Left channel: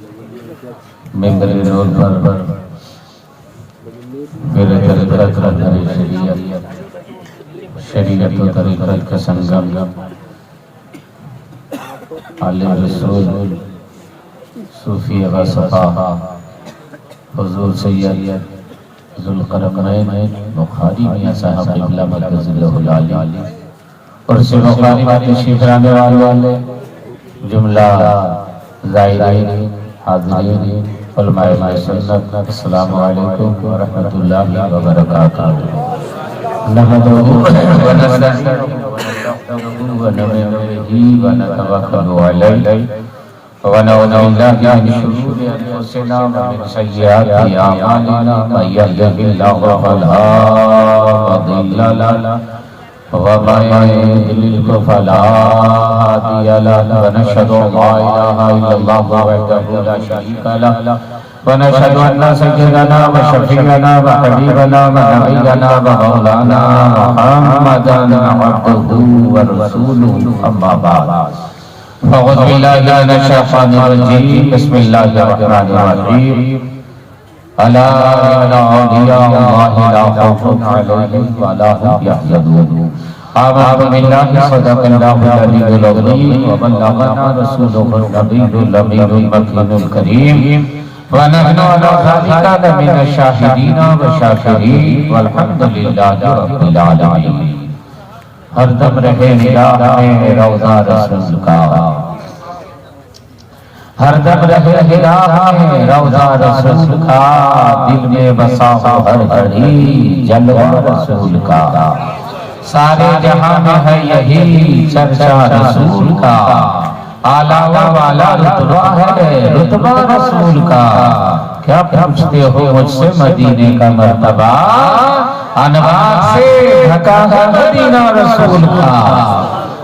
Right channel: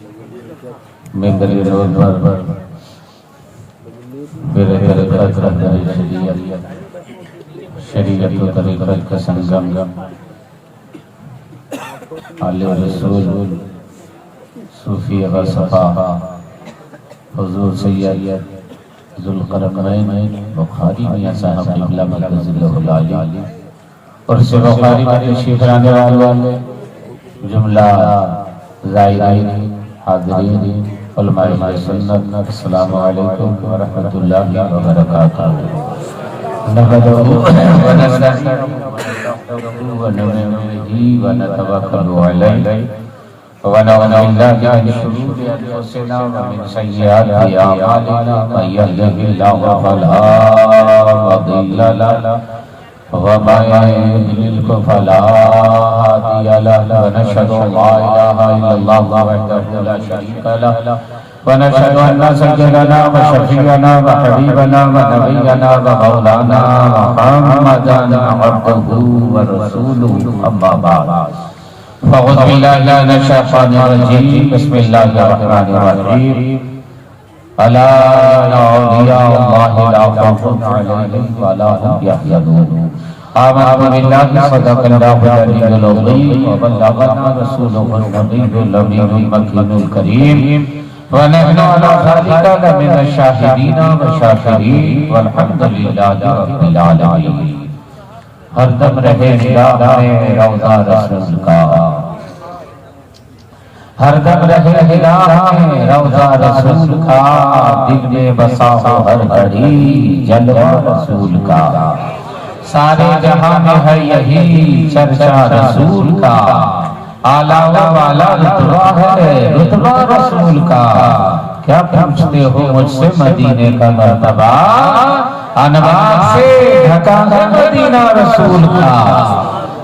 मेरे रोल पर मेरे तरीक़त रहबरी शरीयत व तरीक़त का संगम आले रसूल सूफी वसफ़ा हुज़ूर सैयद ज़ुल्क़रनैन बुखारी मियां साहब क़िबला मक़दसिल्लहुल आली और से बुखारी में तशरीफ़ लाने वाले जुमला ज़ायरीन हाज़रीन उलमाए सुन्नत अस्सलामु अलैकुम व रहमतुल्लाहि व बरकातुहू। नहमदुहु व नस्तईनुहु व नस्तईनुहु व नतवक्कलु अलैहि व नऊज़ु बिल्लाहि मिन शुरूरि अंफुसिना व मिन सय्यिआति अअमालिना मन यहदिहिल्लाहु फला मुदिल्ल लहु व मन युद्लिल्हु फला हादिय लहु व नशहदु अल्ला इलाहा इल्लल्लाह वहदहु ला शरीका लहु व नशहदु अन्न सय्यिदना व शफीअना व हबीबना व नबियना व मौलाना मुहम्मदन अब्दुहु व रसूलुहु अम्मा बाद फ़अऊज़ु बिल्लाहि मिनश शैतानिर रजीम बिस्मिल्लाहिर रहमानिर रहीम अला औलिया अल्लाहि ला खौफुन अलैहिम व ला हुम यहज़नून आमनु बिल्लाहि सदक़ल्लाहुल अलीयुल अज़ीम व बल्लगना रसूलुहुन नबियुल अमीनुल मकीनुल करीम व नहनु अला ज़ालिका लमिनश शाहिदीन व शाकिरीन वल्हम्दुलिल्लाहि रब्बिल आलमीन। हरदम रहे निगाह में रौज़ा रसूल का, हरदम रहे निगाह में रौज़ा रसूल का, दिल में बसा हो हर घड़ी जलवा रसूल का। सारे जहां में है यही चर्चा रसूल का, आला व वाला रुतबा है रुतबा रसूल का। क्या पूछते हो मुझसे मदीने का मर्तबा, अनवार से ढका है मदीना रसूल का।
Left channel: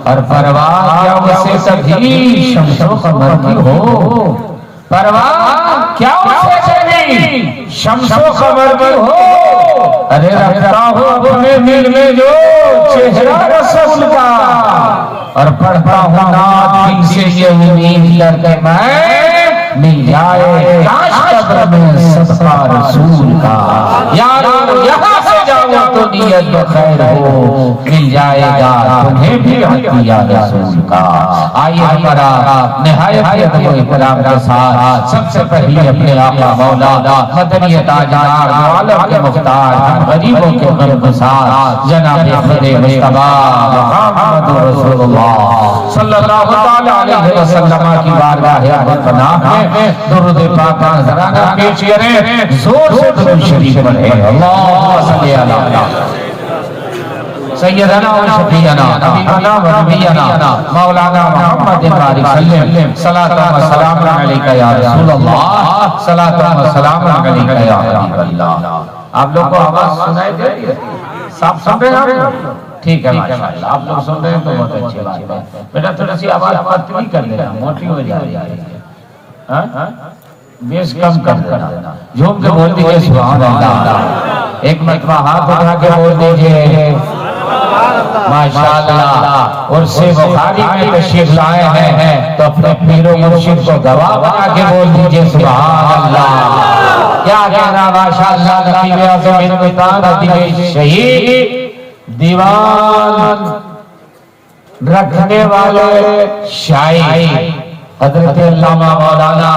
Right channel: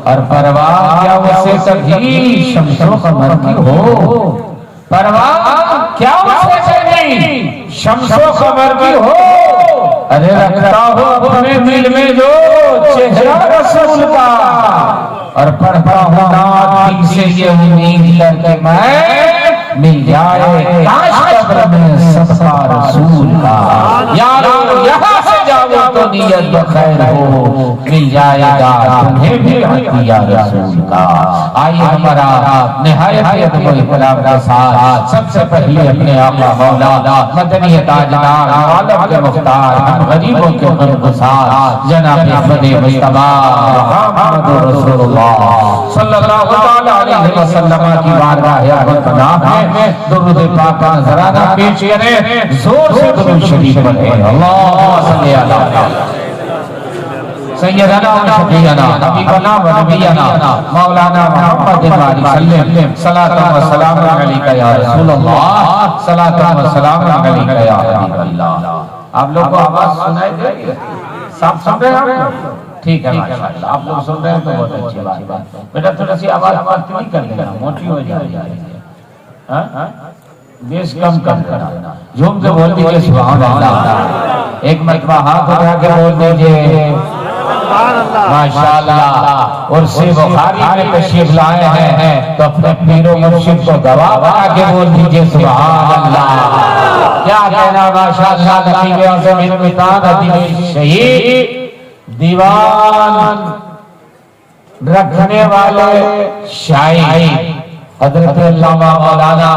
और परवाह क्या उसे कभी शम्सो क़मर की हो, परवाह क्या उसे कभी शम्सो क़मर की हो। अरे रखता हो अपने दिल में जो चेहरा रसूल का, और पढ़ता हूँ नात दिल से ये उम्मीद करके मैं मिल जाए काश कब्र में सदका रसूल का। यारो यहाँ से जाओ तो नियत खैर हो, मिल जाएगा तुम्हें भी हदिया रसूल का। आइए हमारा निहायत अदब इकराम के साथ सबसे पहले अपने आका मौला मदनी ताजदार आलम के मुख्तार गरीबों के गमगुसार जनाब खुदे मुस्तफा मुहम्मद रसूलुल्लाह सल्लल्लाहु अलैहि वसल्लम की बारगाह पनाह में दुरूद पाक का नजराना पेश करें। जोर से दुरूद शरीफ पढ़ें। अल्लाह सल्ली अला सय्यदना व शफीअना हबीबना व नबियना मौलाना मुहम्मद सल्लल्लाहु सलातन व सलाम अलैका या रसूल अल्लाह सलातन व सलाम अलैका या हबीब अल्लाह। आप लोग को आवाज सुनाई दे रही है? साफ सुन रहे हैं? ठीक है माशाअल्लाह, आप लोग सुन रहे हैं तो बहुत अच्छी बात है। बेटा थोड़ी सी आवाज पतली कर देना, मोटी हो जा रही है। हां बेस कम करना, झूम के बोल दीजिए सुभान अल्लाह। एक मरतबा हाथ उठा के बोल दीजिए माशाअल्लाह। और से बुखारी में तशरीफ लाए हैं तो अपने पीरो मुर्शिद को गवाह बना के बोल दीजिए सुभान अल्लाह। क्या कहना माशाअल्लाह। नबी आज़म इनमें शहीद दीवान रखने वाले शायर हजरत अल्लामा मौलाना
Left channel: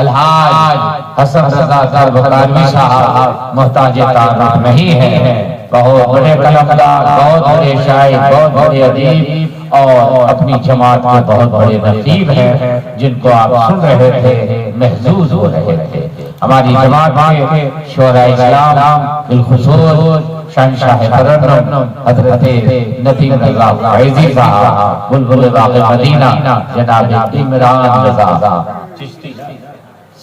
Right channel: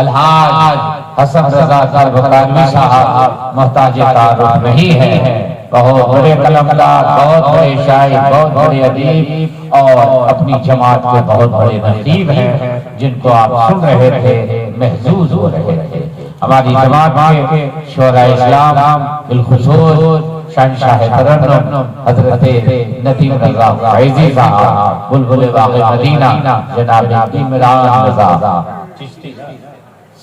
अलहाज हसन रज़ा कारबतानी साहब मोहताज तारुफ नहीं है। बहुत बड़े कलमदार, बहुत बड़े शायर, बहुत बड़े अदीब और अपनी जमात के बहुत बड़े नकीब हैं जिनको आप सुन रहे थे, महजूज हो रहे थे। हमारी जमात के शोरा इस्लाम बिलखुसूस शहंशाह तरन्नुम हजरत नदीम रज़ा फैज़ी साहब बुलबुल बाग़ मदीना जनाब इमरान रज़ा चिश्ती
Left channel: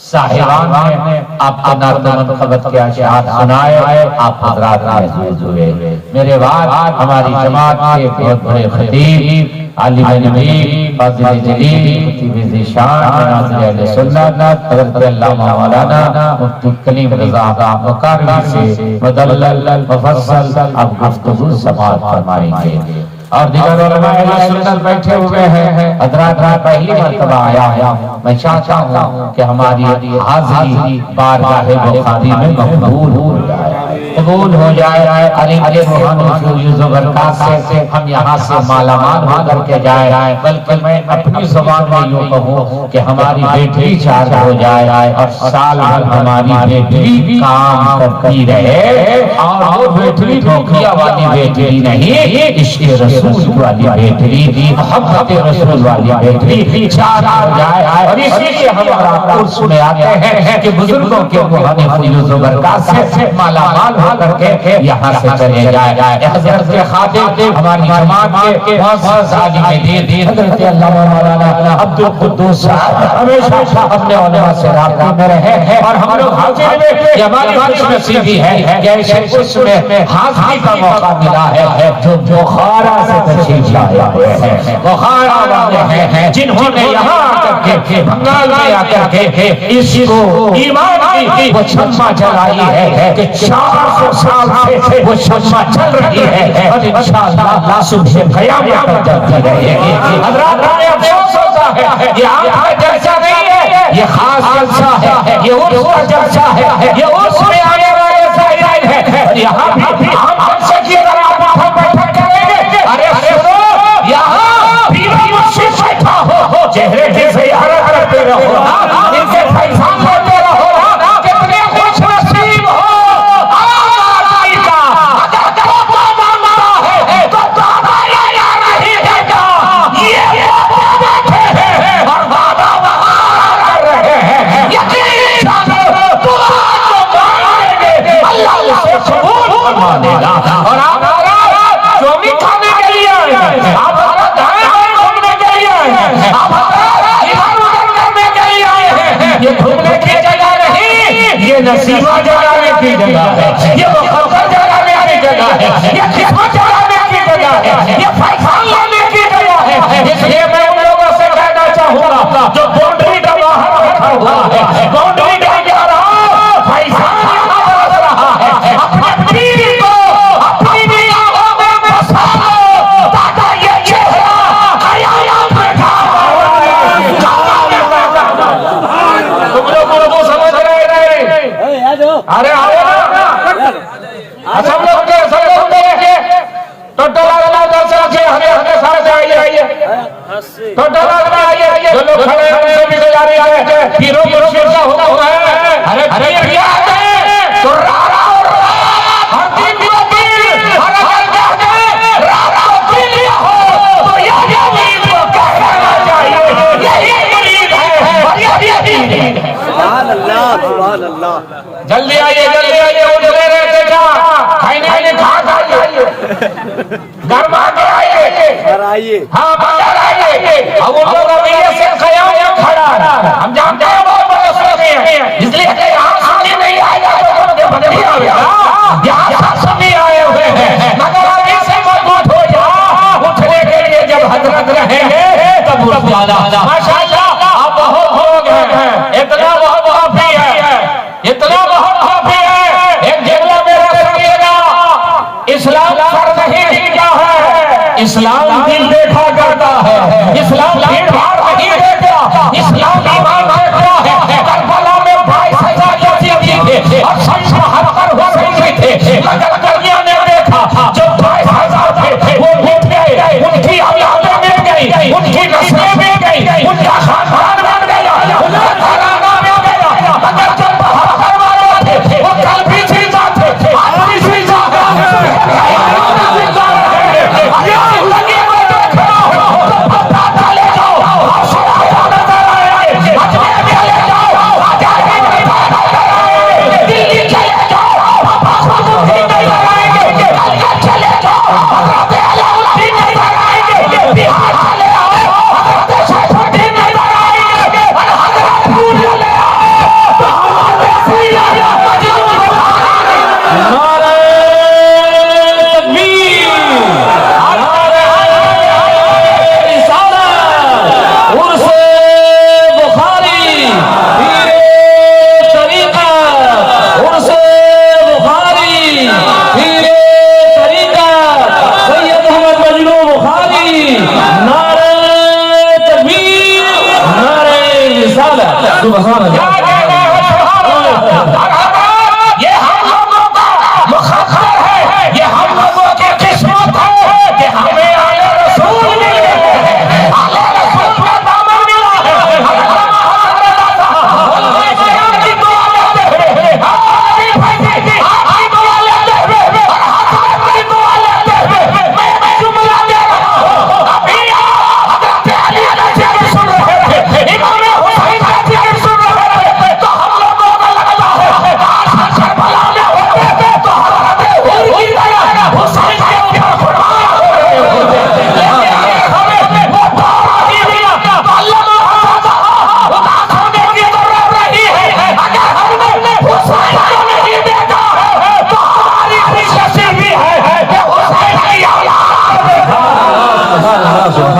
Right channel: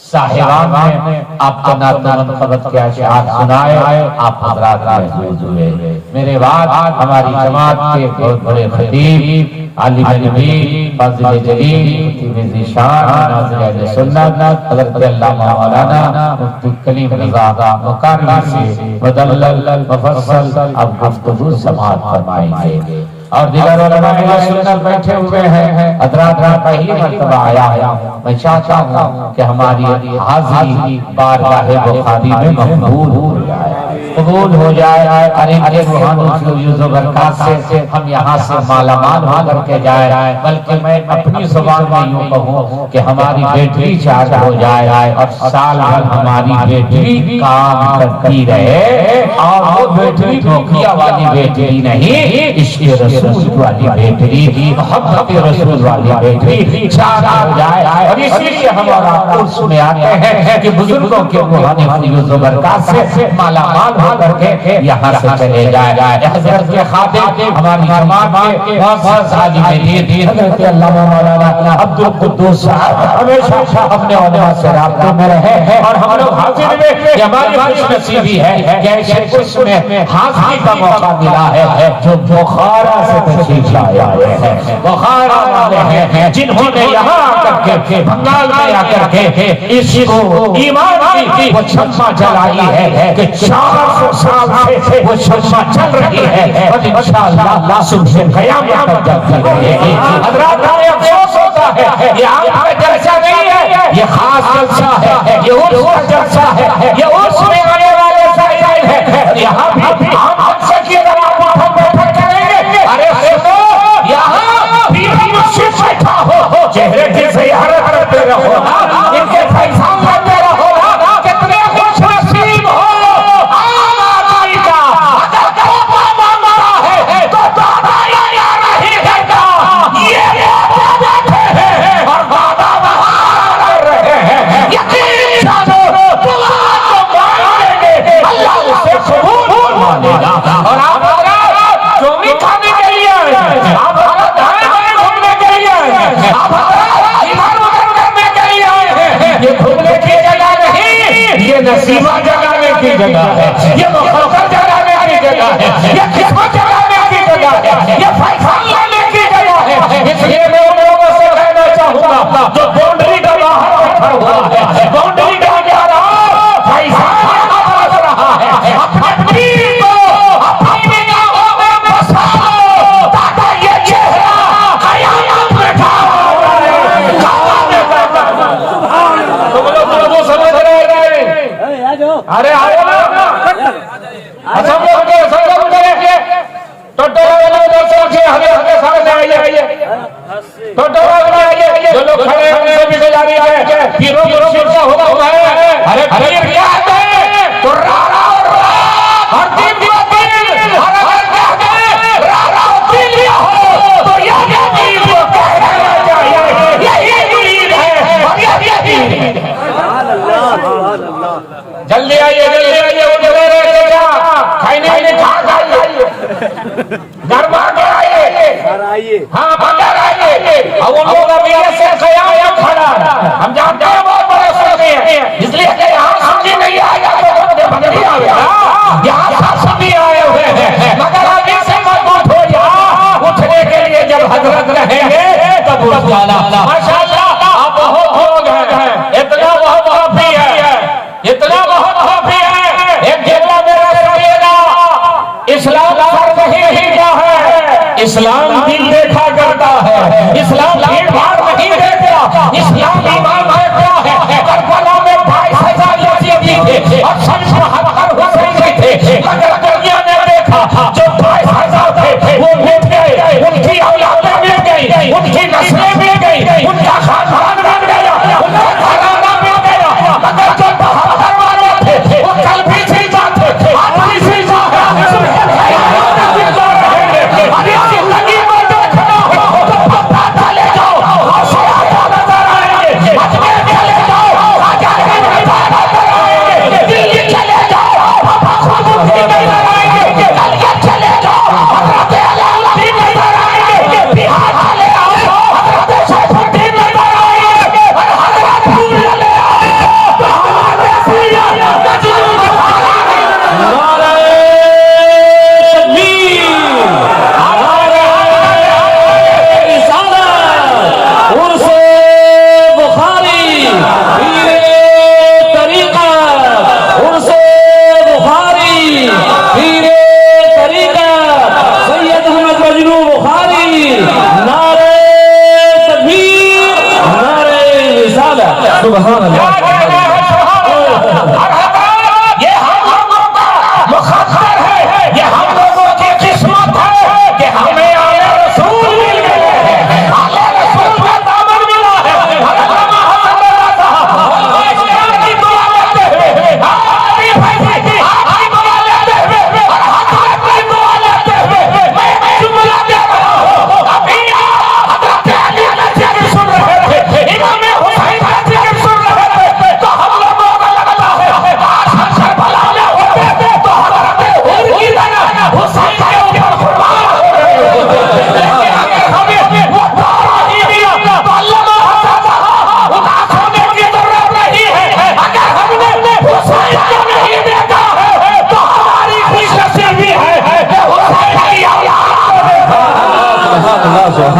साहिबान ने आपको नात-ए-मुनक़बत के अशआर सुनाए, आप हज़रात महजूज हुए। मेरे बाद हमारी जमात के बहुत बड़े खतीब आलिम नबी फाज़िल जलील खतीब ज़ीशान नाज़िर अहले सुन्नत हज़रत अल्लामा मौलाना मुफ्ती कलीम रज़ा मुक़र्रर से मुदल्लल मुफस्सल अब गुफ्तगू समाअत फरमाएंगे। और दिगर सुन्नत बैठे हुए हैं। हजरात पहली मर्तबा आया, मैं चाहता हूँ कि हमारी हाजिरी बारगाह बुखारी में कबूल हो जाए। अरे से हम यहाँ से मालामाल होकर के जाए, बल्कि मैं अपनी जुबान में यूँ कहूँ कि हमारी बेटी चार्ज हो जाए और साल भर हमारी बेटी काम करती रहे। और वो बेटी धोखिया वाली बेटी नहीं, इश्क़ रसूल वाली बेटी, मोहब्बत रसूल वाली बेटी चार्ज हो जाए। और इसलिए हमारा उर्स में आते हैं कि बुजुर्गों के से मालामाल होकर के यहाँ से चले जाए। हज़रत के खादिम हमारी जमात के हज़रत अल्लामा मौलाना अब्दुल कुद्दूस साहब हमेशा अपने उलमा से राब्ते में रहे। और हम लोग हाजिर में हमारी खुशनसीबी है कि ऐसे उसमें हाजिरी का मौका मिला है जो बुखारा से तशरीफ लाए हैं, बुखारा वाले हैं जिन्होंने यहाँ आकर के बंगाल में आकर के इसको ईमान की वो शम्मा जलाई है कि 400 साल से वो शम्मा चल रही है और इंशाअल्लाह सुबह क़यामत तक चलती रहेगी। हज़रात ने अफसोस होता है, ये आम जलसा नहीं है, ये खास जलसा है, ये उर्स का जलसा है, ये उर्स में आने वाले ज़ायरीन है। यहाँ भी हम जलसे की अगर आप बैठा करेंगे, अरे सुनो, यहाँ बीवी मुझसे बैठा हो, चेहरे की ज़ियारत करते रहो, इनसे फैज़ान लेते रहो, कितने खुश नसीब हो आदमी का अगर तौबा मांगता है तो तौबा या नहीं देता। ये बैठे हैं और वादा वहाँ कर रहे हैं, यकीन जानो दुआ तो मांगेंगे, अल्लाह उसे कबूल मानेगा। और आप चौमी खाने के लिए आए हैं, आप दाएं बाएं घूमने के लिए आए हैं, आप ईमान करने के लिए आए हैं। ये घूमने की जगह नहीं, ये नसीबा जगाने की जगह है, ये मुखबर जगाने की जगह है, ये खिदमत जगाने की जगह है, ये फैसल लेने की जगह है। इसलिए मैं उन लोगों से कहना चाहूँगा जो बाउंड्री के बाहर बैठा हुआ है, बाउंड्री के अंदर आओ, फैसल यहाँ बरस रहा है, अपनी बीवी को अपनी निगाहों में बसा लो ताकि ये चेहरा क़यामत में खड़ा रहे। तुम लोग समझ रहे हैं? अरे आओ ना, सब लोग देखिए, टोटोला वाला उधर से रखिए, हमें सारे से आइए, टोटोला वाला आइए, जो लोग खड़े हैं उनसे भी गुजारिश है, पीरो का हुक्म है, अरे पीर क्या है तो रारा और पीर और अगर कहते हैं रारा पीर हो तो ये पीर को कहना चाहिए, यही मुरीद है और यही मुरीद है। जल्दी आइए, वो जगह रहते क्या खाने आइए, खा आइए, घर के आइए, हाँ बाहर आइए। अब उन लोग अभी ऐसे क़याम खड़ा है, हम जानते हैं बहुत बड़े सोचे हैं, इसलिए कि यहाँ सुन्नी नहीं आएगा तो बंदी आएगा, यहाँ सुन्नी आए हुए हैं, मगर अभी से मजबूत हो जा, उठने के लिए जब हजरत रहेंगे तब उठ जाना। माशाअल्लाह आप बहुत हो गए हैं, इतना बहुत भी है, इतना बहुत भी है। एक जुमला मेरा सुनिएगा, इस्लाम सर नहीं हिलता है, इस्लाम दिल देखा करता है, इस्लाम भीड़ भाड़ नहीं देखता,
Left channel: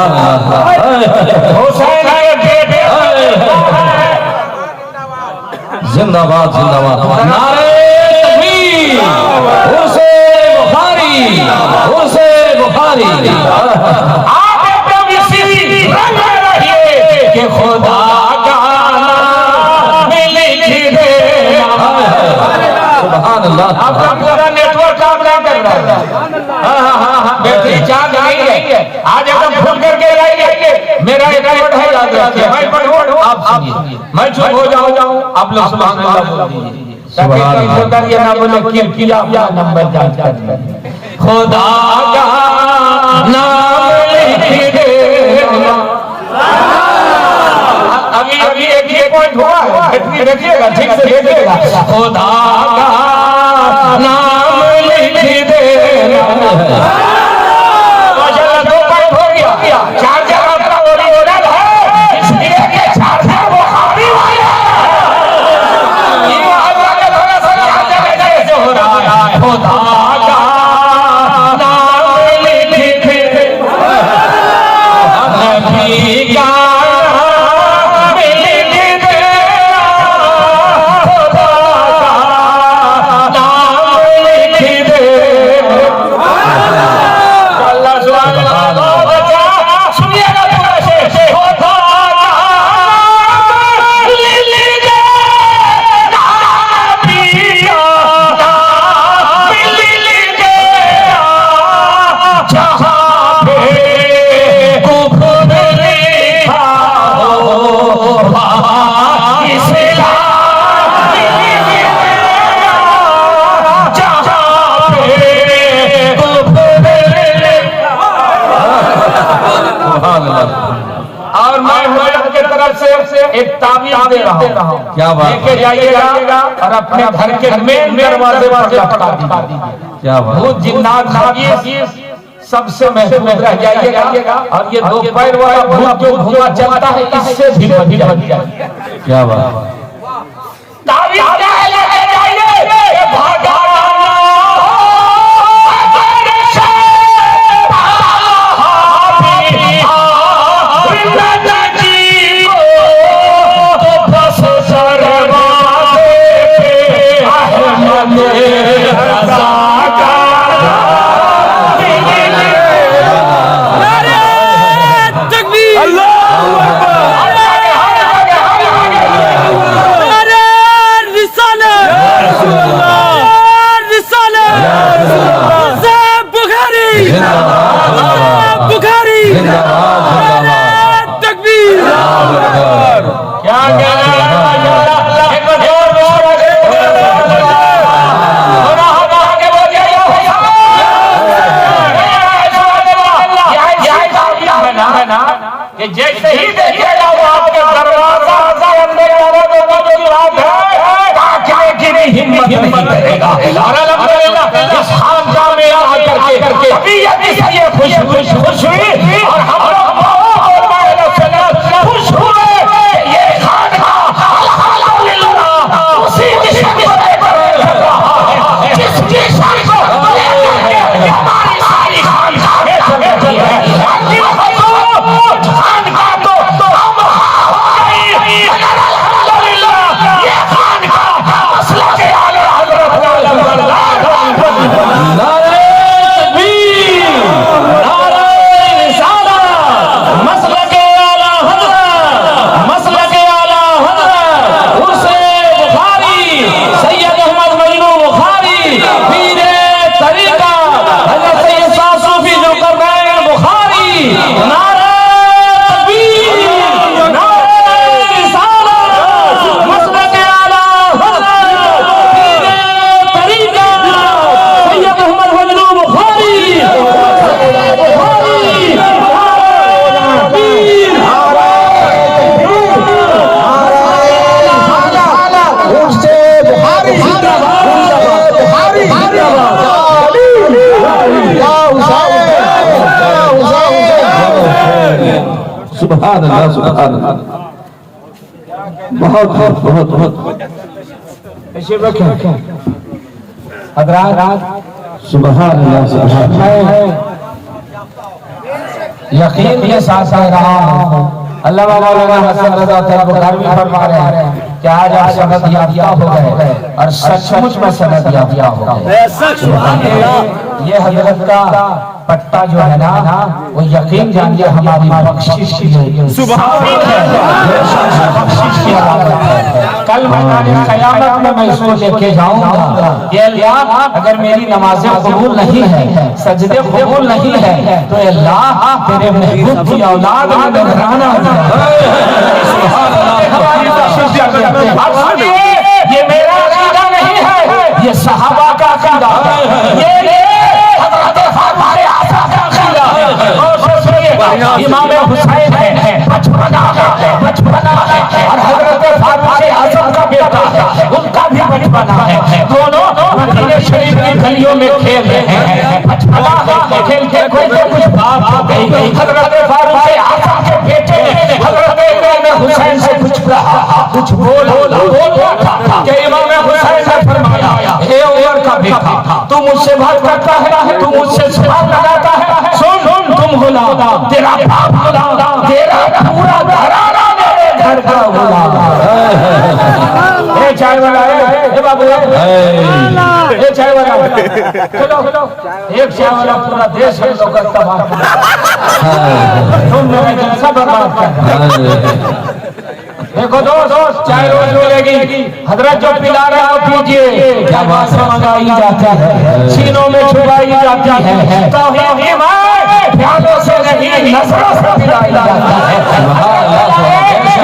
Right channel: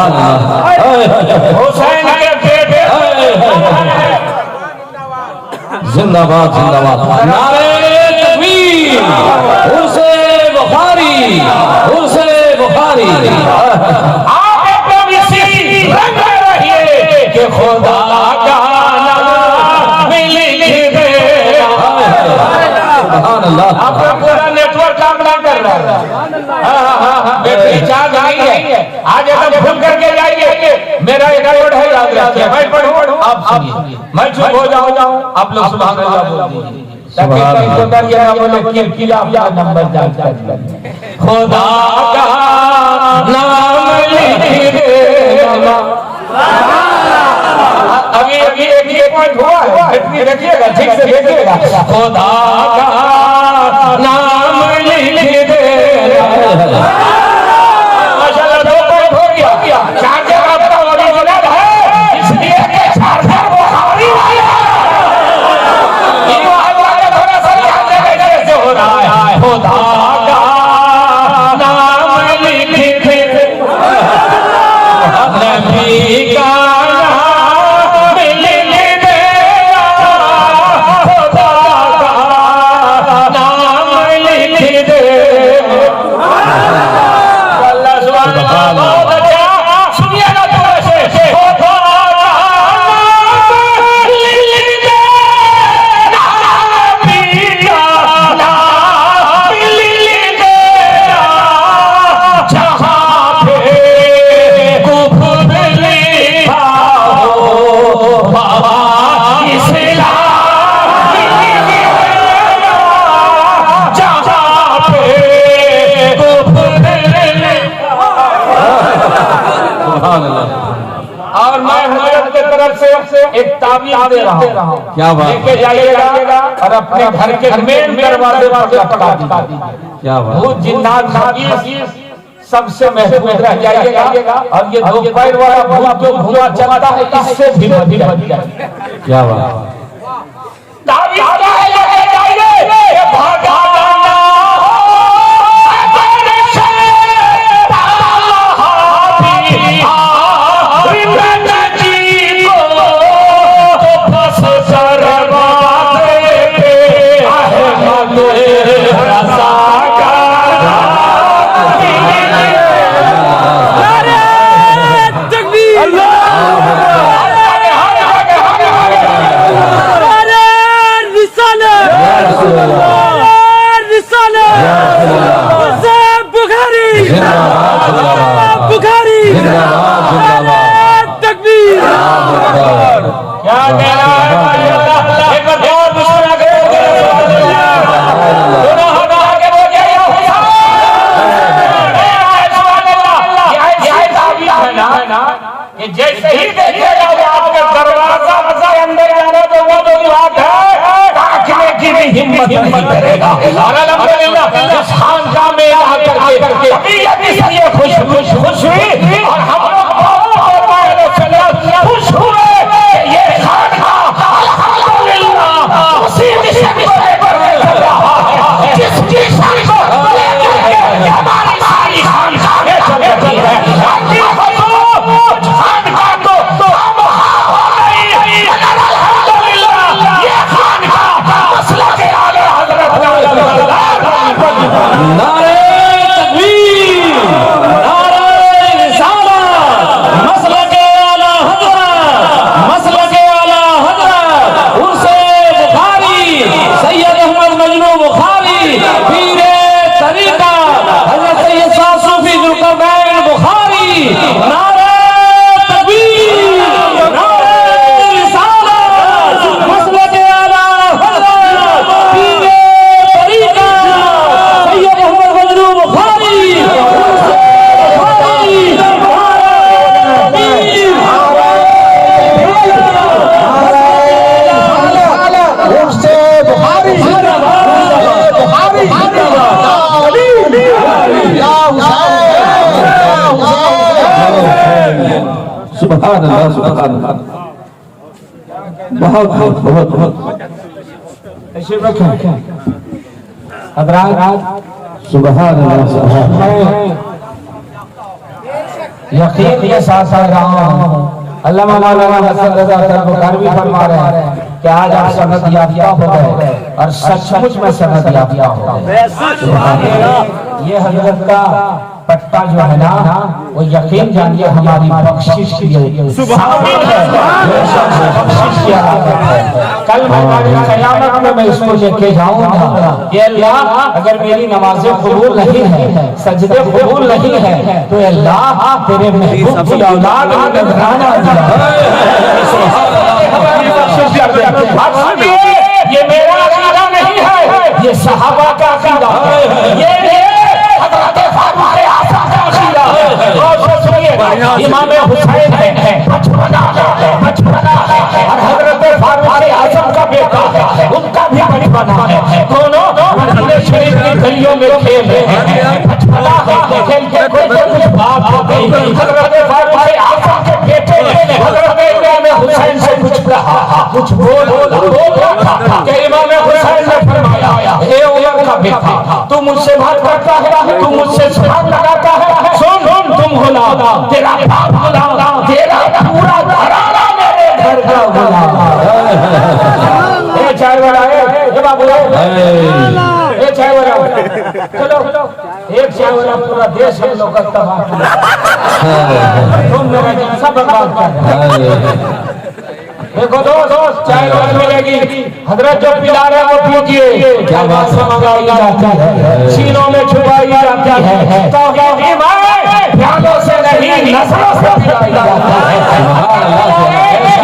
सुभान अल्लाह। हुसैन के बेटे जिंदाबाद जिंदाबाद। नारे तकबीर। उर्से बुखारी, उर्से बुखारी। आप एकदम इसी रंग में रहिए कि खुदा का नाम लिख देना। सुभान अल्लाह। आपका नेटवर्क काम नहीं कर रहा है। बैटरी चार्ज नहीं है। आज एकदम फुल करके लाइए। मेरा नेटवर्क है याद रखिए। मैं पढ़ूं आप सुनिए। मैं चुप हो जाऊं आप लोग सुभान अल्लाह बोल दीजिए ताकि कहीं होकर ये ना बोले किल किला या नंबर जांच कर। खुदा का नाम लिख देना। अभी अभी एक पॉइंट हुआ है। बैटरी रखिएगा ठीक से देखिएगा। खुदा का नाम लिख देना। माशाल्लाह 2 पॉइंट हो गया। चार्जर अपना ओरिजिनल है इसलिए कि चार्जर बुखारी वाला है। ये अल्लाह ने थोड़ा सा कैसे हो रहा है। खुदा का नाम लिख देना। नबी का नाम लिख देना। खुदा का नाम लिख देना। अल्लाह सुभान अल्लाह बहुत अच्छा। सुनिएगा पूरा से। खुदा का नाम लिख देना। नबी का नाम लिख देना। जहाँ पे कुफ्र लिखा हो वहाँ इस्लाम लिख देना। जहाँ पे कुफ्र लिखा। सुभान अल्लाह। और मैं हजरत के तरफ से एक ताबीज दे रहा हूँ। क्या बात। लेके जाइएगा और अपने घर के मेन दरवाजे पर पटा दीजिए। क्या बात। भूत जिन्नात खबीस सबसे महफूज रह जाइएगा। और ये 2 पैर वाला भूत जो धुआं चलता है इससे भी बच जाइए। क्या बात। ताबीज लेके जाइए। भागा बुखारी जिंदाबाद जिंदाबाद। तकबीर। क्या कहना है अल्लाह एक बार और मुस्कुरा के दोनों हाथ आगे बोलिए है ना कि जैसे ही देखिएगा वो आपके दरवाजा से अंदर जाने को वो जो बात है ताकने की भी हिम्मत नहीं करेगा। और अल्हम्दुलिल्लाह इस खानकाह में आ करके तबीयत इसलिए खुश हुई और हम लोग खुश हुए कि ये खानकाह अल्हम्दुलिल्लाह उसी दिशा में जिसकी शान को हमारी सारी खानकाह चल है। सुभान अल्लाह सुभान अल्लाह। बहुत बहुत बहुत ऐसे रखें हजरात। सुभान अल्लाह सुभान। यकीन के साथ कह रहा हूँ, अल्लाह मौलाना हसन रजा तलबकार भी फरमा रहे हैं कि आज आप समझ याफ्ता हो गए और सचमुच में समझ याफ्ता हो गए। ये हजरत का पट्टा जो है ना, वो यकीन जानिए हमारी बख्शिश की है, बख्शिश की अलामत है। कल मैं क़यामत में मैं इसको लेके जाऊंगा, ये अल्लाह अगर मेरी नमाजें कबूल नहीं है, सजदे कबूल नहीं है, तो अल्लाह तेरे महबूब की औलाद में नजराना दिया। ये मेरा अकीदा नहीं है, ये सहाबा का अकीदा है, ये इमाम हुसैन है, बचपना है और हजरत फारूक आजम का बेटा है, उनका भी बचपना है। दोनों मदीना शरीफ की गलियों में खेल रहे हैं, बचपना खेल के कुछ बात हो गई। हजरत फारूक आजम के बेटे हजरत इमाम हुसैन से कुछ कहा, कुछ बोला कि इमाम हुसैन ने फरमाया, हे उमर का बेटा, तू मुझसे बात करता है, तू मुझसे सवाल लगाता है, सुन तुम गुलाम, तेरा बाप गुलाम, तेरा पूरा घराना मेरे घर का गुलाम। ए चाय वाला, ए बाबू, ए चाय वाला, चलो एक चाय वाला पूरा देश है लोग तबाह कर, तुम मेरा जलसा बर्बाद कर। देखो दोस्त, चाय रोज मिलेगी, हजरत जो पिला रहे हो पीजिए, क्या बात मंगाई जाती है, सीनों में छुपाई जाती है, तो प्यालों से नहीं नजरों से पिलाई जाती है।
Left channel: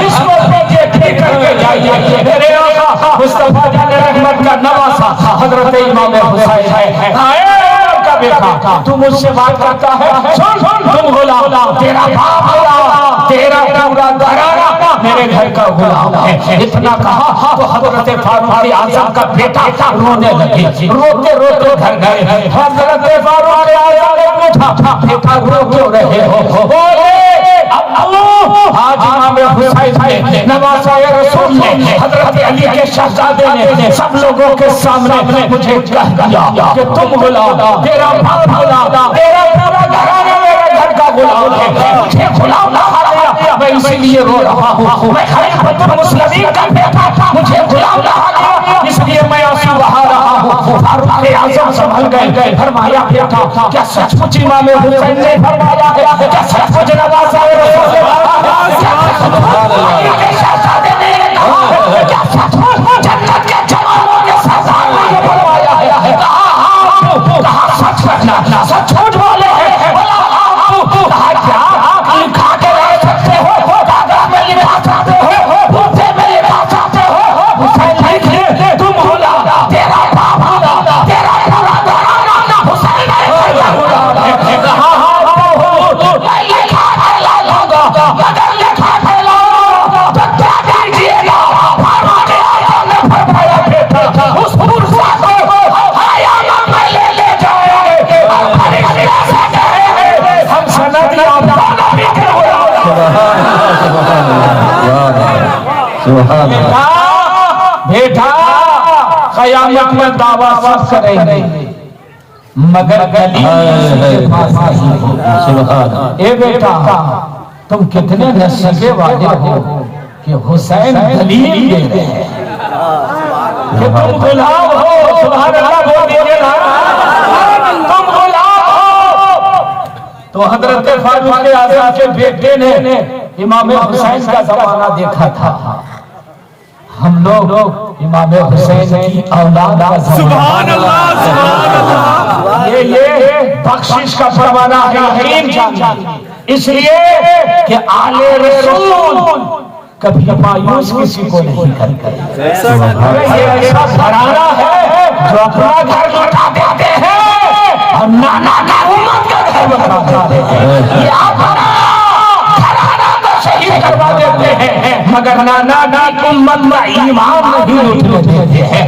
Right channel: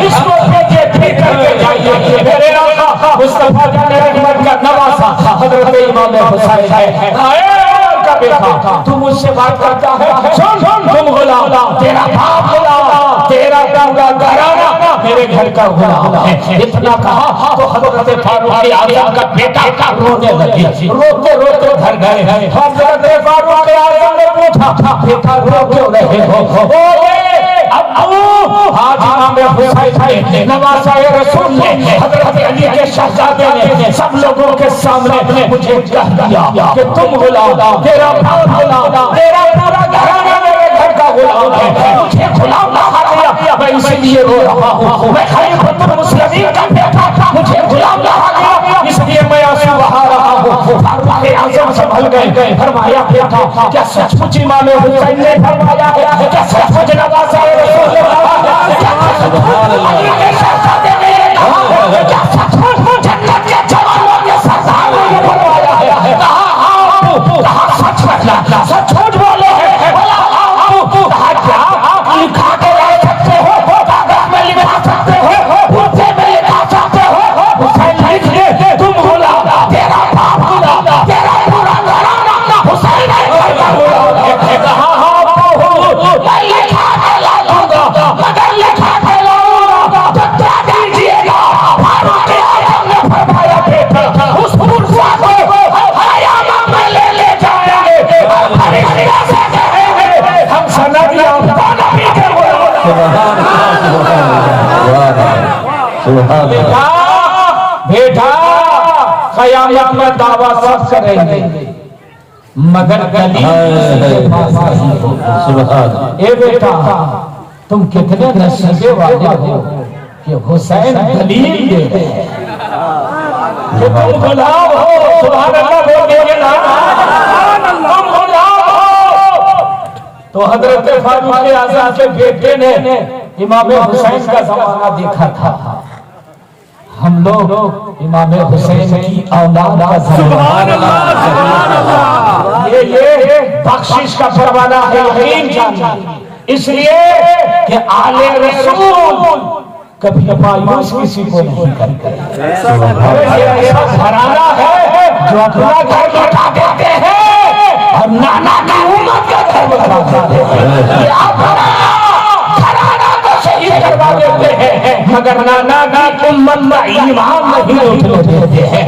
इसको पीजिए, ठीक करके जाइए। मेरे आका मुस्तफा जान रहमत का नवासा हजरत इमाम हुसैन है, का बेटा, तू मुझसे बात करता है, सुन तुम गुलाम, तेरा बाप गुलाम, तेरा पूरा घराना मेरे घर का गुलाम है। इतना कहा तो हजरत फारूक आजम का बेटा रोने लगे, रोते रोते घर गए। हजरत फारूक आजम ने पूछा, बेटा रो क्यों रहे हो? आज इमाम हुसैन ने नवाज़े रसूल ने हजरत अली के शहजादे ने सब लोगों के सामने मुझे कह दिया कि तुम गुलाम, तेरा बाप गुलाम, तेरा पूरा घराना मेरे घर का गुलाम है, मुझे गुलाम बना दिया, मैं इसीलिए रो रहा हूँ। मैं खलीफतुल मुस्लिमीन का बेटा, मुझे गुलाम बना दिया, इसलिए मैं आंसू बहा रहा हूँ। फारूक आजम संभल गए, फरमाया, बेटा क्या सचमुच इमाम हुसैन ने फरमाया है? क्या सचमुच नवाज़े रसूल ने फरमाया है? क्या शहजादे ने ये कहा है? क्या सचमुच जन्नत के जवानों ने सरदार ने ये फरमाया है? कहा सच सचमुच बोले हैं, कहा क्या लिखा के ला सकते हो, कागज में लिखा सकते हो, मुझसे में लिखा सकते हो, हुसैन लिखिए, तुम गुलाम, तेरा बाप गुलाम, तेरा पूरा घराना हुसैन है, मैं लिखा के ला दूंगा, मगर लिखा के लाऊंगा तो क्या कीजिएगा? फारूक आजम ने फरमाया, बेटे उस पुरसा को हयामा में ले जाएंगे, हम सनद याद बेटा क़यामत में दावा सब करेंगे, मगर गली ए बेटा तुम कितने नसीबे वाले हो कि हुसैन दलील दे गए कि तुम गुलाम हो। सुभान अल्लाह बोल दे ना, तुम गुलाम हो। तो हजरत फारूक आजम के बेटे ने इमाम हुसैन का जमाना देखा था, हम लोग इमाम हुसैन की औलाद का जमाना, ये बख्शिश का परवाना है, यकीन जानिए। इसलिए कि आले रसूल कभी मायूस किसी को नहीं करते। ऐसा घराना है जो अपना घर लौटा देते हैं, हम नाना की उम्मत का घर लौटा देते हैं, करवा देते हैं, मगर नाना की उम्मत का ईमान नहीं उठने देते हैं।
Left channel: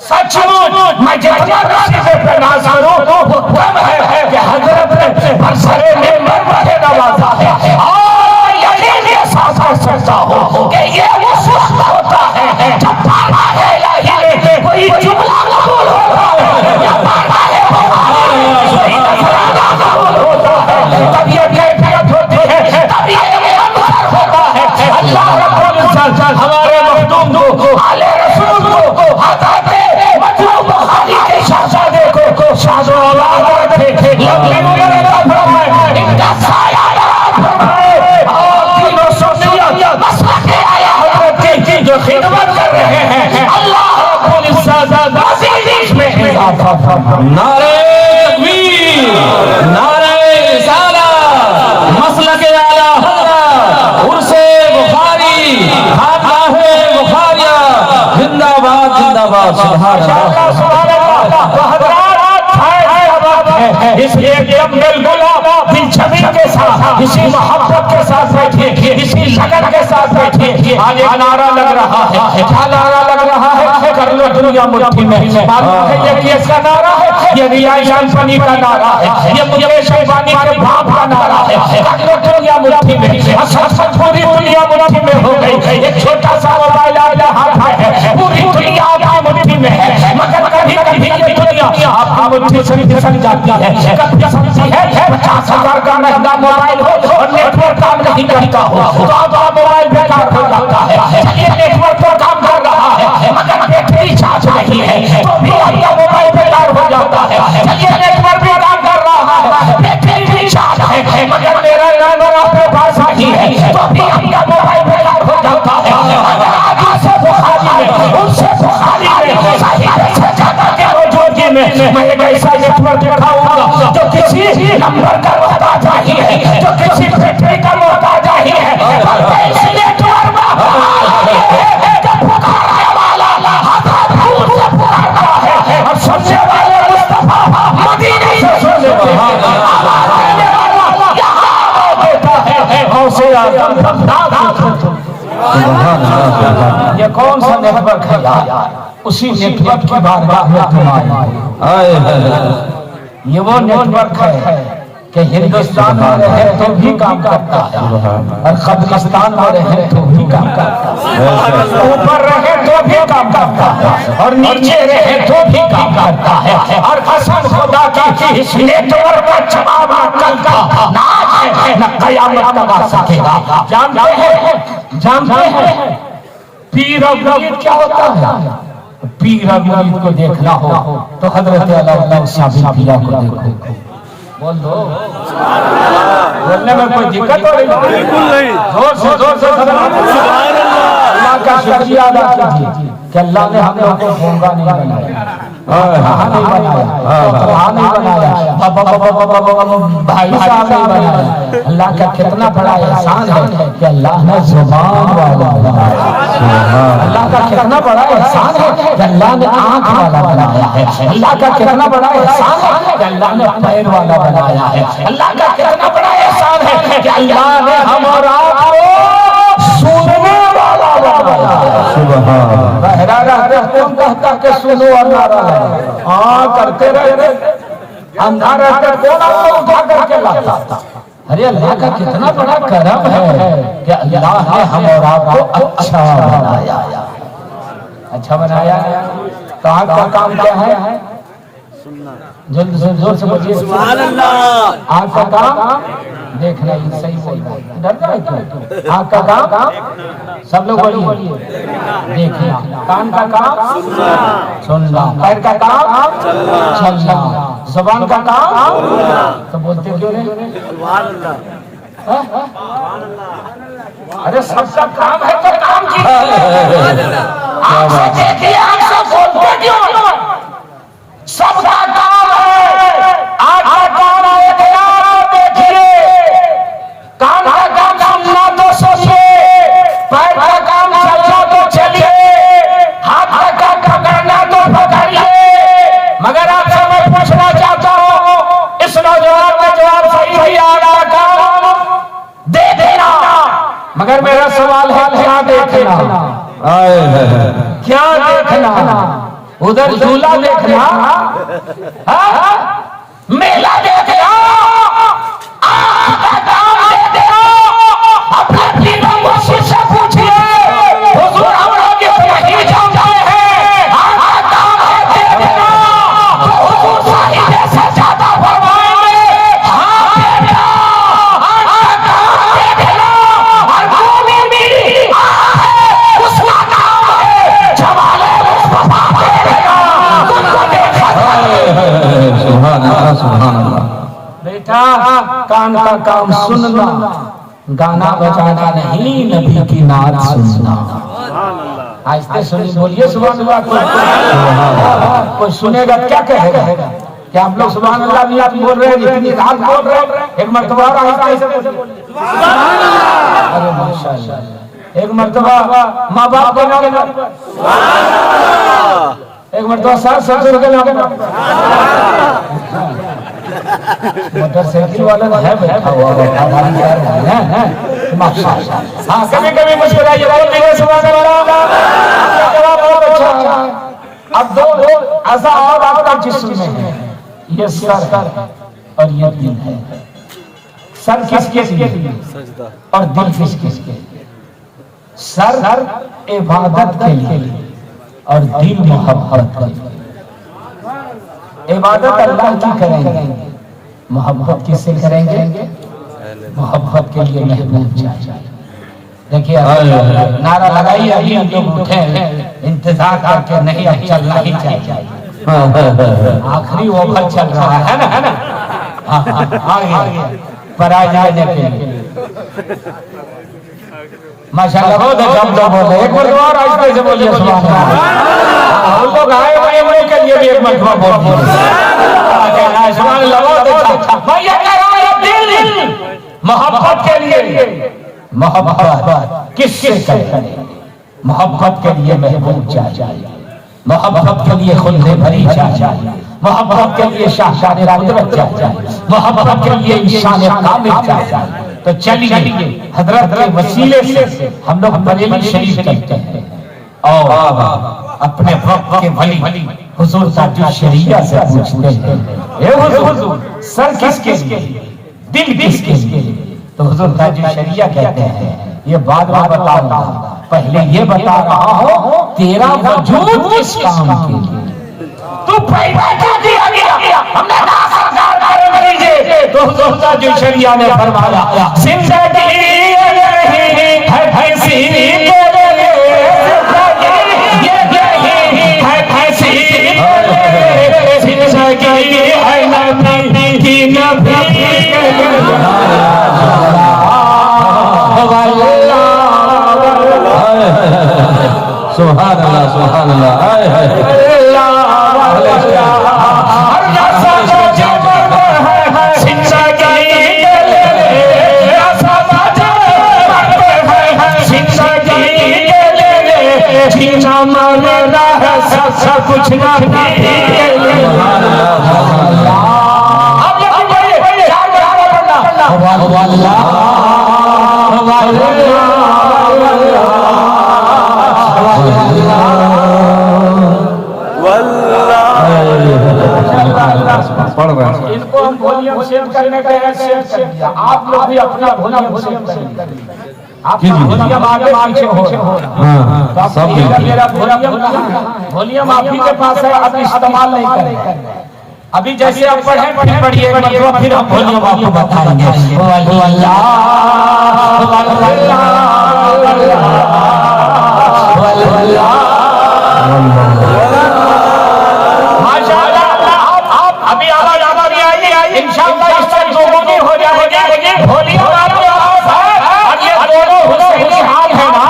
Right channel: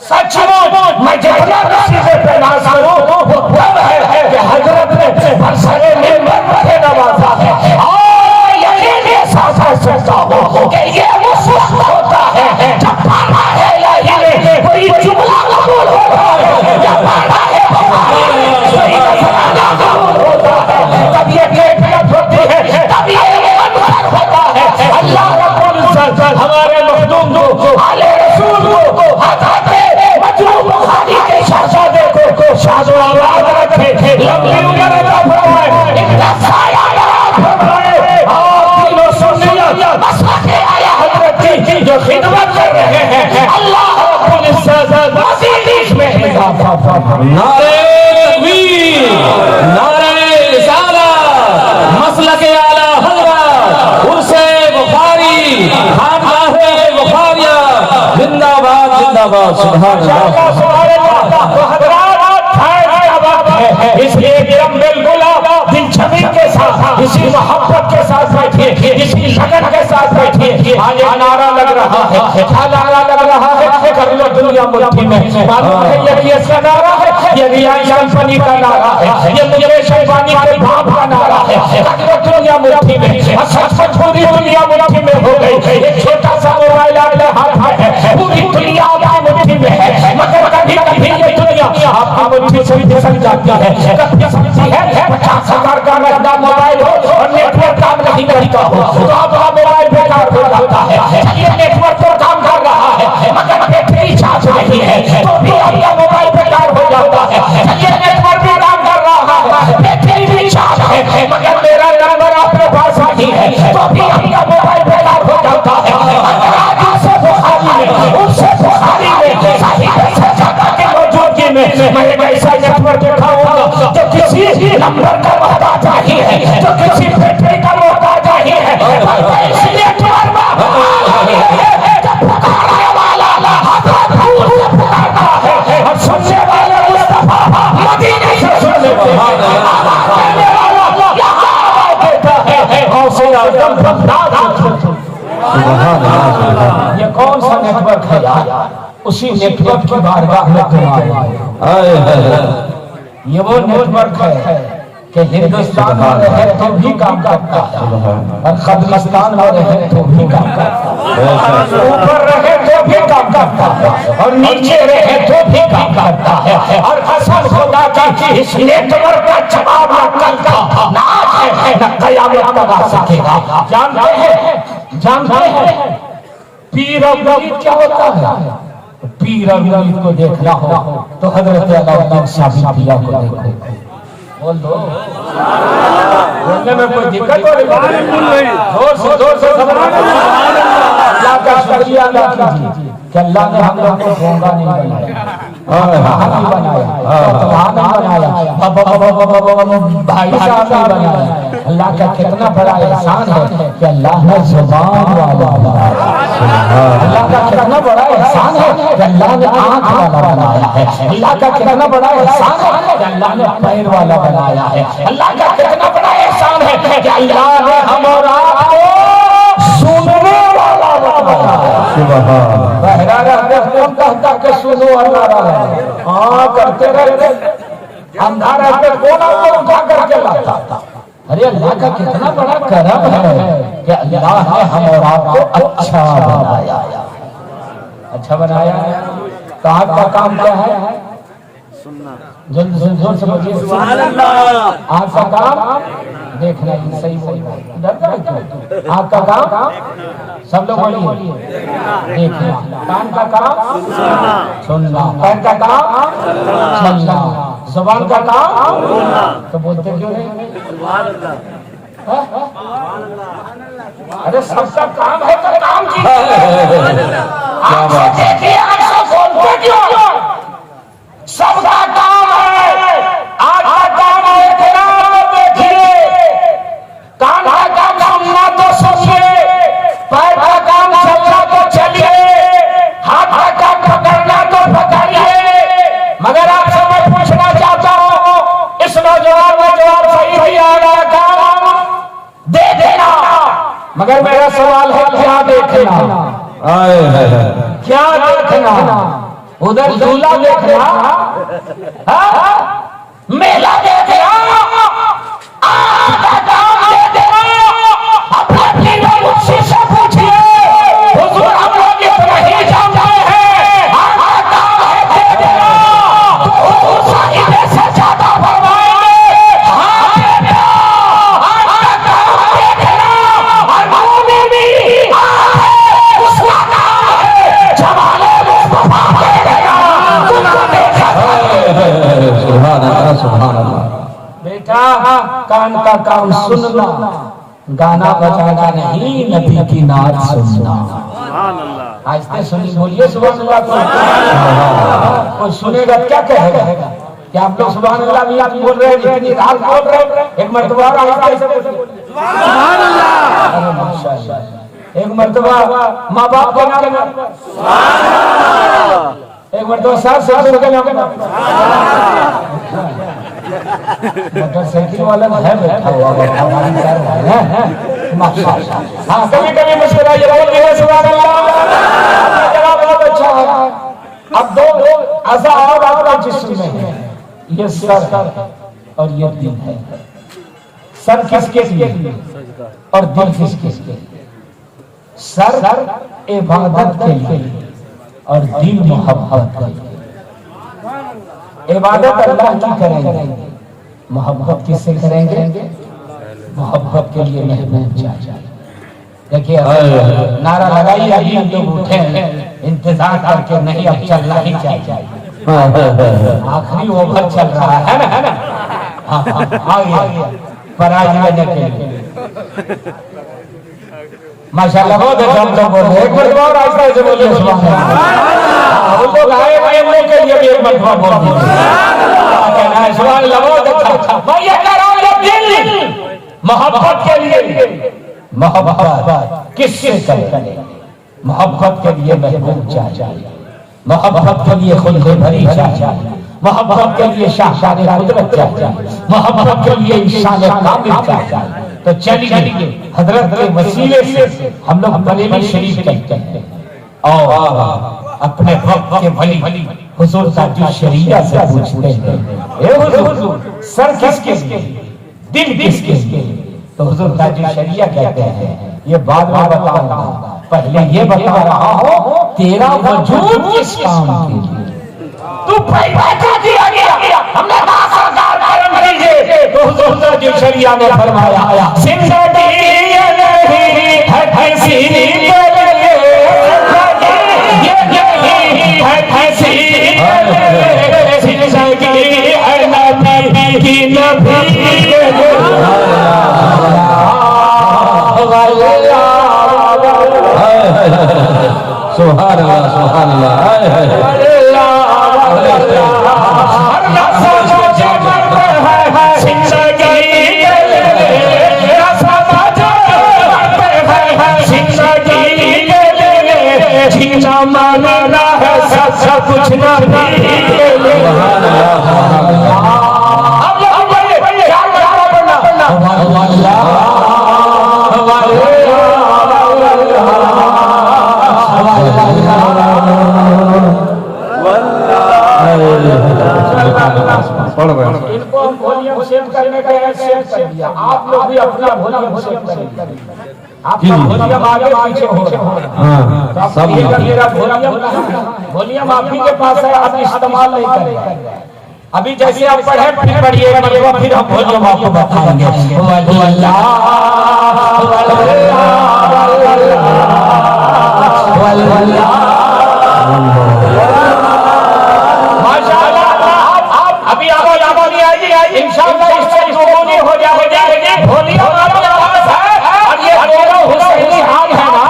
सचमुच मैं जितना नसीबे पे नाज करूं वो तब है कि हजरत ने बरसरे मिंबर पर नवाजा है, और यकीन के साथ सकता हो कि ये उस वक्त होता है जब पाना है इलाही कोई जुमला कबूल होता है, या पाना है कोई नजराना नारे तकबीर, नारे रिसालत, मसलक आला हज़रत, उर्से बुखारी, खानगाहे बुखारिया, जिंदाबाद जिंदाबाद, सुभान अल्लाह सुभान अल्लाह। इसलिए एकदम बिल्कुल दिलचस्पी के साथ, इसी मोहब्बत के साथ बैठिए, इसी लगन के साथ बैठिए। आज एक नारा लग रहा है, क्या नारा लग रहा है? कर लो दुनिया मुट्ठी में। मालूम है ये इसका नारा है, ये रिलायंस कंपनी का नारा है, ये मुकेश अंबानी के बाप का नारा है। कर लो दुनिया मुट्ठी में, सचमुच पूरी दुनिया मुट्ठी में हो गई। एक छोटा सा मोबाइल आपके हाथ में है, पूरी दुनिया आपकी मुट्ठी में है, मगर कभी कभी ये दुनिया आपकी मुट्ठी से फिसल जाती है। कभी समझी है 50,000 का महंगा मोबाइल हो और नेटवर्क काम नहीं करता हो तो आपका मोबाइल बेकार हो जाता है। ये नेटवर्क पर काम कर रहा है मगर बैटरी चार्ज नहीं है तो भी आपका मोबाइल बेकार हो जाता है। ये नेटवर्क पर काम कर रहा है, बैटरी भी चार्ज है मगर मेरा नंबर आपके पास नहीं है तो भी आपका मोबाइल बेकार हो जाता है। उससे बुखारी में, उससे बुखारी में साहिब से ज्यादा के मौजूदगी में मैं एक ऐसा नेटवर्क दिखाऊंगा जो किसी नंबर का मोहताज नहीं है, जो किसी बैटरी का मोहताज नहीं है। इसलिए जब पुकारने वाला हज़रत दूर से पुकारता है और सुनने वाले मुस्तफा मदीने से सुनने वाला यहाँ देता है। हौसले आज़म बगदाद। ये कौन सा नेटवर्क है यार? उसी नेटवर्क की बारगाह में तुम्हारे ये वो नेटवर्क है कि हिंदुस्तान में रहे तो भी काम करता है और कब्रिस्तान में रहे तो भी काम करता है, ऊपर रहे तो भी काम करता है और नीचे रहे तो भी काम करता है। और कसम खुदा की इस नेटवर्क का जवाब न कयामत तक आ सकेगा। जानते हैं पीर और मुरीद क्या होता है? पीर और मुरीद को देखना हो तो हजरत अल्लाह शाह पिया को देखो। बोल दो, बोलने में कोई दिक्कत हो रही? जोर से अल्लाह का शुक्रिया अदा कीजिए कि अल्लाह ने हम लोग को गूंगा नहीं बनाया, नहीं बनाया, भाई साहब नहीं बनाया। अल्लाह का कितना बड़ा एहसान है कि अल्लाह ने जुबान वाला बनाया। अल्लाह का कितना बड़ा एहसान है कि अल्लाह ने आंख वाला बनाया है। अल्लाह का कितना बड़ा एहसान है कि अल्लाह ने पैर वाला बनाया है। अल्लाह का कितना बड़ा एहसान है कि अल्लाह ने हमारा सुनने वाला बहरा रहते कौन कहता के सुनो हमारा हाँ करते रहे, अंधा रहते कौन आपको उठा करके लाता। अरे अल्लाह का कितना बड़ा करम है कि अल्लाह ने हम और आपको अच्छा बनाया। अच्छा बनाया तो आपका काम क्या है? जोर से बोलिए। आपका काम देखना, सही बोल डर आपका काम सब लोग बोलिए देखना, कान का काम सुनना, पैर का काम चलना, जुबान का काम तो बोलते क्यों नहीं? अरे सबका काम है तो काम कीजिए। बोलते क्यों? सबका काम है। आपका काम है देखिए, कान का काम सुनना तो सुनिए, पैर का काम चलना तो चलिए, हाथ का काम पकड़ना तो पकड़िए। मगर आपसे मैं पूछना चाहता हूँ, इस नौजवान का जवाब सही आ रहा काम दे देना, मगर मेरा सवाल है क्या देखना? क्या देखना? उधर झूला देखना, मेला देखना, आपका काम दे देना। अपने पीरों मुझसे से पूछिए, हुजूर हम लोग इतना ही जानते हैं, आपका काम है दे देना। हुजूर साहिब से ज्यादा फरमाएंगे, हाँ बेटा आपका काम दे देना। और मोमिन भी उसका काम है जमाले मुस्तफा दे देना। तुमको देखा सुभान अल्लाह सुभान अल्लाह। बेटा कान का काम सुनना, गाना बजाना नहीं, नबी की नात सुनना। आज से सुनी बोलिए सुभान अल्लाह। कोई सुनेगा क्या कहेगा? क्या आप लोग सुभान अल्लाह भी आप बोल रहे हैं, इतनी रात बोल रहे हैं? एक मर्तबा और आहिस्ता से सुभान अल्लाह। अरे माशाअल्लाह। एक मर्तबा माँ बाप के नाम पर सुभान अल्लाह। एक मर्तबा सास ससुर के नाम पर मोटरसाइकिल वाला है बैठा हुआ है माशाअल्लाह। हाँ कभी कभी मुस्कुराइए, बोल दीजिए सुभान अल्लाह। जवाब बहुत अच्छा है। अब दो अज़ाब आपका जिस्म में है, ये सर और ये दिल है। सर किसके लिए और दिल किसके लिए? सर इबादत के लिए और दिल मोहब्बत के लिए। इबादत अल्लाह की करेंगे, मोहब्बत किससे करेंगे? मोहब्बत के लिए महबूब चाहिए। देखिए नारा लगाइए, अभी हम लोग उठे हैं, इंतजार करके नहीं, अब चलना ही चाहिए। आखिरी ओवर चल रहा है ना। आगे पराज लेने के लिए माशाअल्लाह बहुत अच्छा हम लोग बोले। एक बार आहिस्ता से बोलिए सुभान अल्लाह। हम लोग आए हुए हम लोग के लिए भी एक मरतबा बोल दीजिए सुभान अल्लाह। बहुत अच्छा। मैं ये कह रहा हूं दिल मोहब्बत के लिए, मोहब्बत किससे करें? मोहब्बत के लिए महबूब चाहिए, मोहब्बत के लिए खुल्ले भरी चाहिए, मोहब्बत के लिए शाहजादे कुदरत चाहिए, मोहब्बत के लिए इंसान कामिल चाहिए। तो चलिए हजरत के वसीले से हम लोग बरेली शरीफ चलते हैं और अपने वक्त के भली हुजूर का जो शरीयत से पूछते हैं, ए हुजूर सर किसके लिए, दिल किसके लिए? तो हुजूर का जो शरीयत कहते हैं ये बाद में बताऊंगा, पहले ये बता रहा हूं तेरा वजूद किस काम के लिए? तू पैदा क्यों किया गया? हमने कहा सरदार करम कीजिए। तो हुजूर का जो शरीयत ने फरमाया जिंदगी है फैसी सुभान अल्लाह सुभान अल्लाह। कुछ ना इनको हम वॉल्यूम सेव करने के सेव कर दिया। आप लोग भी अपना वॉल्यूम सेव करेंगे। आप वॉल्यूम आगे पीछे हो सब मेरा वॉल्यूम आप ही के पास है, आप इस्तेमाल नहीं करेंगे। अभी जैसे आप पढ़े पढ़िए फिर हम वॉल्यूम आपको बताएंगे। अभी आवाज आवाज आई इंशाअल्लाह इससे दोगुनी हो जाएगी। वॉल्यूम आपके आवाज है और ये दोनों हुसैनी हाथ है ना,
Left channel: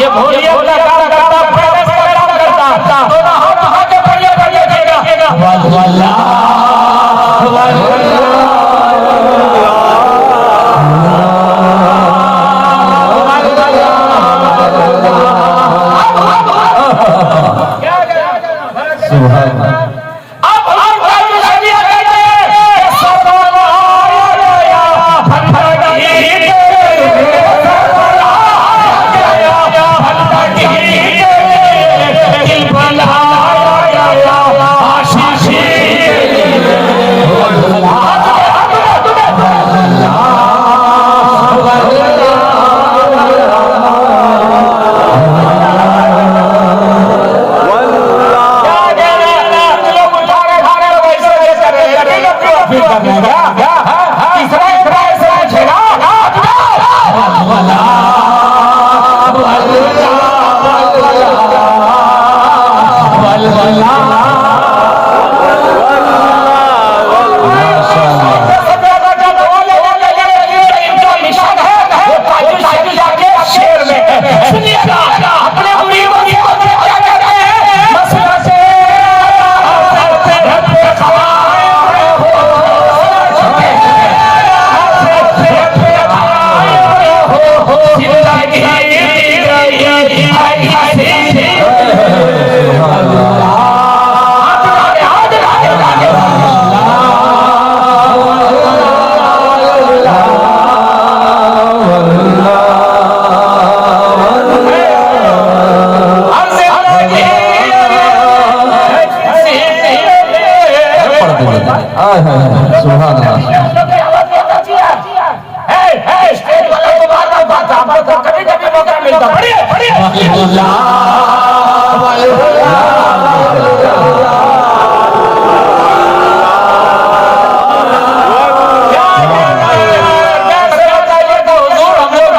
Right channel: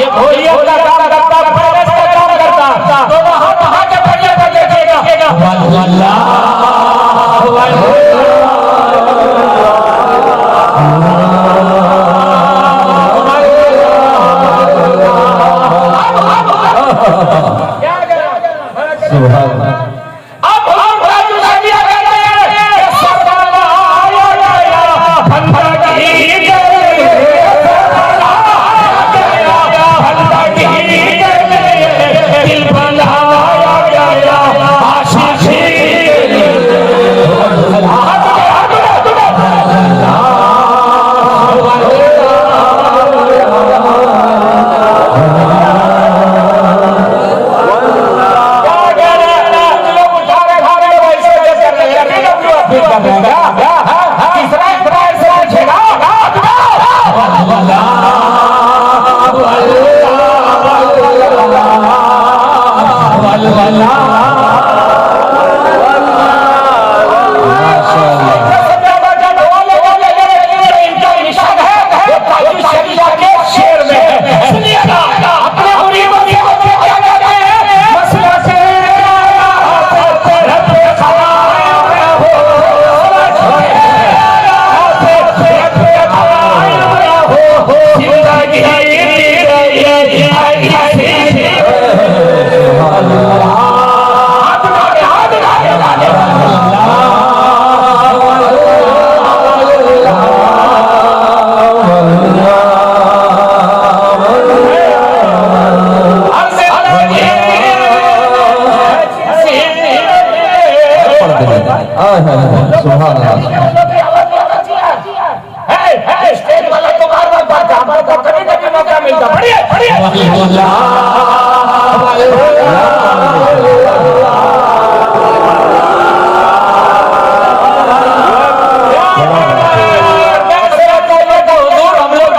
ये वॉल्यूम का काम करता दोनों हाथ आगे बढ़िएगा। वल्लाह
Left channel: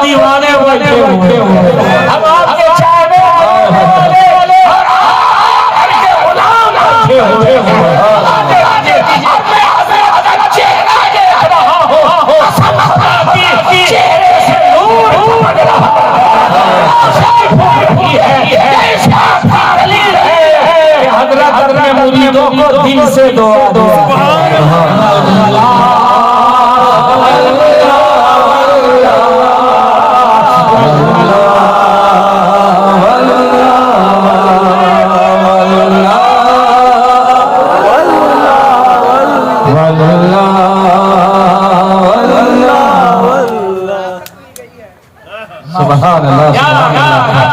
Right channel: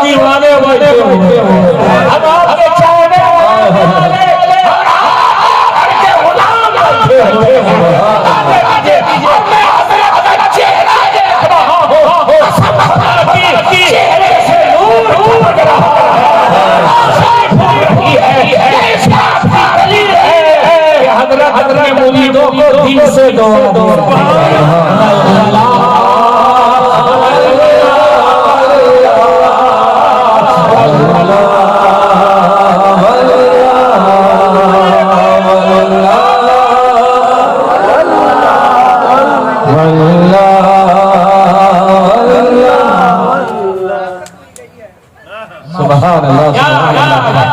दीवाने बैठे हुए हम आपके चाय में मुरीदों को दिल से दुआ दो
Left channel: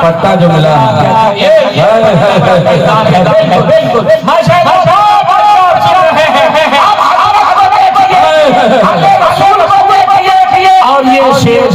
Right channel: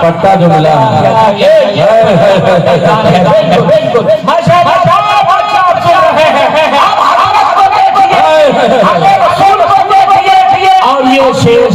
पट्टा जो मिला और ये शेर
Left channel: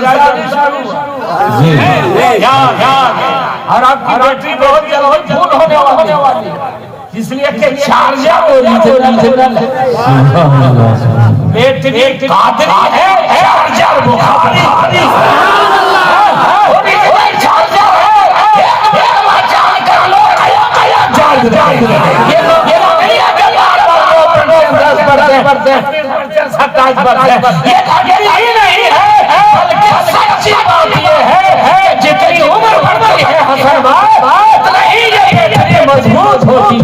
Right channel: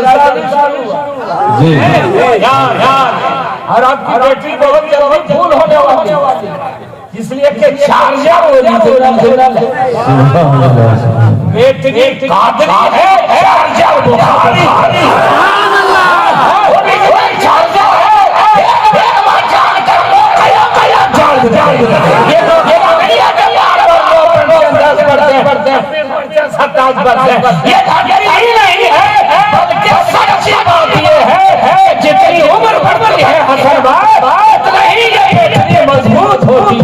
लग रहा और आपकी बैटरी बहुत जल्दी फुल होने वाली इसलिए कि चार्जर ओरिजिनल बैटरी कादरी है चार्जर बुखारी ये नहीं है बल्कि सच्ची बात ये है जितनी उम्र बढ़ती है हसन भाई उतना ही ये बैटरी मजबूत होती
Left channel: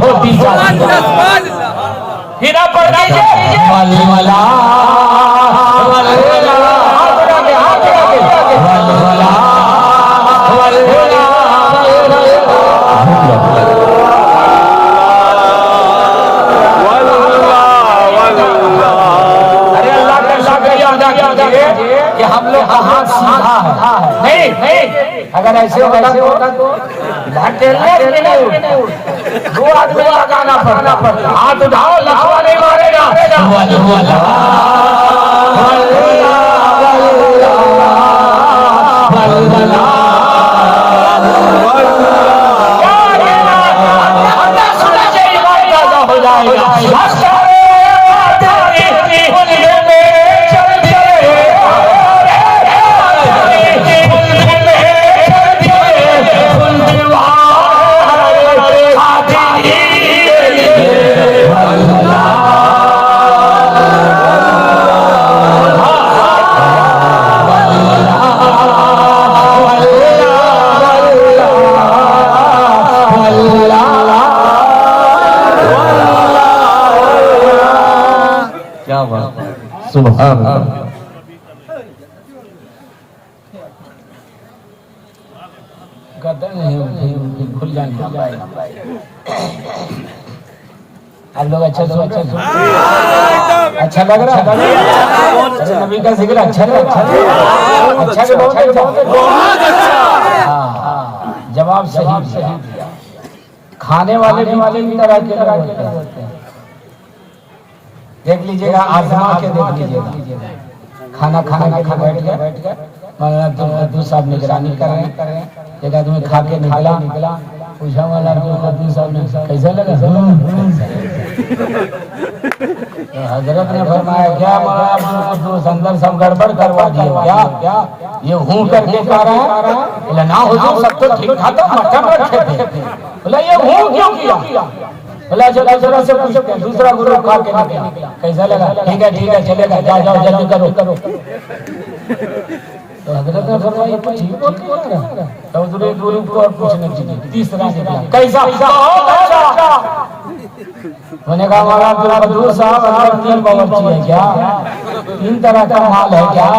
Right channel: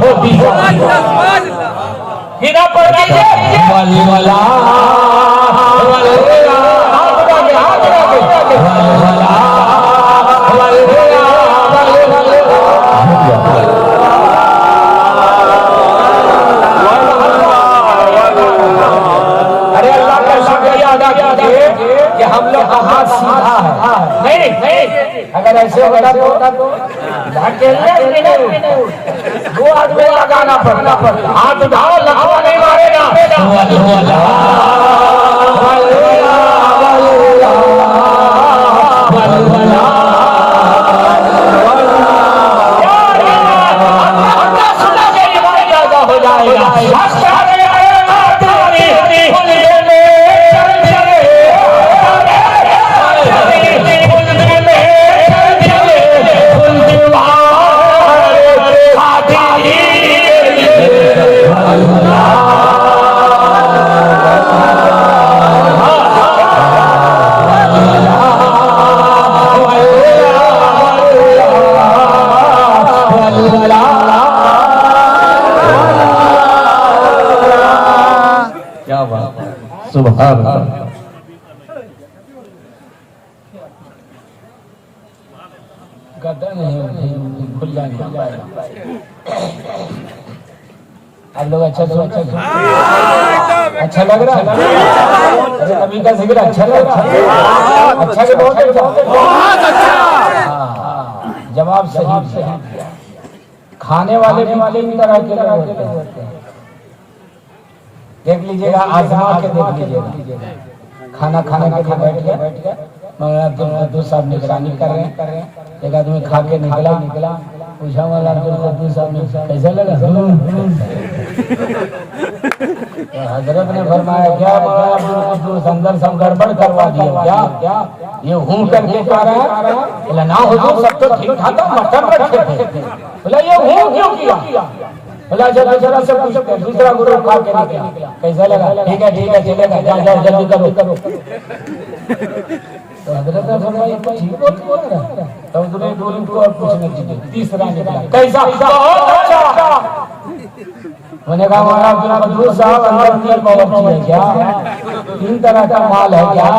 हिना पड़ हम लोग कहाँ सीधा है नहीं अगर ऐसे होता तो दो आदमी लगाना पड़ता हाथ उठाओ लखवा नहीं मारेगा हो जाएगा सुभान गद्दा नहीं खुल जाएंगे आप लोग अच्छा लग रहा है अरे नबी का जिक्र अच्छा लग रहा है अच्छा के बहुत जवाब सही खाने वाले भी तरह के होते हैं देख लीजिएगा आजमा के देख लीजिएगा खाना के बैठ गए मौलाना साहब निगरानी कर रहे हैं एक आदमी खा के निकला पूछा मौलाना साहब ने कैसा लगा हजरत ने फरमाया क्या अंदर सब गड़बड़ करवा दिया क्या ये हूं करके कह रहा है बोला ना हुजूर सब तो ठीक था मटन रखे थे बोला ये हूं क्यों किया बोला जरा से पूछते दूसरा गुरु खा के निकला कैसा लगा ठीक है चलेगा जाओ जल्दी करो तो हजरत ने फरमाया ठीक बोल रहा तो दूसरे गुरु को और पूछना चाहिए तीसरा निकला कैसा अच्छा मैंने कहा हमारा दूर साहब अंदर 3 बावर्ची है क्या तीन तरह का माल है क्या?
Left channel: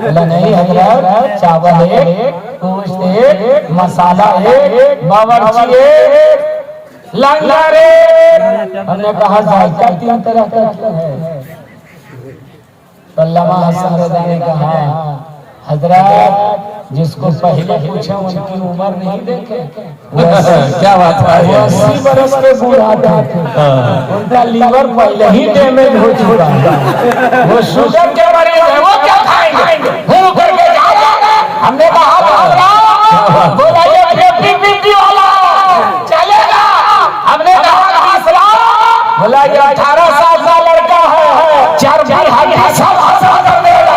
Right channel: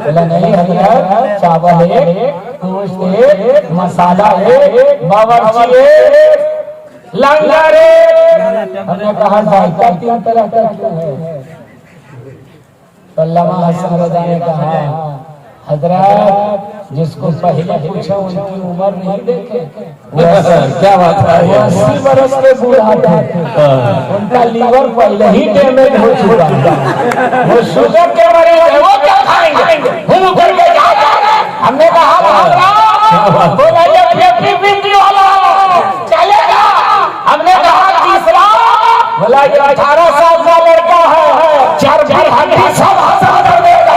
बोला नहीं हजरत, चावल एक, गोश्त एक, मसाला एक, बावर्ची एक, लंगर एक। हमने कहा जायका तीन तरह का क्यों है? अल्लामा हसन रज़ा ने कहा हजरत जिसको पहले पूछे उनकी उम्र नहीं देखे। क्या बात है? 80 बरस के बूढ़ा थे, उनका लीवर पहले ही डैमेज हो चुका है, वो शुगर के मरीज है, वो क्या खाएंगे? मुंह करके हमने कहा बोला ये 50-50 वाला चलेगा। हमने कहा तीसरा, बोला ये 18 साल का लड़का है, 4 बार हमें सब हंसा देगा।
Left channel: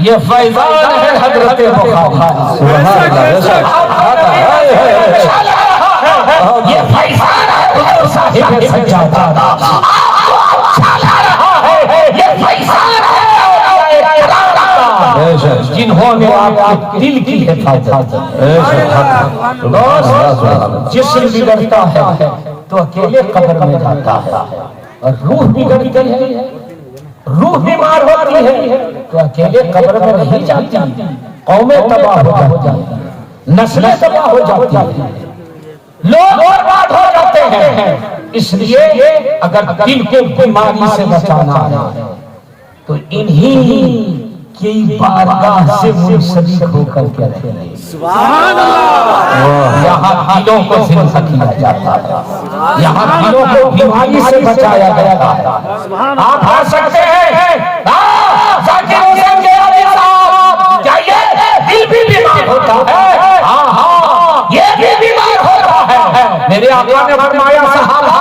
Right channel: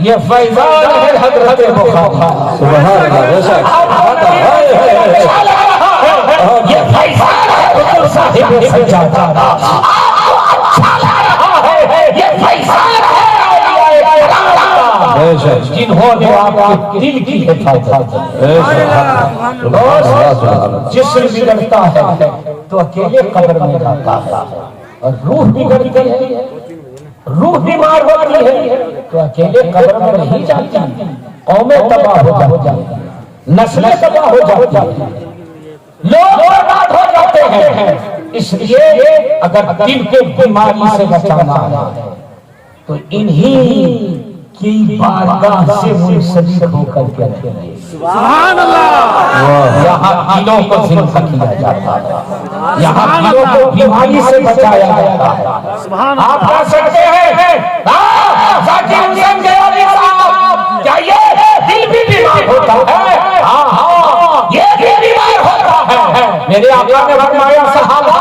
ये फैजान है हजरत बुखारी। सुभान अल्लाह। ये फैजान है हुजूर साहिब सज्जादा। ये फैजान है जिन्होंने आपके दिल की हिफाजत। जिस्म बिगड़ता है तो अकेले कब्र में जाता है, और रूह बिगड़ती है, रूह बीमार होती है तो अकेले कब्र में नहीं जाती, कौमें तबाह हो जाती, नस्लें तबाह हो जाती, लोग बर्बाद हो जाते हैं। इसलिए अगर दिल के बीमारी से बचाना है तो इन्हीं की बारगाह से मुंसलिक होकर के रहिए। सुभान अल्लाह। यहाँ दिलों को जिंदा किया जाता है, यहाँ दिलों को बीमारी से बचाया जाता है। आप आ सकते हैं, जाकिर हुसैन गयानी साहब जाइए, दिल भी बीमार होता है, हाँ ये भी बीमार होता है। मेरे आका ने फरमाया सहाबा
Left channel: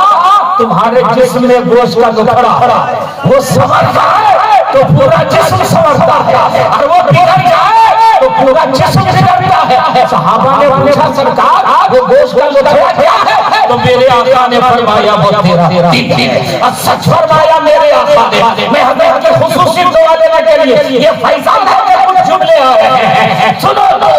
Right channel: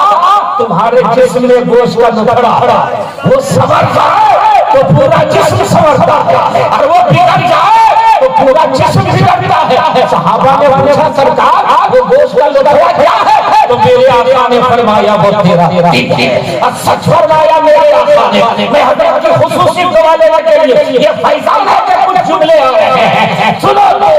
तुम्हारे जिस्म में गोश्त का टुकड़ा वो संवर जाए तो पूरा जिस्म संवरता है, और वो बिगड़ जाए तो पूरा जिस्म बिगड़ता है। सहाबा ने पूछा सरकार वो गोश्त का टुकड़ा क्या है? तो मेरे आका ने फरमाया वो तेरा दिल। और सच फरमाया मेरे आका ने। मैं हजरत की खुसूसी दुआ लेने के लिए ये फैजान है कि कुछ जुमले आ रहे हैं, सुनो लो।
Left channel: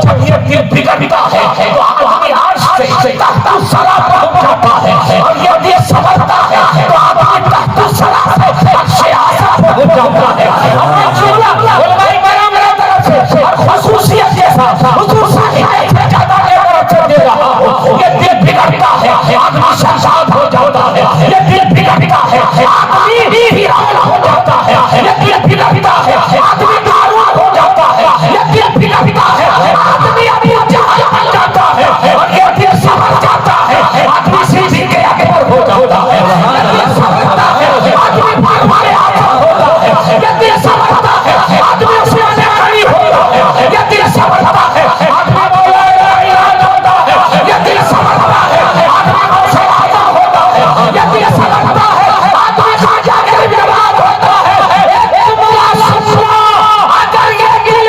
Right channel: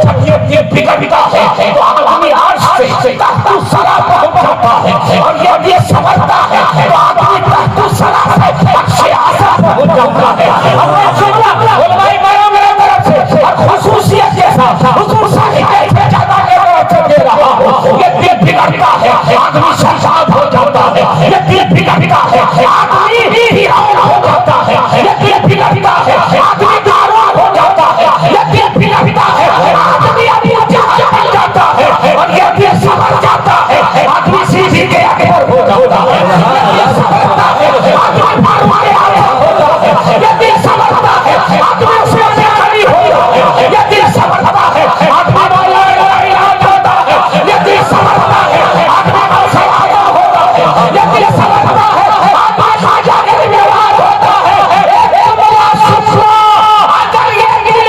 जब ये दिल बिगड़ता है तो आदमी अर्श से तख्तुल सरा पहुंच जाता है, और ये दिल संवरता है तो आदमी तख्तुल सरा से बख्शे आसा पहुंच जाता है। और मैं जुमला उलमाए बयान मेरे तरफ से और खुसूसियत के साथ हुजूर साहिब सज्जादा के तरफ से दे रहा हूं। ये दिल बिगड़ता है आदमी शर्माद हो जाता है, ये दिल बिगड़ता है आदमी वीरान हो जाता है, ये दिल बिगड़ता है आदमी नाराज हो जाता है, ये दिल बिगड़ता है आदमी अपनी जान बन जाता है, और ये दिल संभल जाता है आदमी सीधी के आगे हो जाता है, आदमी मारे हो जाता है, ये दिल संभलता है आदमी सीधे खड़ी हो जाता है, ये दिल संभलता है आदमी होता है, ये दिल संभलता है आदमी मुसलमान होता है, ये दिल संभलता है आदमी खाजा के विराट होता है। एक बड़ा सच्चा अगर ये गिर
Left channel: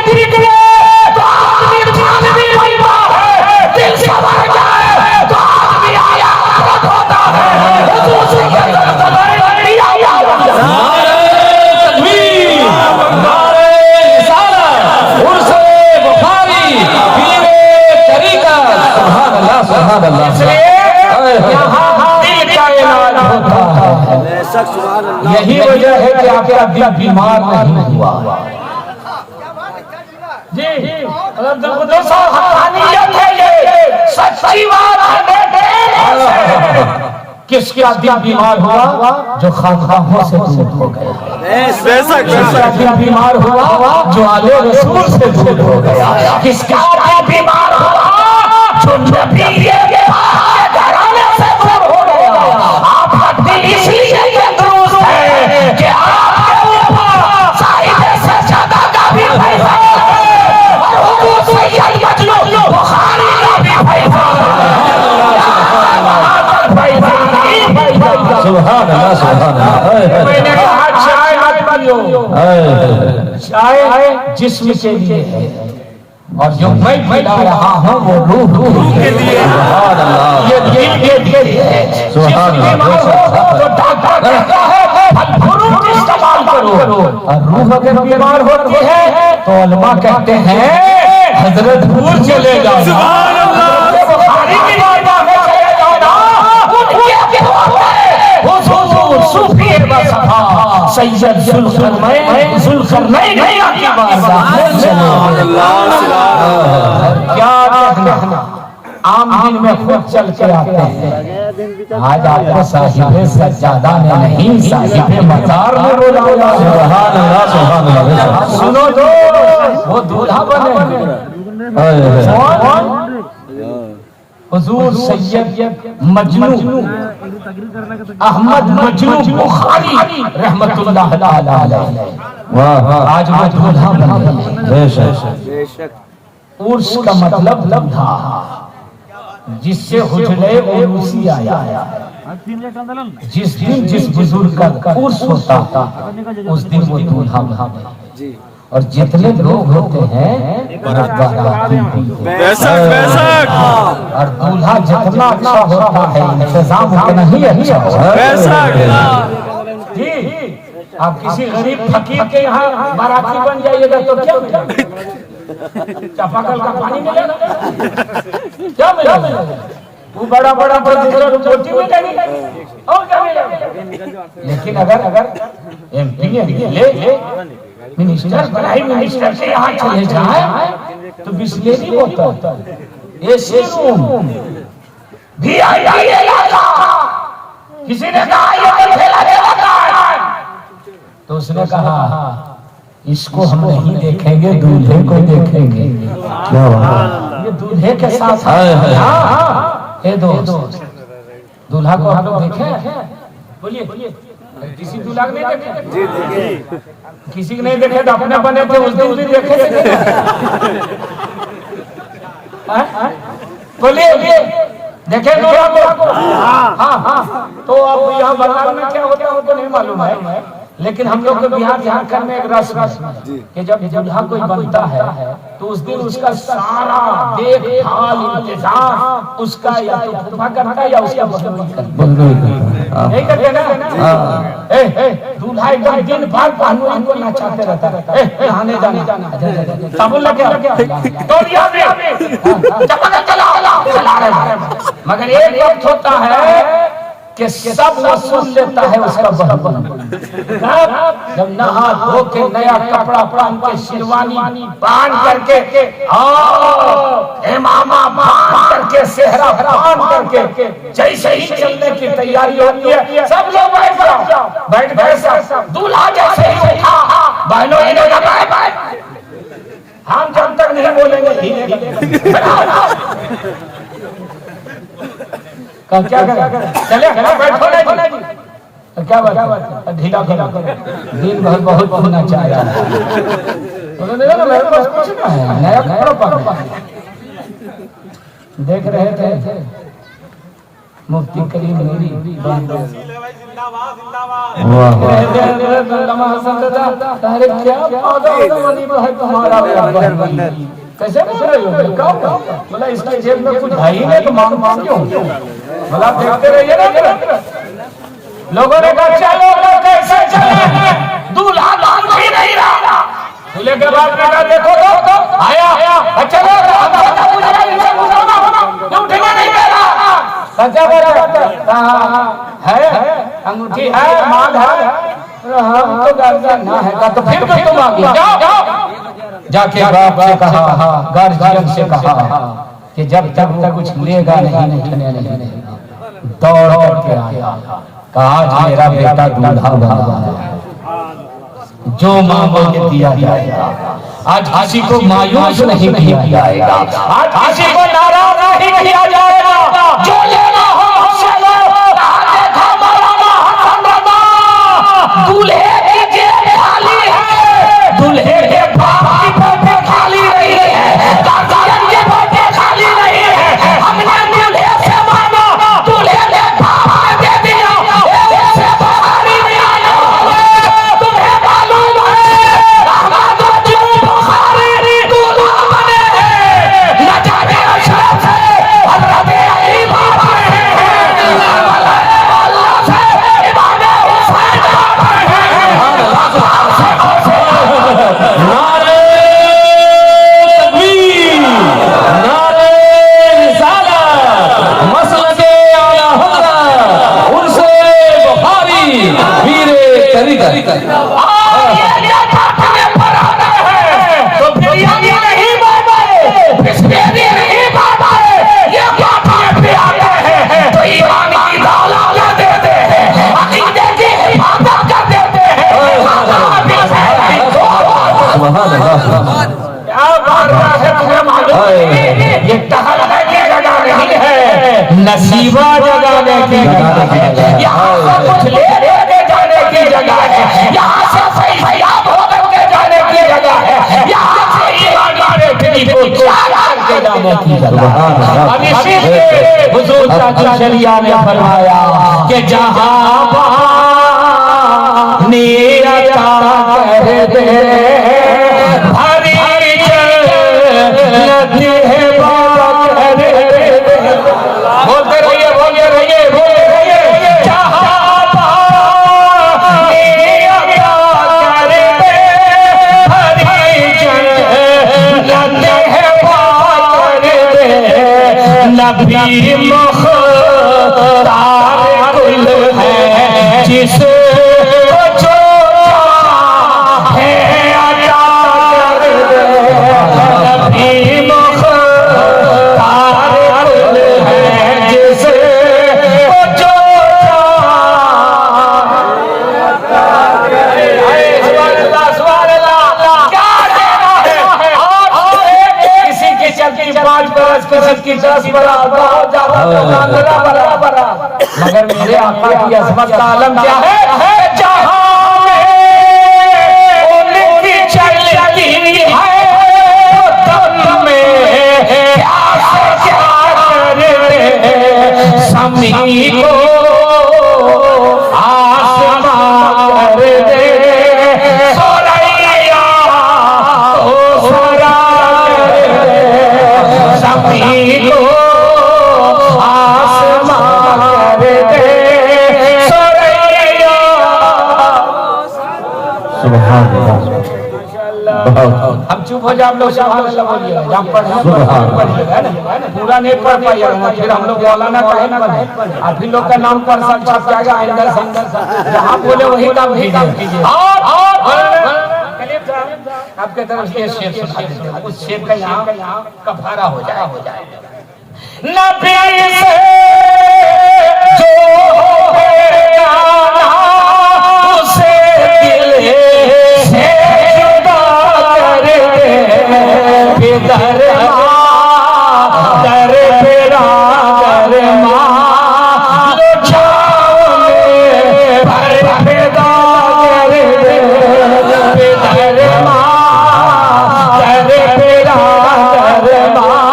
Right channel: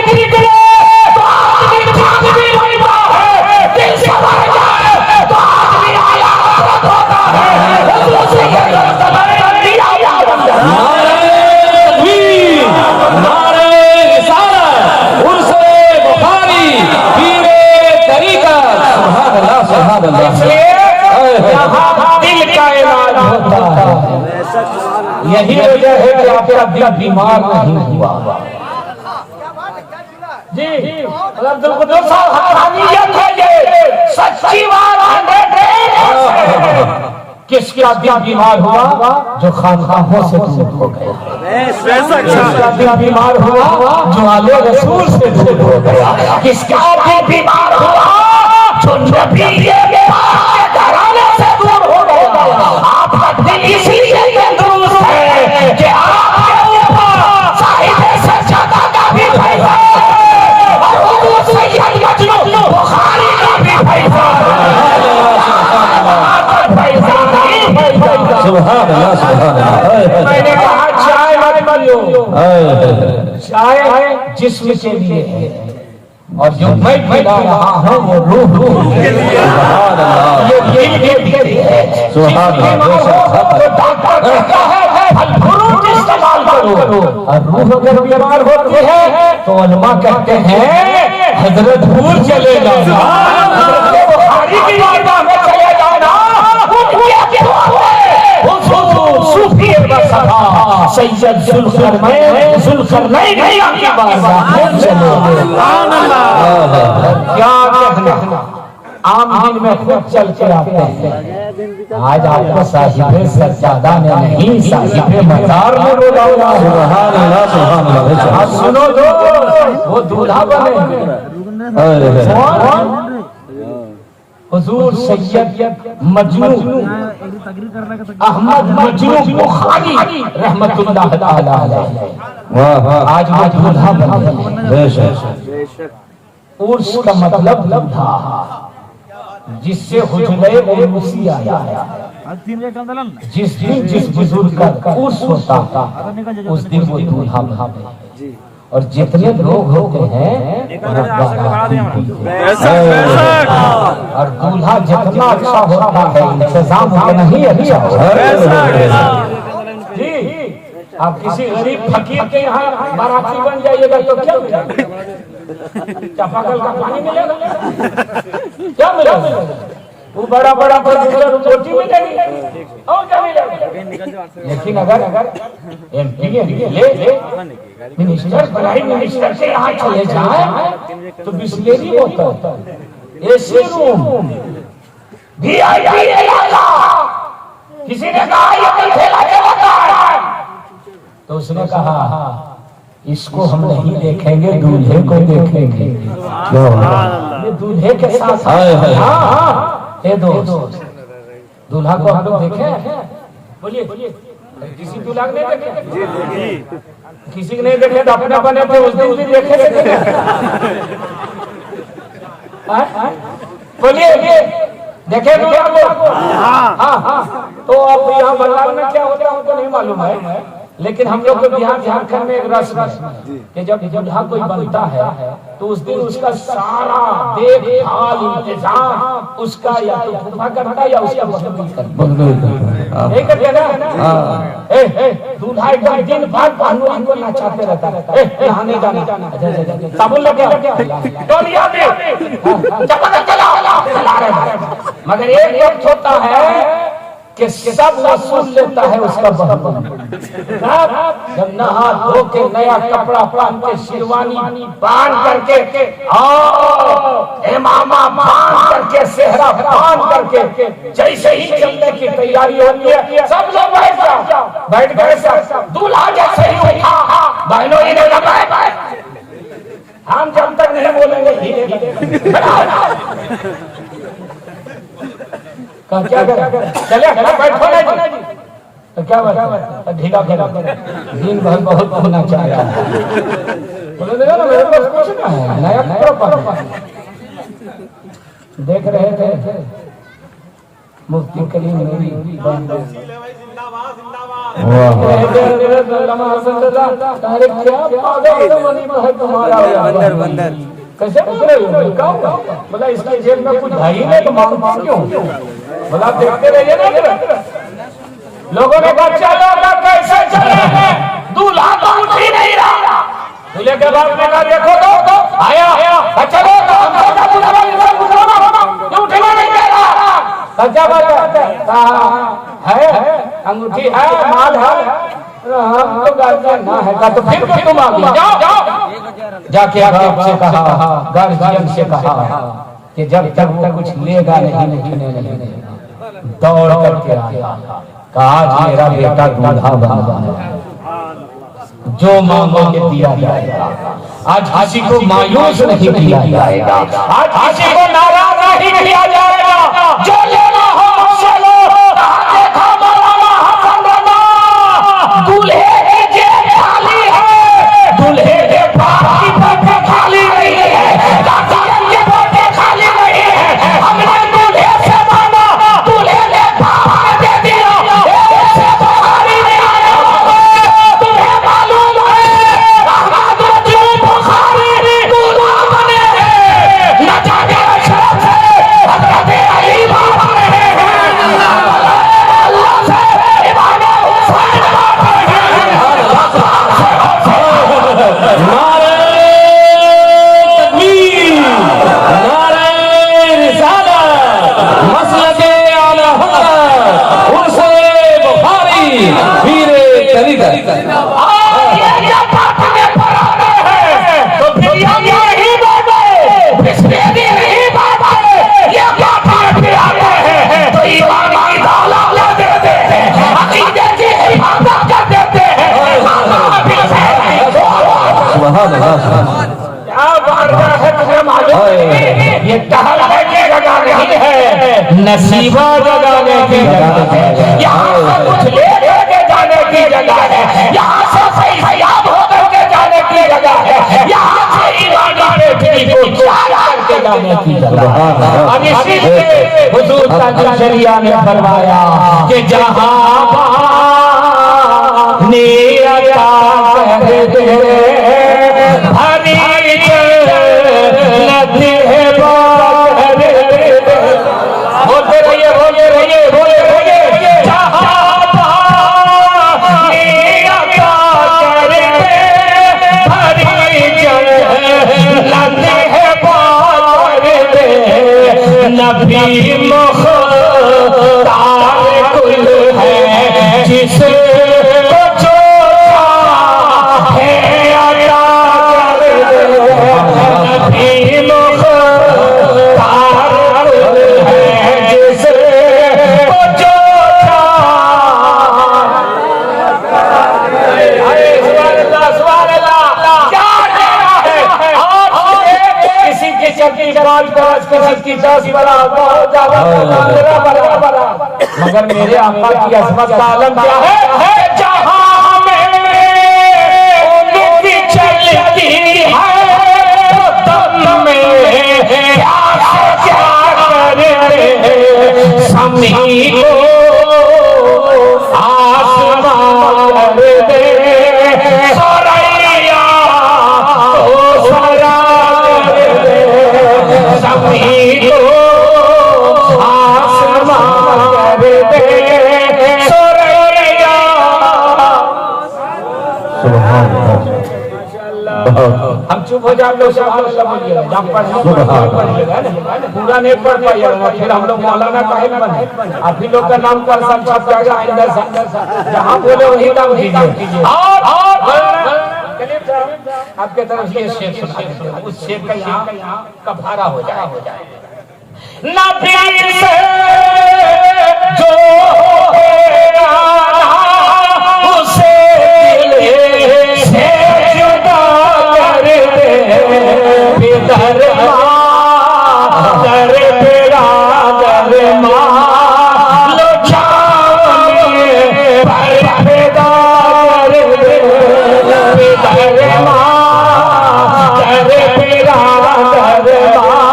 तो आदमी जान भी बीमार है, दिल से मर जाए तो आदमी आया होता है। हुजूर से ये दरबार दिया दिल का इलाज होता है। यही वजह है कि आपका दिल बीमार नहीं हुआ। जी अब्दुल कुद्दूस साहब हक़ानियत है, ये सच्ची बात है। किसका दिल बीमार हुआ? जो खानकाहों से दूर हो गया। किसका दिल बीमार हुआ? जो आले रसूल से दूर हो गया। किसका दिल बीमार हुआ? जो नबी के घराने से दूर हो गया। आपका दिल इसलिए ये दुरुस्त है कि आपके ऊपर साहिब सज्जादा का भी फैज़ है, और हुजूर सैयद मजलूब बुखारी का भी फैज़ है। सुभान अल्लाह सुभान अल्लाह। मैंने कहा चाय मत पियो, चाय जिस्म के लिए है और जो मैं पिला रहा हूँ वो रूह के लिए। सुभान अल्लाह। ये दिल के लिए है। सुभान अल्लाह। तो डॉक्टर कहता है फल फ्रूट इस्तेमाल करो, और रूह अगर बीमार होती है तो उलमा कहते हैं हजरत भूल चले जाना, हजरत बुखारी की बारगाह में चले जाना, उनकी हुजूर सूफी बसफा सैयद जुल्करनैन की बारगाह में चले जाना। क्या कहना, आम दिन में खुद चल के आते हैं, आज आपको साहिबे सज्जादा ने नहीं साहिबे मजार में बुलाया। सुभान अल्लाह सुभान अल्लाह। सुनो जो वो दूल्हा बने हुजूर सैयद मजनू अहमद मजनू बुखारी रहमतुल्लाह ताला अलैह, वाह आज वो दूल्हा बने। बेशक। उर्स का मतलब था जिससे हुजरे उर्सी आया। जिस दिन जिस बुजुर्ग का उर्स होता था उस दिन वो दूल्हा बने। और जितने लोग होते हैं और दूल्हा जितना अच्छा होता है इंतजाम उतना ही अच्छा जी। आप किसी गरीब फकीर के यहाँ बाराती बन जाइएगा तो क्या मिलेगा? चापाकल का पानी मिलेगा? क्या मिलेगा? वो बड़ा बड़ा रोटी मिलेगी और क्या मिलेगा? लेकिन अगर एमपी ले मिनिस्टर प्राइम मिनिस्टर के यहाँ चले जाए तो बिस्लेरी होता, एसी रूम, किसी ने कहा ये तो ठेला चलाता है, तो उसने कहा इसको हम नहीं देखेंगे, दूल्हे को देखेंगे। ये दूल्हे के साथ ये दोस्त दूल्हा को हम लोग देखे, बोलिए किसी दूल्हा को नहीं देखे? किसी को नहीं देखे तो अपने बने थे उस दिन भी देखे थे। बोलिए देखे क्या लोग? हाँ। तो अब यहाँ बंगाल में क्या होता है हमको नहीं मालूम है, लेकिन हम लोग के बिहार झारखंड में एक रस्म है कि जब दूल्हा कोई बनता है तो उस दिन उसका सारा देखभाल इंतजाम उसका या तो फूफा करता है या उसका नहीं करते ना। दूल्हा एकदम दिन भर पहलवान को नचाते रहता है, नहाने जाना साबुन लग गया मगर एक वक्त होता है कि सब वसूल लेता है उसका बहन। जब नहा धो के नया कपड़ा पहन के शेरवानी बांध करके इमामा बांध करके सेहरा बांध करके जैसे ही चलने की तैयारी होती है सब लोग बैठ गए। दूल्हा जैसे ही उठा, बहनों इन्हें लगाए, हम जब तक नहीं बोलेंगे क्या चले बैठो नहीं तो क्या बात ढीला दिन भर बहुत होना चाहिए। देख रहे थे मुफ्ती कलीम नूरी कैसे बोला इसके जेब में कुछ भाई ने तो मांग क्यों? बोला देखते रहिए ना। लोगों ने कहा चलो कैसे चले, दूल्हा तो उठ ही नहीं रहा। दूल्हे के बाद में कहा देखो तो आया चलो उठने नहीं दे रहा। सच्चा बात है, अंगूठी है, माल है, हम तो गार्जियन ना है तो फिर भी तुम आ गया। जाके बाप से कहा, गार्जियन से कहा कि जब तक वो कुछ लेगा नहीं दौड़ करके आया। कहा आज मेरा बेटा दूल्हा बना, जो मांगोगे दिया जाएगा। आज किसी को मायूस नहीं किया जाएगा, आज किसी को नाराज नहीं किया जाएगा। जो लेना हो मुझसे लो, देखो मौलाना हसन रजा, दूल्हे की जेब खाली है, दूल्हे के बाप की पोटे खाली नहीं है, दादारन के पोटे खाली नहीं है। हमने दूल्हे से मांगा, दूल्हे ने बाप ने दे दिया। क्या बात है, तुम्हें मालूम है ये टहल है की जगह नहीं है, नसीबा जगाने की जगह है। यहाँ से कुछ ले करके जाने की जगह है, यहाँ से फैयाब होकर के जाने की जगह है, यहाँ से ईमानी बेटी को त्याग करके जाने की जगह है। अब इसी के हुजूर ताजुल शरिया ने फरमाया कि जहाँ नियता कर दे नबी मुख्तार कुल है जिसे जो है अता कर दे। नबी मुख्तार कुल है जिसे जो किसी की चलती 5 बरस किसी की 10 बड़ा बहुत ज्यादा बड़ा मगर मेरे आका की अजमत का आलम क्या है, जहां में उनकी चलती है दम में क्या करे समी को आसमां कर दे। सोरैया ओ सोरा कर दे समी को हम चुप हो जाए, लोग सुभान अल्लाह बोलिए, जब पूरा नहीं पढ़ पाइएगा फिर हम लोग मौलाना कहे बने और फिर लोग का नाम पर सब छप जाएगा अंदर संदर जहाँ बोले वही नाम कीजिए। आपके तरफ से शेर सुना, उस शेर का यहाँ कफारा हो जाए। नबी से जो उसे दिल से जुदा कर दे, बेदर दर पेरा दर मां लो जाने पर पैदा कर दे, बेदर मां दर पेरा दर मां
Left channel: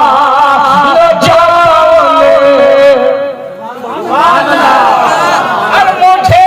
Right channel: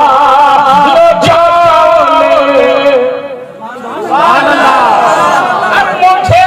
लो जाने। अब मुझे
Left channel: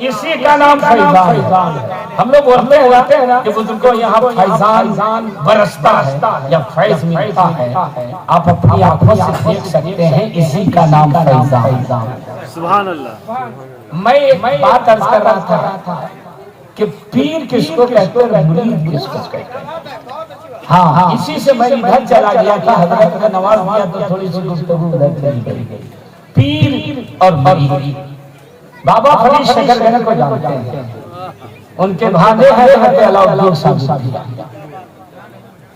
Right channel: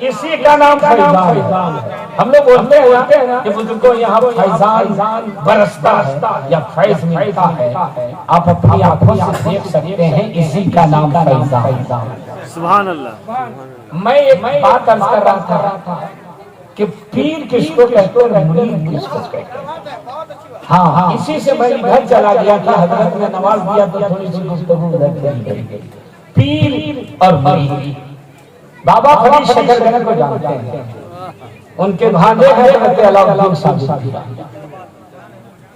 इसी का नाम फैजान है। हम लोग बोलते हैं ना कि बुजुर्गों यहाँ फैजान बरसता है या फैज मिलता है, आप अपनी आंखों से देख सकते हैं, इसी का नाम फैजान। सुभान अल्लाह। मैं एक बात अर्ज कर रहा था कि पीर किसको कहते हैं, मुरीद किसको कहते हैं। हाँ, इसी से मैं इधर चला गया था, हजरत ने नवाज दिया तो थोड़ी सी गुफ्तगू उधर चली गई। पीर और मुरीद, बाबा फरीद शकरगंज को जानते हैं, उनके भांजे हजरत अलाउद्दीन साबित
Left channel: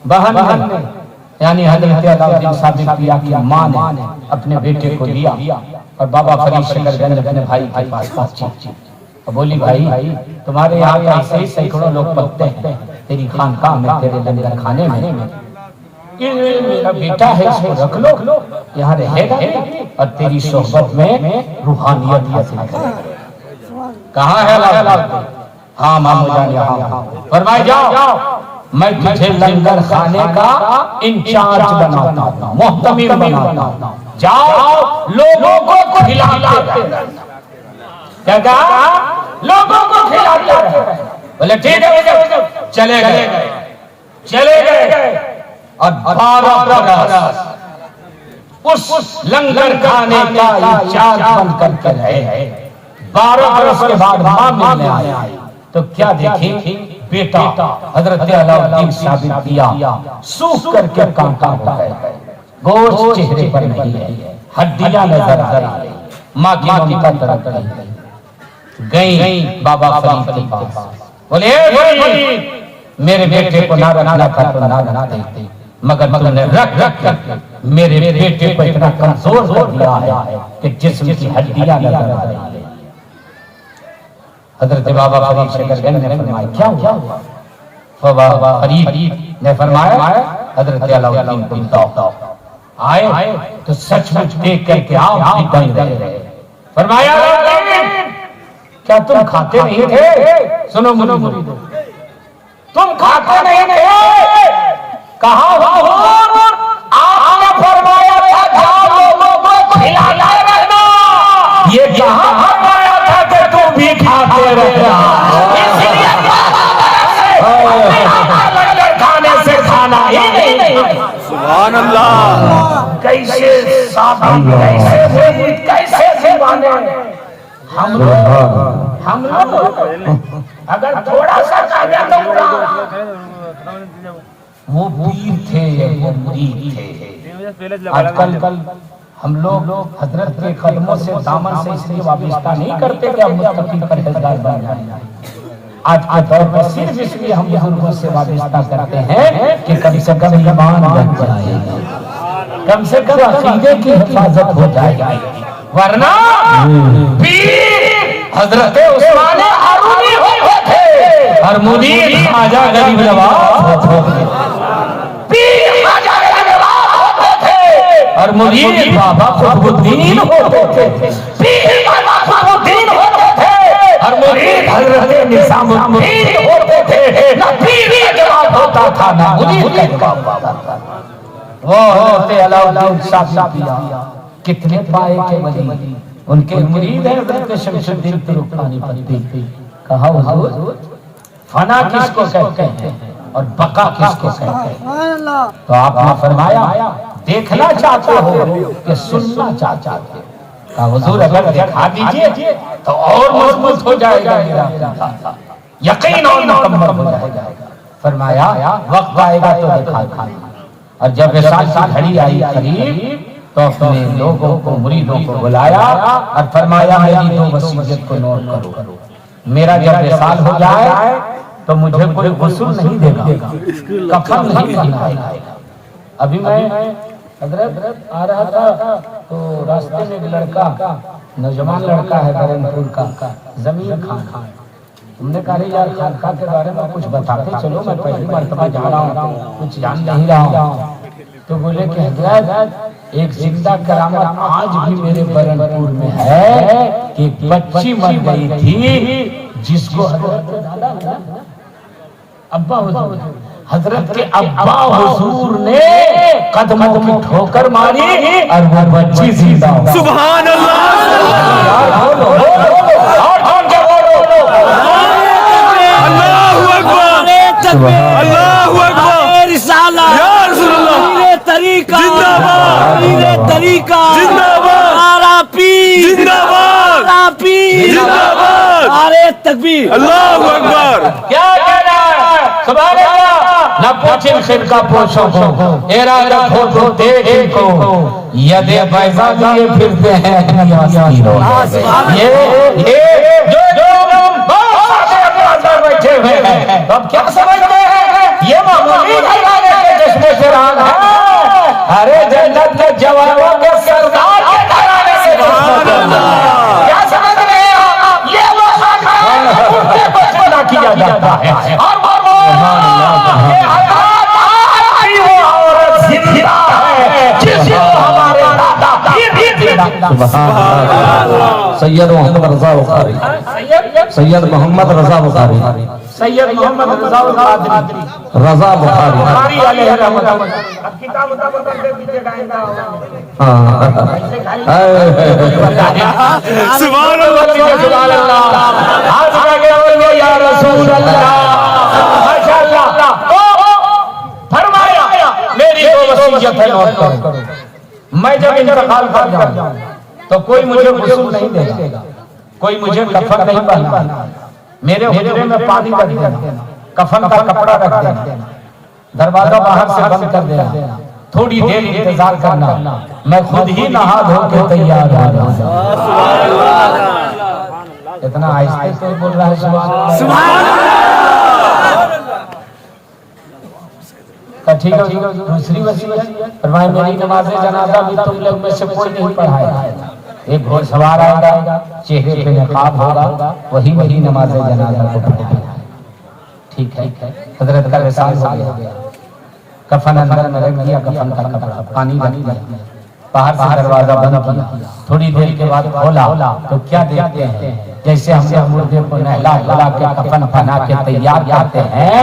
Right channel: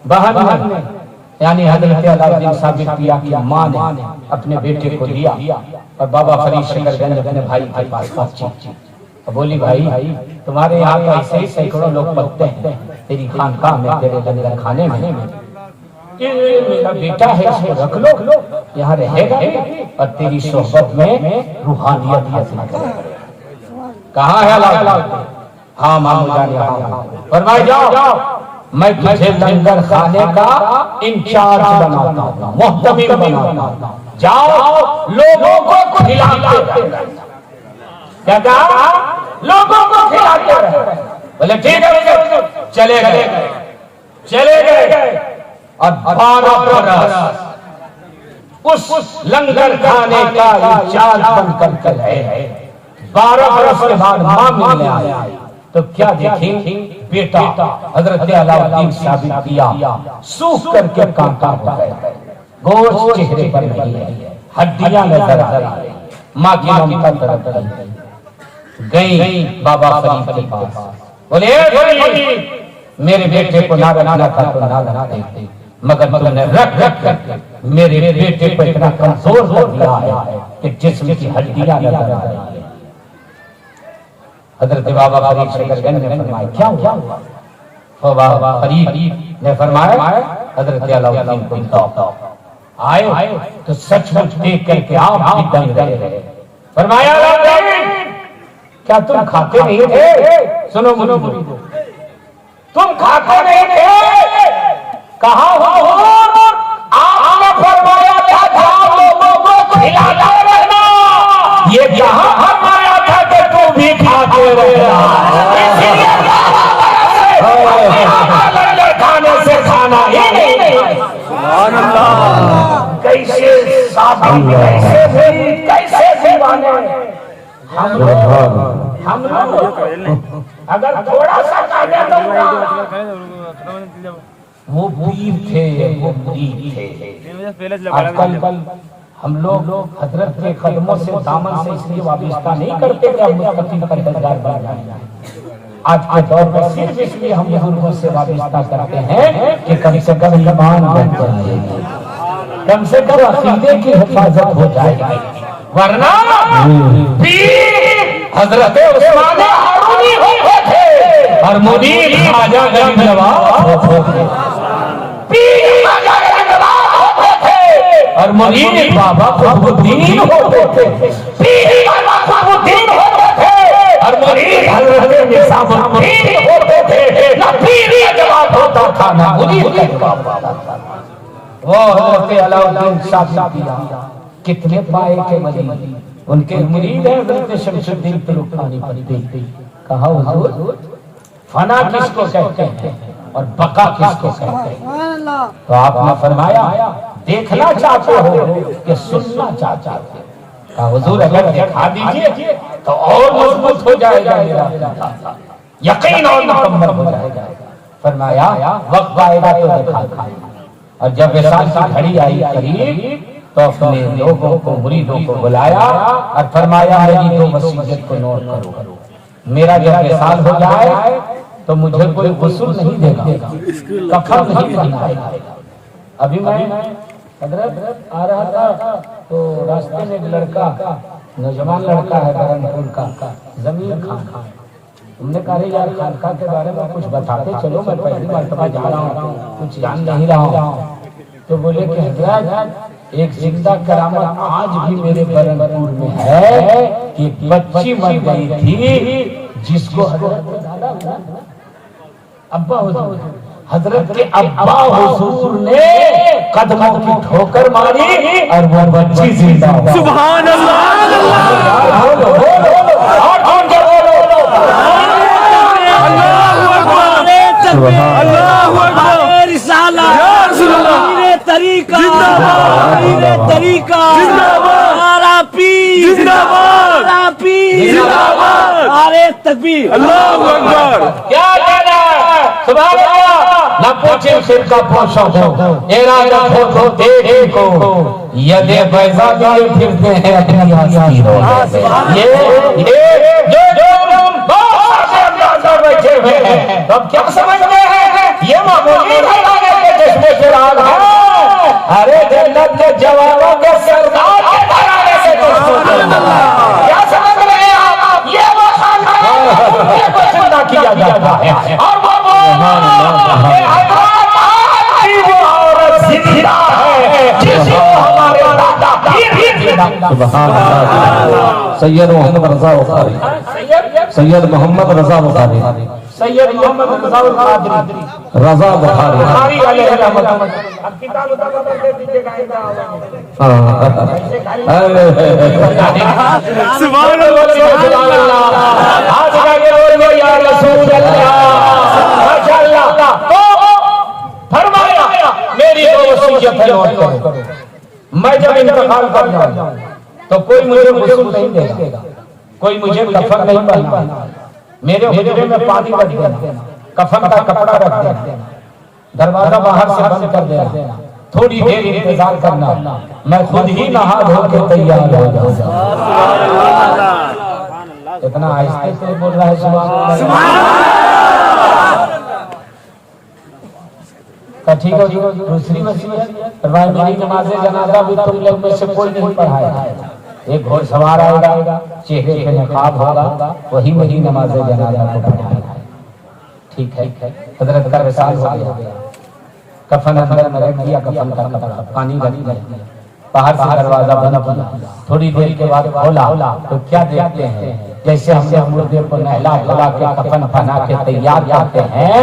बहन ने यानी हजरत अलाउद्दीन साबित किया कि मां ने अपने बेटे को दिया और बाबा फरीद शकरगंज अपने भाई के पास पहुंची। बोली भाई तुम्हारे यहाँ ऐसे ही सैकड़ों लोग पकते हैं तेरी खानकाह में, तेरे लंगर खाने में, ये मेरा बेटा है इसको रख लो, यहाँ रहेगा और तेरी सोहबत में रूहानियत हासिल करेगा। कहाँ है अलाउद्दीन? हाँ मामू जान यहाँ। फरमाए जाओ, मैं तुझे लंगर खाने का इंचार्ज बनाता हूँ, मुहतमिर बनाता हूँ, जाओ लोगों को खिलाते रहो। क्या कहा? लोगों को खिलाते रहो। बोले ठीक है, चले गए और 12 बरस उस लंगर खाने का इंचार्ज बन करके रहे। 12 बरस के बाद मां मिलने आए तो क्या देखी, बेटा हजरत अलाउद्दीन साबित किया, सूख करके कांटा हो गए, गोश्त चेहरे पर नहीं है, हड्डियां नजर आ रही है, माँ की ममता तड़प गई बाबा फरीद के पास, बोले मेरे बेटे को ना बनाना था तो ना बना देते, मगर तुमने रख रख कर मेरे बेटे को इतना कमजोर कर दिया है कि जिस्म की हड्डियां नजर आ रही है। हजरत बाबा फरीद शकरगंज ने फरमाया क्या हुआ? तो बाबा फरीद ने फरमाया हजरत अलाउद्दीन को बताओ। आए तो सचमुच देख करके आप भी दंग रहे। फरमाया क्या तुम खाते नहीं थे? सुनो मुरीदो, तुम खाते नहीं थे? कहा हुजूर आपने फरमाया था लोगों को खिलाता रहना, ये कहां फरमाया था कि तुम भी खाते रहना? इसलिए खाने से खाना ही नहीं। सुभान अल्लाह। कैसे साथी, कैसे दीवाने हम लोग अगर थोड़ा सा काटा तो वो पीर थे, वो मुरीद थे। आजकल हम लोग हजरत के कदमों से दामन से इसलिए वाबिस्ता नहीं करते कि हम मुस्तकीम परहेजगार बन जाए। आज के दौर में सिर्फ इसलिए हम बुजुर्गों से वाबिस्ता करते हैं कि कम से कम ईमान बन जाएगी, कम से कम अकीदे की हिफाजत हो जाएगी, वरना पीर हजरत उस्मान हारूनी होते थे और मुरीद ख्वाजा गरीब नवाज होते थे। पीर ख्वाजा गरीब नवाज होते थे और मुरीद बाबा कुतुबुद्दीन होते थे। पीर बाबा कुतुबुद्दीन होते थे और मुरीद हजरत निजामुद्दीन होते थे। ना पीर का जवाब होता था ना मुरीद का जवाब होता था। वो हजरत अलाउद्दीन शाह कितने पाए के वली, उनके मुरीद हैं हजरत शमशुद्दीन तुरुखानी पढ़ती। कहा हुजूर फना किसको कहते हैं और बका किसको कहते हैं? तो आपने फरमाया देखना चाहते हो कि सुनना चाहते हो? कहा हुजूर अगर दिखा दीजिए तो और मजबूत हो जाएगा मेरा अकीदा, यकीन और मुकम्मल हो जाएगा। फरमाया वक्त आएगा तो दिखा। और जब विसाल की घड़ी आई करीब तो अपने लोगों को, मुरीदों को बुलाया और फरमाया मेरी दो वसीयत को नोट करो। मेरा जब विसाल हो जाए तो मुझे कोई गुस्ल नहीं देगा, कफन नहीं पहनाएगा। अभी मैं हजरत आ रहा था तो रास्ते में एक लड़का, नौजवान लड़का है बरनपुर का, जमीर खान। तुमने कहा यार खानका के बारे में कुछ बताते चलो, मैं पहली मर्तबा जा रहा हूँ, कुछ जान नहीं रहा हूँ। तो बोले कि हजरत एक जिंदा करामत आज भी मेरे बरनपुर में है कि एक बच्ची मर गई थी जिसको अब्बा हुजूर, हजरत के अब्बा हुजूर ने कदमों की ठोकर मारी और वो बच्ची जिंदा हो। सुभान अल्लाह। अल्लाहु अकबर। रिसालत या रसूलुल्लाह। तरीका जिंदाबाद, तरीका जिंदाबाद, आरा पीर जिंदाबाद, आरा पीर जिंदाबाद, नारे तकबीर, अल्लाहु अकबर। क्या कहना है? सुभान अल्लाह। न पूछे फिरका पोषों को, इरादत हो तो देखी को, यदे बैजा लिए फिरते हैं दुनिया की रोड। ये जो बैठे हुए हैं तो क्या समझते हैं ये मामूली घराने के चश्मे चिराग है? अरे जन्नत के जवानों के सरदार के घराने से क्या समझ रहे हैं आप? ये वो खानदान को जिंदा किया जाता है और वो औरत जिंदा है जिसको हमारे दादा सैयद मोहम्मद रजा बुखारी, सैयद मोहम्मद रजा बुखारी, सैयद मोहम्मद रजा बुखारी, रजा बुखारी। बुखारी अलैहि रहमत। अब किताब उतार के पीछे गाएगा। सुभान अल्लाह, सुभान अल्लाह। हाथ लगे बोलिए या रसूल अल्लाह, माशाअल्लाह। फरमाया मेरी दो वसीयत है, नोट करो। मैं जब इंतकाल कर जाऊं तो कोई मुझे गुस्ल नहीं देगा, कोई मुझे कफन नहीं पहनाएगा, मेरे हुजरे में पानी रख देना, कफन का कपड़ा रख देना, दरवाजा बाहर से बंद कर देना, थोड़ी देर इंतजार करना, मैं खुद ही नहा धो के तैयार हो जाऊंगा। इतना आहिस्ते से बोल रहा है सुभान अल्लाह। ठीक है, दूसरी वसीयत फरमाया मेरी नमाज जनाजा भी तुम लोग में से कोई नहीं पढ़ाएगा। एक घोड़सवार आएगा, चेहरे पे नकाब होगा, वही मेरी नमाज जनाजा को पढ़ाएगा। ठीक है, हजरत का एहसास हो गया। कफन अंदर में रख दिया, कफन का कपड़ा पानी बनी दिया, बाहर से दरवाजा बंद किया। थोड़ी देर के बाद खोला तो क्या देखते हैं, जैसे हमने मुर्दे को नहला धुला के कफन पहना के तैयार करते हैं,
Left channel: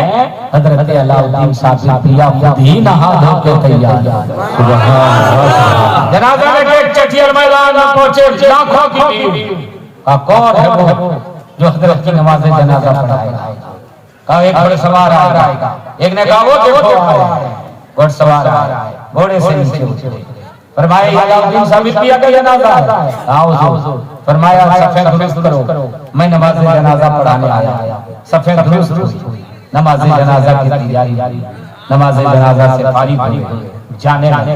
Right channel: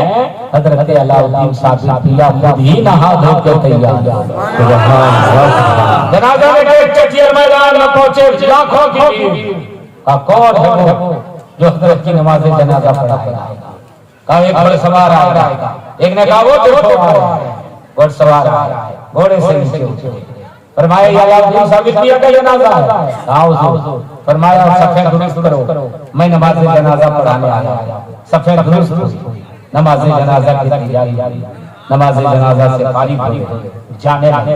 हजरत अलाउद्दीन साहब पिया खुद ही नहा धो के तैयार। जनाजा में एक चटियर मैदान में पहुंचे लाखों की कौन है वो जो हजरत की नमाज जनाजा पढ़ाएगा। कहा एक घोड़सवार आएगा, एक ने कहा वो घोड़सवार घोड़े से नीचे फरमाया अलाउद्दीन साहब पिया का जनाजा है, आओ। फरमाया सफेद दुरुस्त करो, मैं नमाज जनाजा पढ़ाने आया। सफेद दुरुस्त नमाज जनाजा की तैयारी, नमाज जनाजा से फारिग हो जाने लगे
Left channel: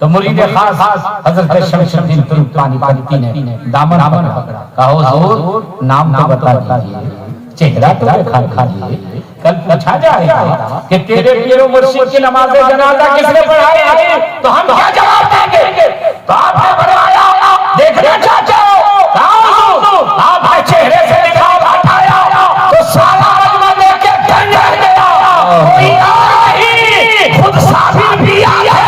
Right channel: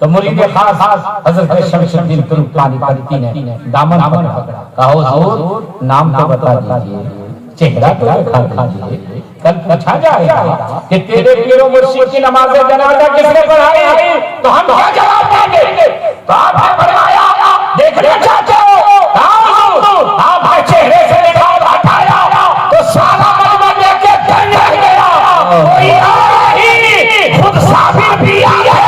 तो मुरीद खास हजरत शमशुद्दीन तुर्कानी पंती ने दामन पकड़ा, कहा हुजूर नाम तो बता दीजिए, चेहरा तो दिखा दीजिए, कल पूछा जाएगा कि तेरे पीरो मुर्शिद की नमाज जनाजा किसने पढ़ाई, तो हम क्या जवाब देंगे। तो आपने पढ़ाया, देखना चाहते हो, आपके चेहरे से निकाल हटाया तो सारा मजमा देख के धन रह गया। कोई और ही खुद साबिर पिया है।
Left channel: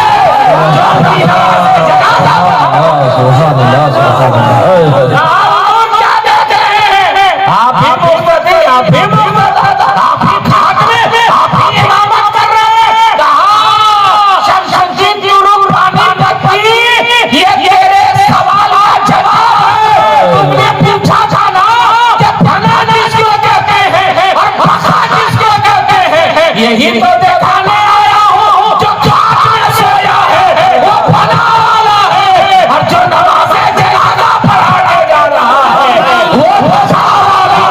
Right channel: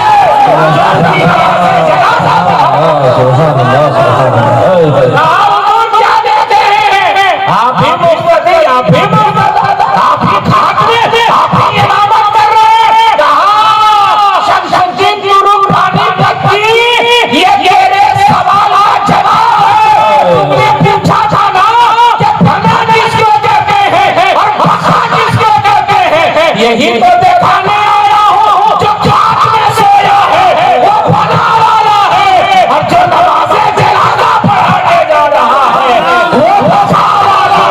यही तो दिखाने आया हूँ, जो जात में सोया है वो भला वाला है, और जो नमाज़े जनाजा पढ़ाने जा रहा है वो फसा वाला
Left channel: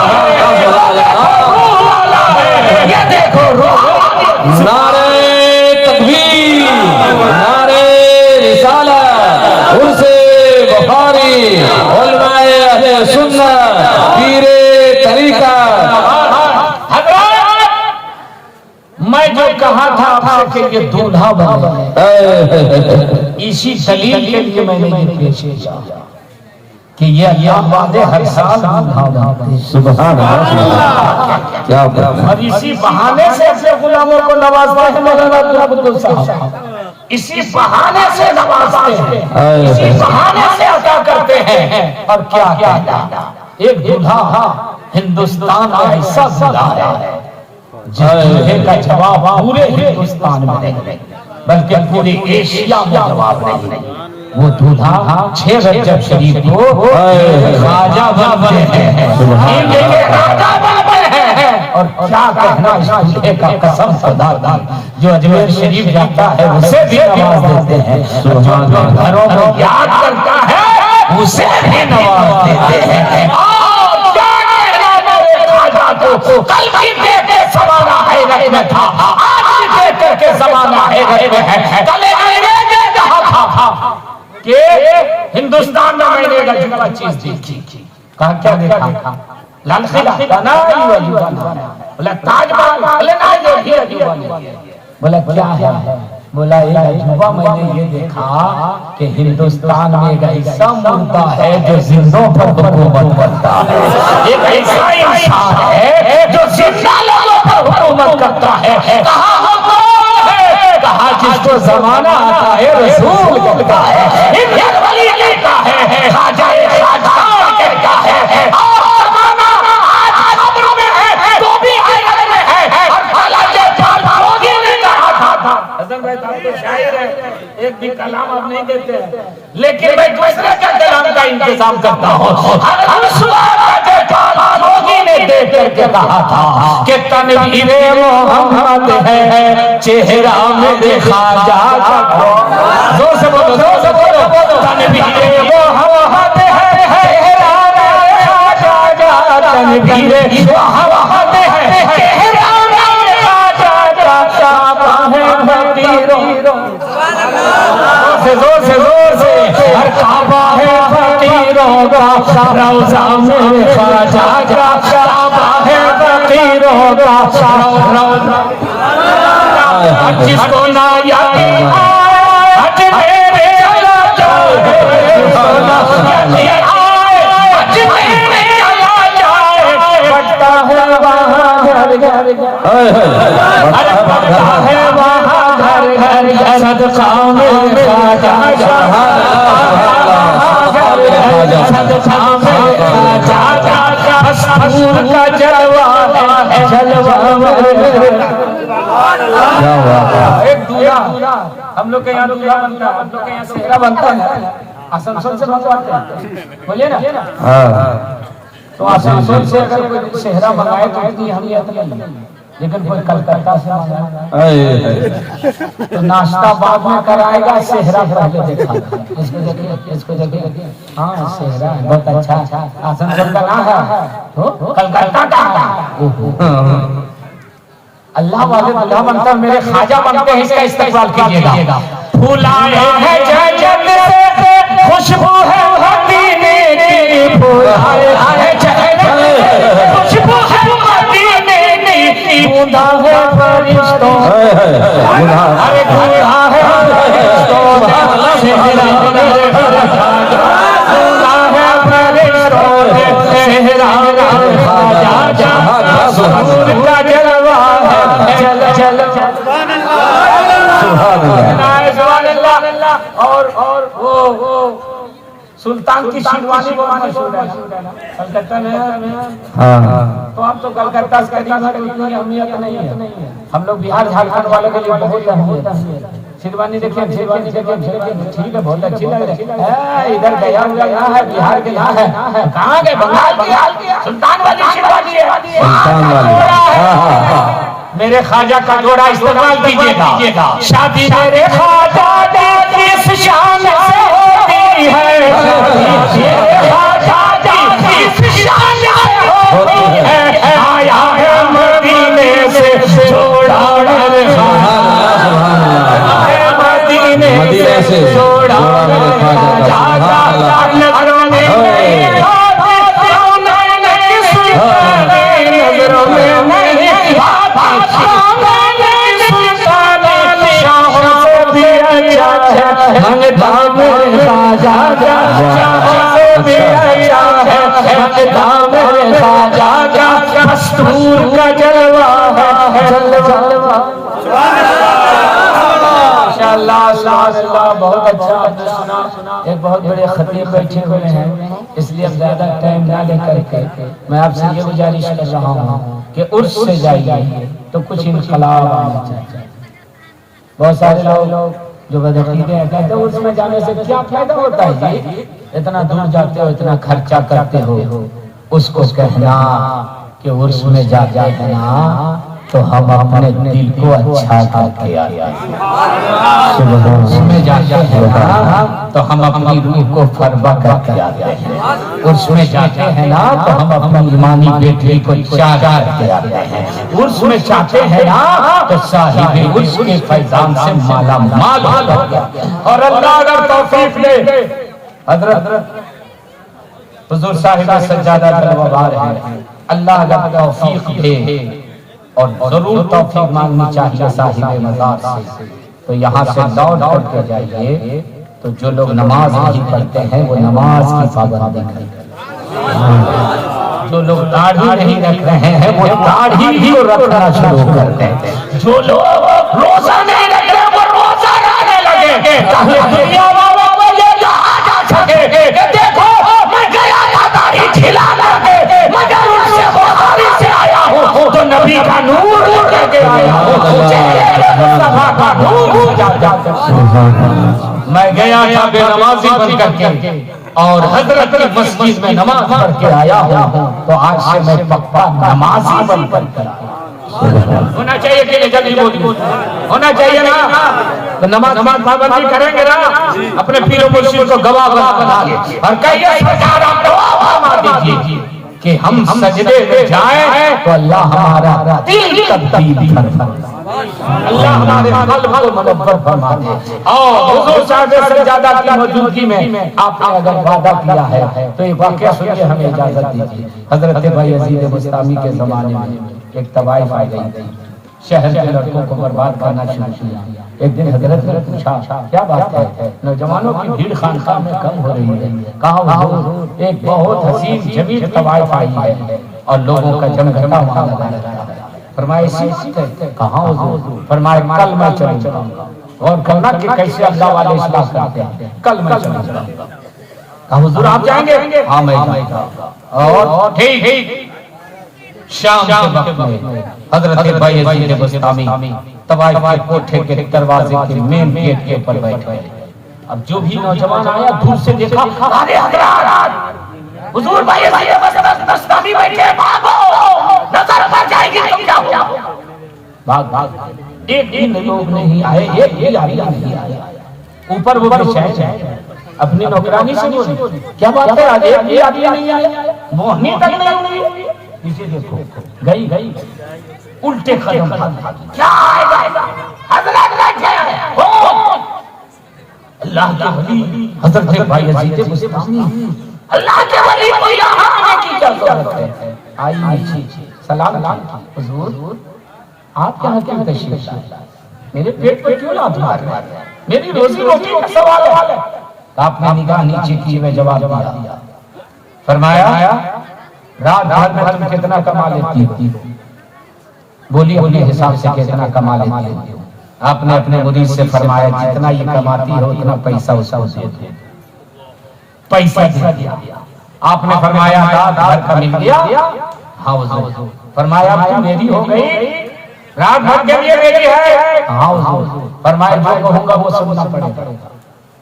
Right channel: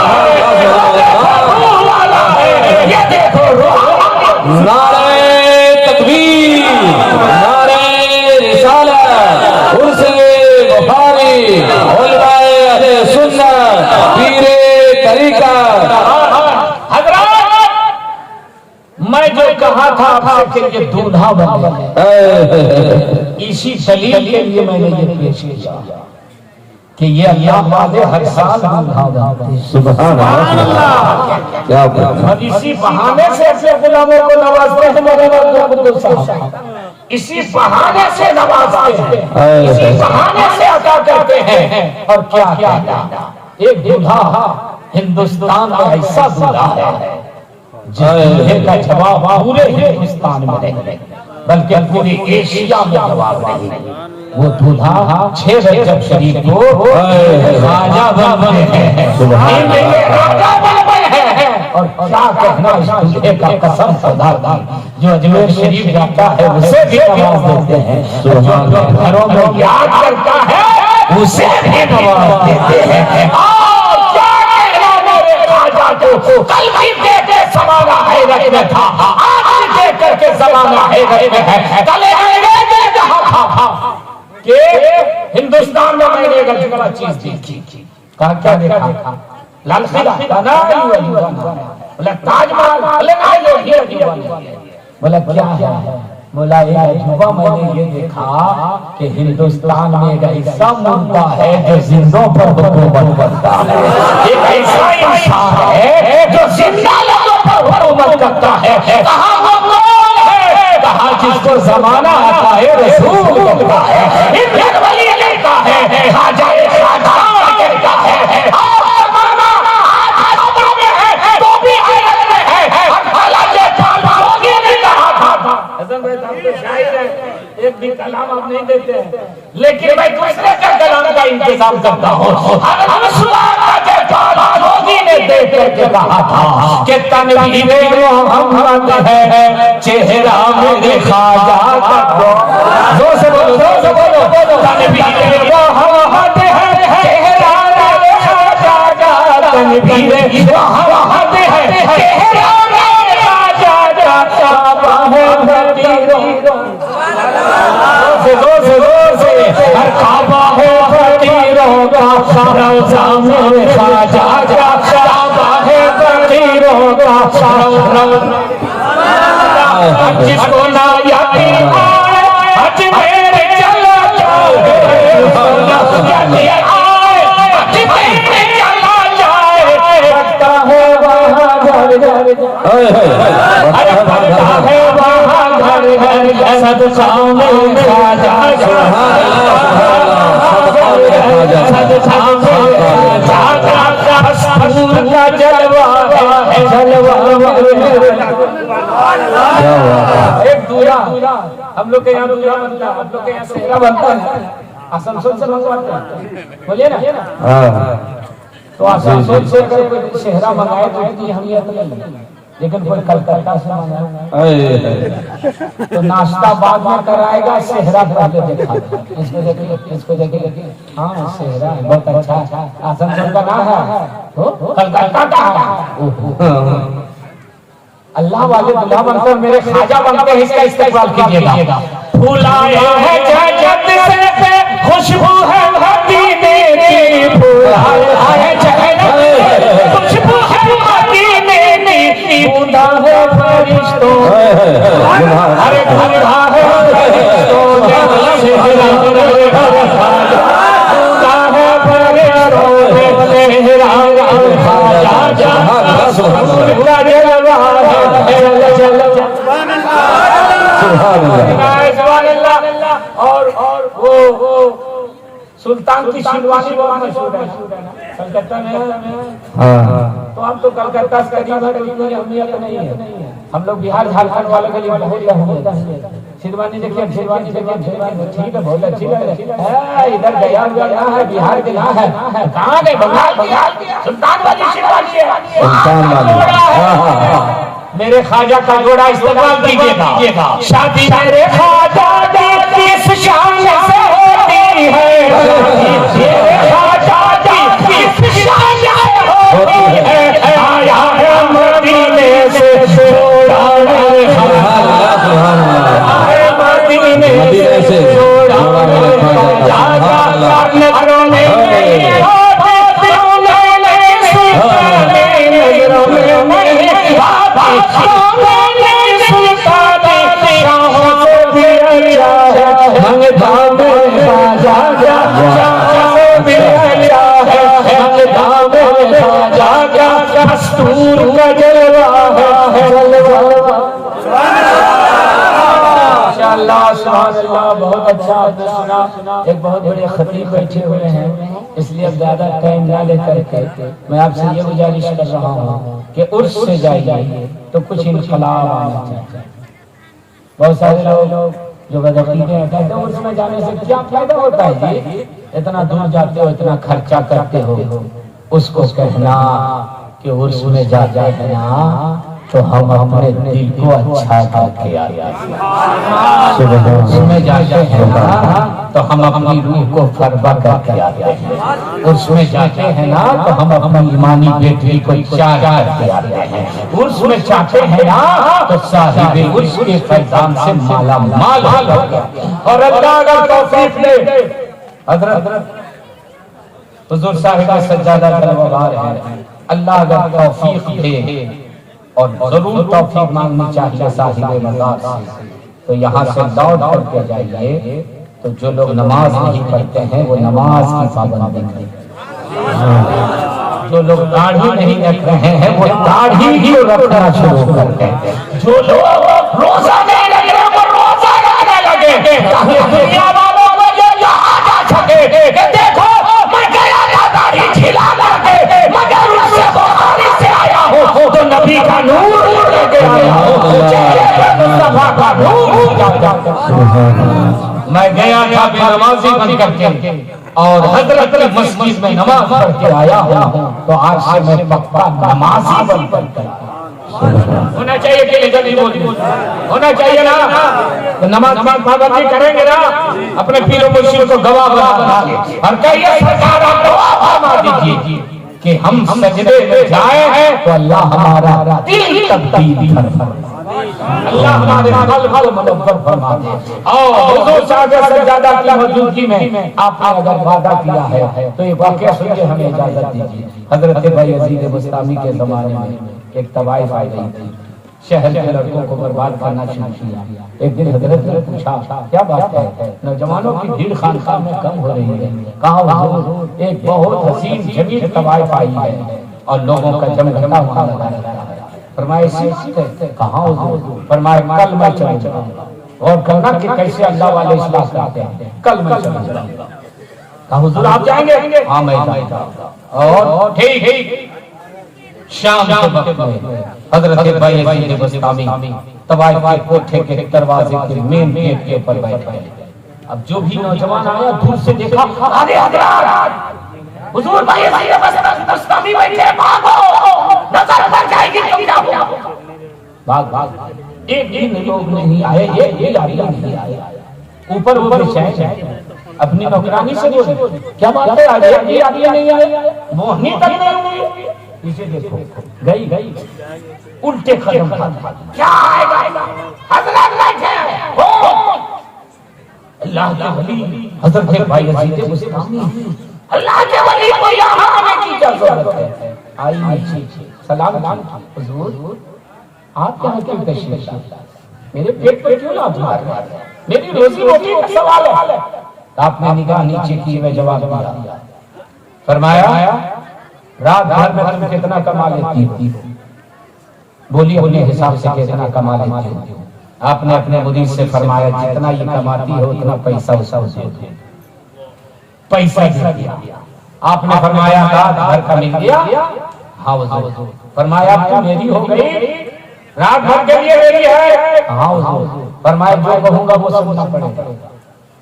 है। ये देखो नारे तकबीर, नारे रिसालत, उनसे वफारी, उलमाए अहले सुन्नत, पीरे तरीका। मैं जो कहा था आपसे कि ये दूल्हा बने, इसी दलील के लिए मैंने ये पेश किया कि ये अल्लाह वादे हर साल दूल्हा बने। सुभान अल्लाह, क्या बात। और इसी बहाने से अपने गुलामों को नवाजते हैं मौलाना अब्दुल साहब, इसी बहाने से नवाजते हैं, इसी बहाने से अदा करते हैं। और क्या कहता, एक दूल्हा हिंदुस्तान में ऐसा दूल्हा है जिस का जवाब पूरे हिंदुस्तान में नहीं बल्कि पूरी एशिया में जवाब नहीं। वो दूल्हा 6 रजब शरीफ को राजा बने हैं, राजा बने हैं। और क्या कहना इस दूल्हे का, कसम खुदा जो अजमेर शरीफ जाता है उसे भी नवाज देते हैं, जो घरों में याद करता है उसे भी नवाज देते हैं। कल भी देख के जमाना है रख में था, आज भी देख करके जमाना है रख में है। चले गए जहां था कि हिंदुस्तान में मैंने एक अजूबा चीज देखी। कहा क्या देखा? लाल किला, बोला ताजमहल, बोला क्या है? बोला एक अजूबा मैंने ये देखा कि हिंदुस्तान में एक ऐसा मुल्क है जो जिंदों पर हुकूमत करता है, एक ऐसा इंसान है जो जिंदा लोगों पर हुकूमत करता है। कहा जिसको जमाना आता है रसूल कहता है, वली कहता है, खाजा कहता है, तो शायर है, एक भी कलाम आप नहीं देते हैं, लेकिन मैं दूसरे के कलाम का इंतजाम करता हूँ। ने देख करके कहा था कि तनवीरे मोहम्मद है, चेहरा मेरे ख्वाजा का। जोर से बोलो, जोर से बोलो, तनवीरे मोहम्मद है, चेहरा मेरे ख्वाजा का। तनवीरे मोहम्मद है, चेहरा से जोर से हर काबा है फकीरों का रौज़ा में ख्वाजा का काबा है फकीरों का रौज़ा जिसको ना याद आए हज मेरे चला जाए बढ़ता है वहाँ घर घर अरे बढ़ता है वहाँ घर घर सदका में ख्वाजा सदका में ख्वाजा मस्तूर का जलवा है जलवा एक दूरा हम लोग के यहाँ दूरा बनता है, हम लोग के यहाँ सेहरा बनता है, आसनसोल से मंगवाते हैं, बोलिए ना। तो आसनसोल से अगर सेहरा मंगाए तो इतनी अहमियत नहीं, लेकिन कोई कलकत्ता से मंगाए तो नाश्ता बाद में कराएगा, सेहरा पहले देखा। इसको देखिए हाँ सेहरा बहुत अच्छा आसनसोल का नाम है, कलकत्ता का अल्लाह वाले अल्लाह बनकर मेरे ख्वाजा बनकर इसका इस्तेमाल कीजिएगा। फूल आए हैं जन्नत से खुशबू है मदीने की, फूल आए हैं जन्नत से खुशबू है मदीने की, बूंदा है फरिश्तों अरे बूंदा है फरिश्तों में सेहरा बूंदा है फरिश्तों में सेहरा ख्वाजा मस्तूर का जलवा और वो सुल्तान की शिरवानी बवानी कलकत्ता में तो हम तो कलकत्ता से करीब है, इतनी अहमियत नहीं है। हम लोग बिहार झारखंड वाले के लिए बहुत अहमियत है। शिरवानी देखिए ठीक है, बहुत अच्छी लग रही है। इधर गया हुआ यहाँ है, बिहार के यहाँ है, कहाँ के बंगाल सुल्तान वाली शिरवानी है, मेरे ख्वाजा का जोड़ा इस्तेमाल कीजिएगा। शादी मेरे ख्वाजा की इस शान से होती है, मेरे ख्वाजा की इस शान से होती है, आया है मदीने से जोड़ा मेरे मदीने से जोड़ा मेरे ख्वाजा नजरों में मस्तूर का जलवा है जलवा। माशाअल्लाह बहुत अच्छा आपने सुना। एक बहुत बड़े खतीब बैठे हुए हैं, इसलिए ज्यादा टाइम ना लेकर के मैं आपसे ये गुजारिश कर रहा हूँ कि उर्स से जाइए तो कुछ इनकलाब आना चाहिए। बहुत सारे लोग जो बदअकीदे हैं कहते हैं उर्स में जाने से क्या फायदा होता है जी, इतना दूर जाते हो, इतना खर्चा करते हो। उसको कहना कि उर्स में जाते हैं ना तो हम अपने दिल को अच्छा करके आए, उसमें जाते हैं ना तो हम अपनी रूह को फरबा करके आते हैं, उसमें जाते हैं ना तो हम अपनी ईमानी बेटी को चाह करके आते हैं, उसमें चाहते हैं ना तो साहिबे उसके फैजान से माला माल और अल्लाह अगर तौफीक दे। हजरत हुजूर साहिब सज्जादा तलवार है, अल्लाह अगर तौफीक दे और जरूर तौफीक मांगनी चाहिए साहिब मज़ार से, तो यहाँ से लौट करके जाइए तो जो लोग नमाज नहीं पढ़ते हैं वो नमाज की पाबंदी करें, जो लोग दाढ़ी नहीं रख रहे हैं वो दाढ़ी ही रखना शुरू कर दें, जो लोग रोजा नहीं रख रहे वो रोजा रखने लगे। दुनिया वालों को ये याद आ सके कि देखो मैं गया था दाढ़ी छिला करके, मगर उससे बुखारी से आया हूँ तो नबी का नूर लेके आया हूँ, मुस्तफा का नूर। मैं गया था बेनमाजी बन करके और हजरत की मस्जिद में नमाज पढ़ के आया हूँ, तो आज से मैं पक्का नमाजी बन करके होना चाहिए कि नहीं? जल्दी होना चाहिए ना, तो नमाज पाबंदी करेंगे ना, अपने पीरों मुर्शिद को गवाह बना ले और कहिए सरकार आप गवाह फरमा दीजिए कि हम सजदे में जाए तो अल्लाह हमारा दिल तब्दील फरमाए। अल्लाह हमारे कल्ब को मुनव्वर फरमा दे। और हुजूर साहब सज्जादा की मौजूदगी में आपने अगर वादा किया है तो ये वाकया सुनिए, हमें इजाजत दीजिए। हजरत भाई यजीद बुस्तामी के जमाने में एक तवाइफ आई गई थी, शहर के लड़कों को बर्बाद करना शुरू किया। एक दिन हजरत ने पूछा, क्या बात है, नौजवानों की भीड़ खानकाह में कम हो रही है? कहा हुजूर एक बहुत हसीन जमील तवाइफ आई है और लोगों का जमघटा वहां लगा है। फरमाया इसी कहाँ हुजूर? फरमाया कल मैं चलूंगा और करना कि कैसे अल्लाह वाले इस्लाह करते हैं, कल मैं चलूंगा। कहा हुजूर आप जाएंगे? हाँ मैं जाऊंगा। और ठीक शाम के वक्त में हजरत भाई यजीद बुस्तामी तवाइफ के कोठे के दरवाजे के मेन गेट के ऊपर बैठे। अब जो भी नौजवान आया दूर से देखा, अरे हजरत हुजूर भाई यजीद बुस्तामी बैठे, भागो नजर उतर जाएगी तुम क्या हो? भाग एक दिन लोग नहीं आए, एक भी नहीं आया। ऊपर शहर अपनी नौकरानी से बोले, क्या बात है आज एक भी आदमी नहीं आया, मोहनी तक नहीं हुई। पीछे देखो, गई उल्टे कदम क्या आएगा? हजरत बैठे अल्लाह के वली हजरत भाई यजीद बुस्तामी, अल्लाह के वली को यहाँ आने की क्या जरूरत है? आई नीचे सलाम हुजूर आप यहाँ क्यों तशरीफ लाए? मेरे पेट पर क्यों लात मार रहे हैं? मेरी रोजी रोटी का सवाल है। आपने निगाह नीचे की में जवाब दिया, फरमाया रात भर में तुम कितना कमा लेती हो? बोली बोली हिसाब से कितना कमा लेती हो? आपने अपने मुरीद से फरमाया जितना ये कमाती हो उतना पैसा उसे दे दो। पैसा दिया। आपने फरमाया रात भर का मिल गया? हाँ हुजूर। फरमाया तू मेरी हो गई, रात भर के लिए मेरी है? हाँ हुजूर। फरमाया जो कहूंगा वो सुनना पड़ेगा।